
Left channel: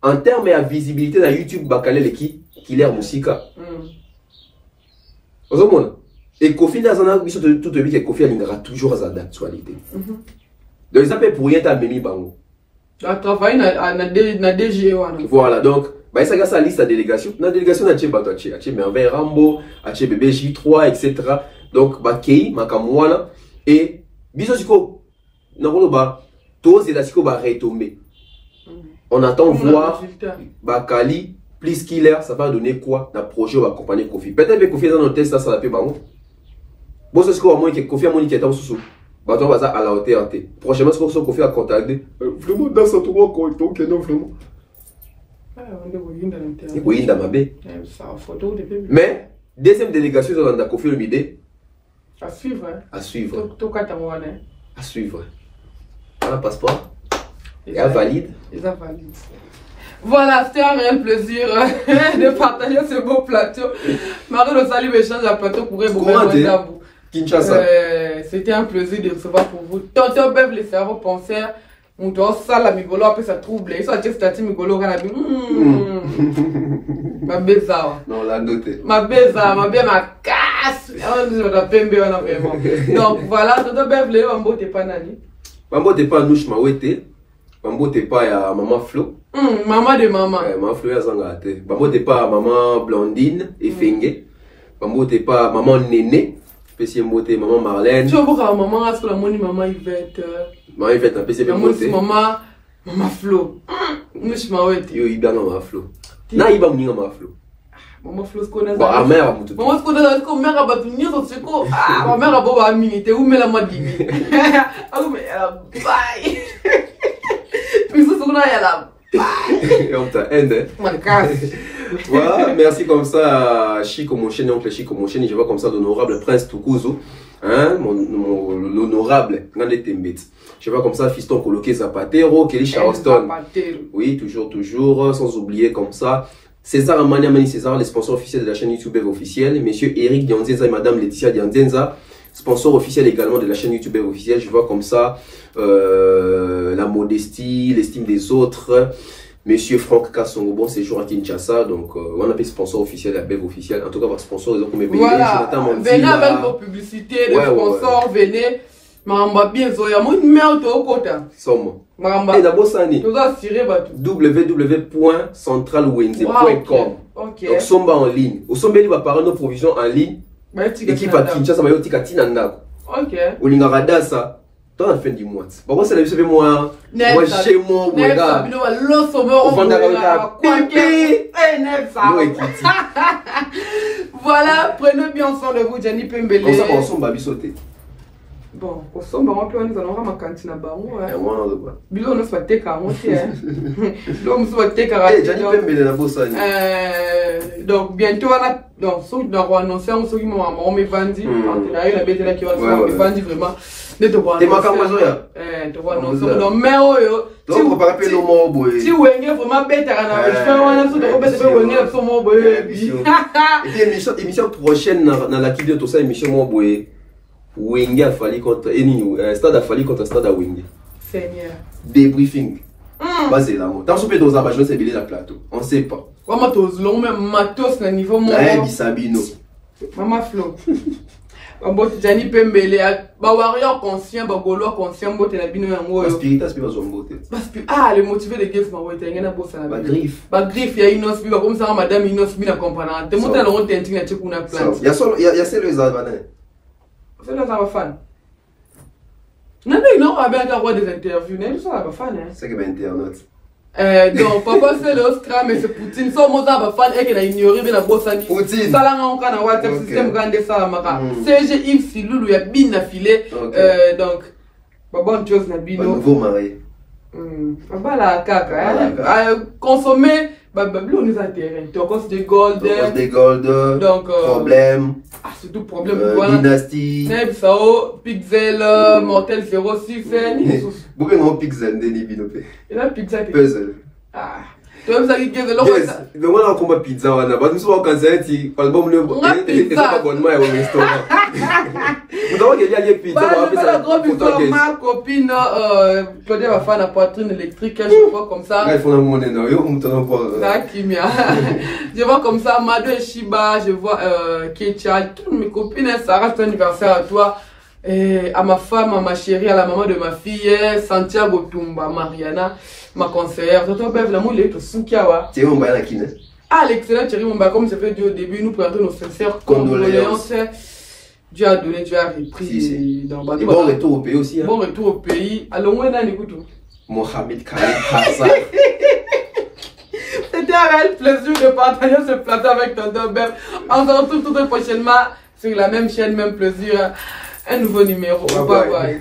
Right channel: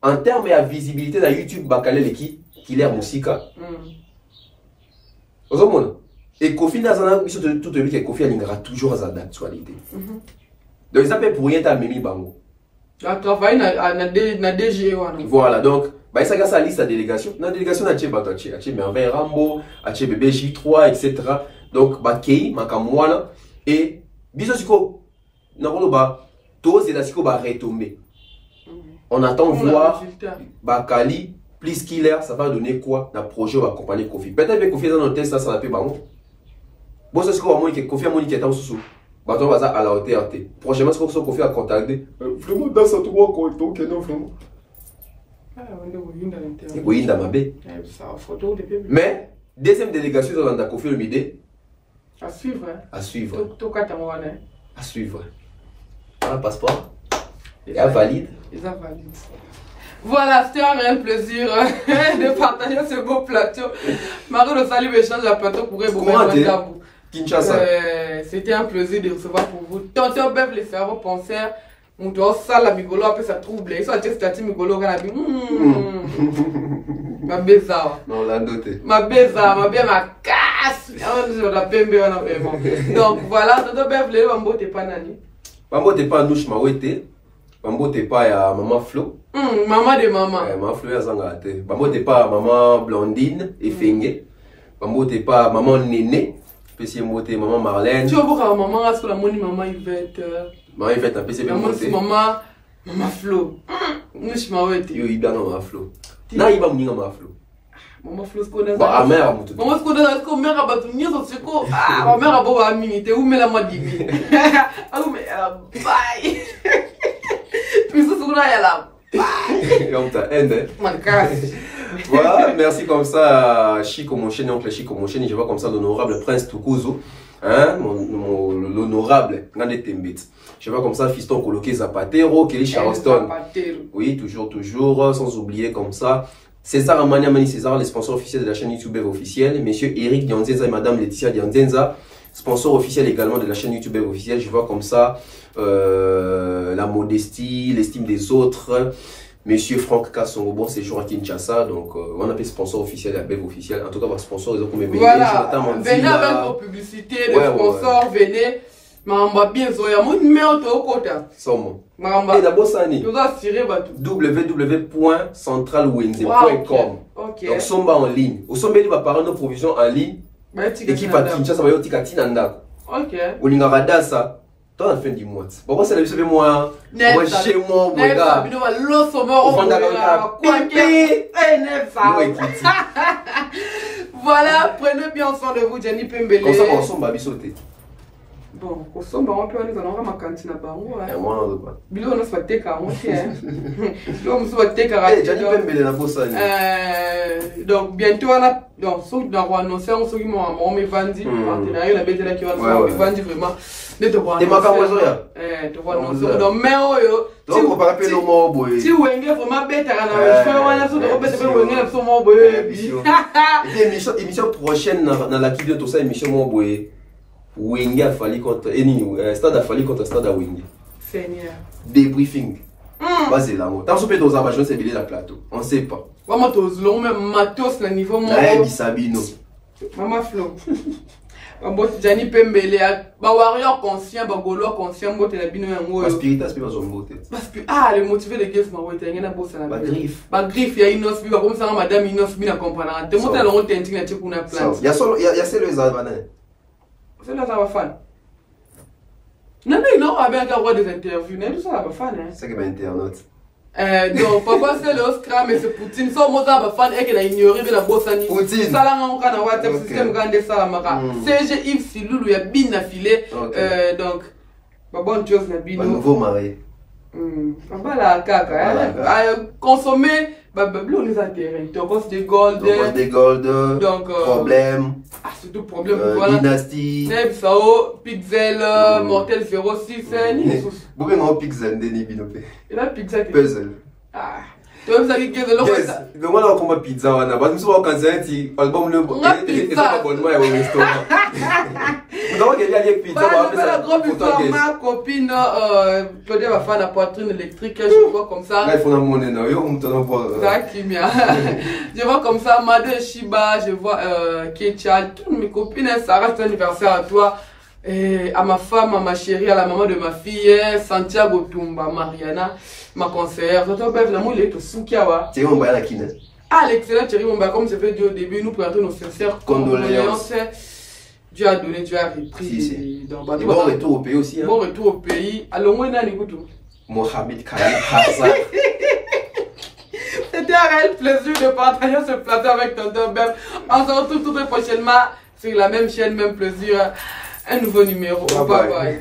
en termes de visibilité, dans YouTube, Bakali, est qui est musique. Et Kofi, dans un mission de tout le monde, Kofi, il aura toujours sa d'actualité. Donc, ils appellent pour rien à Mimi Bango. Il travaille dans DG. Voilà, donc. Bah, ça a liste à délégation. Dans la délégation, il y a Merveille Rambo, il y a Bébé J3, etc. Donc, Bakei, Makamouana. Et, Bisosiko, tous ces là-ci va retomber. On attend voir Bakali, plus Killer, ça va donner quoi dans le projet, on va accompagner Kofi. Peut-être que Kofi dans notre test, ça va faire bon. Bon, c'est ce qu'on va dire, Kofi a moniqué en sous. Bah, on va à la hauteur. Prochainement, c'est ce qu'on fait à contacter. Vraiment, dans ce tour, donc, non, vraiment. Oui, dans ma baie. Mais, deuxième délégation, on a confié une idée. À suivre. À suivre. À suivre. Un passeport. Et un valide. Voilà, c'était un réel plaisir de partager ce beau plateau. Marie le salut échange à plateau pour Kinshasa. C'était un plaisir de recevoir pour vous. Tonton Bev, les cerveaux penseurs. On doit ça la migolo après ça trouble. Ils sont à dire migolo quand ma beza. Non, la noté. Ma beza, ma casse. Donc voilà, Tonton Bev, les Mambo t'es pas nani. Mambo t'es pas nouche ma ouete. Bambo t'es pas à maman Flo. Maman de maman. Maman Flo ya zanga te. Bambo t'es pas à maman Blondine et Fengé. Bambo t'es pas à maman Néné. Petit moté maman Marlène. Tu vois maman à ce que la moni maman Yvette. Maman Yvette un PC moté. Maman Flo. Nous je m'arrête. Yo il maman Flo. Na iba mninga maman Flo. Maman Flo ce qu'on a. Bah mère mutu. Maman ce qu'on a ce qu'on mère a battu ni so ce ko. Ah ma mère a beau à minute où met la madini. Ah mais bye. Puis ce qu'on a ya la. Et on t'a haine. Mon casse. Voilà, merci comme ça à Chico Moncheni, oncle Chico Moncheni, je vois comme ça l'honorable Prince Tukuzo, hein, l'honorable Ngande Tembet. Je vois comme ça Fiston Koloke Zapatero, Kelly Charleston. Oui, toujours, sans oublier comme ça. César Amania Mani César, les sponsors officiels de la chaîne YouTube officielle. Monsieur Eric Dianzenza et Madame Laetitia Dianzenza, sponsor officiel également de la chaîne YouTube officielle. Je vois comme ça la modestie, l'estime des autres. Monsieur Franck Kassongo, bon séjour à Kinshasa, donc on appelle sponsor officiel, la BEV officielle. En tout cas, votre sponsor, ils ont comme voilà, venez avec vos publicités, les sponsors, venez. Mamba bien zoya, mon numéro au côté. Somme. Mamba. Et d'abord ça ni. www.centralwenze.com. Ok. Donc somba en ligne. Au somba il va parler nos provisions en ligne. Équipe à Kinshasa va yotika tinanda. Ok. Olinga radasa. Dans la fin du mois. Pourquoi ça le moi? Moi chez moi, mon gars. Voilà, prenez bien soin de vous, Jenny Pembele. Comme ça, on s'en va sauter. Bon, on s'en va, on peut aller dans la cantine à Baron. Bilo, on se va te car, on tient. Bilo, on se va te car. Donc, bientôt, on a. Donc, ceux qui ont annoncé, on s'occupe de mon partenariat, la bête là qui va faire, on va dire vraiment. Ne te vois pas. Tu vois, non, non, mais oh, si vous avez vraiment bête, je fais un assaut de Robert, je vais venir sur mon boy. Émission prochaine, dans la vidéo, tout ça, émission mon boy. Wenge a fallu contre Stade a fallu contre Stade à Wenge. Seigneur. Débriefing. Basé là. Dans ce pays, dans c'est billet la plateau. On sait pas. Maman tous long même matos na niveau mon. Sabino. Maman Flo. Bon Jani Pembele ba warrior conscient ba golo conscient bote na bino yango. Ba spiritas pe ba zombote. Ah les motiver les gifs ma wote ngena bossa na. Ba griffe. Ba griffe ya inos bi ba comme ça madame inos bi na comprendre. Te monter le honte inting na cheku na plante. Il y a celle les albanais. C'est là ça va fan. Non mais non, on va bien avoir des interviews, tout ça va fan hein. C'est que ben internet. Donc pourquoi c'est le Oscar mais c'est Poutine ça moi ça va fan et qu'il a ignoré de la bossani. Poutine. Ça là on kana WhatsApp système grande ça maka. CG Yves Silulu ya bin na filé donc ba bonne chose na bino. Nouveau marié. Bah la caca hein. Consommer on est intérêt. Tocos de gold. Donc problème. Ah c'est tout problème. Dynastie. Neb Sao, Pixel, Mortel 06. Pourquoi non Pixel Denis Binope? Et là Pixel. Puzzle. Ah. Tu veux ça qui est là? Yes. Donc on a comme pizza on a pas nous sommes cancer ti album le pas abonnement au restaurant. Vous avez déjà avec pizza. La grosse histoire ma copine Claudia va faire la poitrine électrique je vois comme ça. Là il faut la monnaie non, yo comme t'en pas. Je vois comme ça Mado Shiba, je vois Kecha, toutes mes copines ça reste anniversaire à toi. Et à ma femme, à ma chérie, à la maman de ma fille, Santiago Tumba, Mariana, ma conseillère. Toto Bev, l'amour, il est au Soukiawa. C'est mon bain à qui? Ah, l'excellent Thierry Mumba, comme je fais dit au début, nous présentons nos sincères condoléances. Dieu a donné, Dieu a repris. Bon retour au pays aussi. Bon retour au pays. Alors, où est-ce que Mohamed Khalid Hassan. C'était un réel plaisir de partager ce plateau avec Tonton Bev. On se retrouve tout prochainement sur la même chaîne, même plaisir. Un nouveau numéro. Bye bye.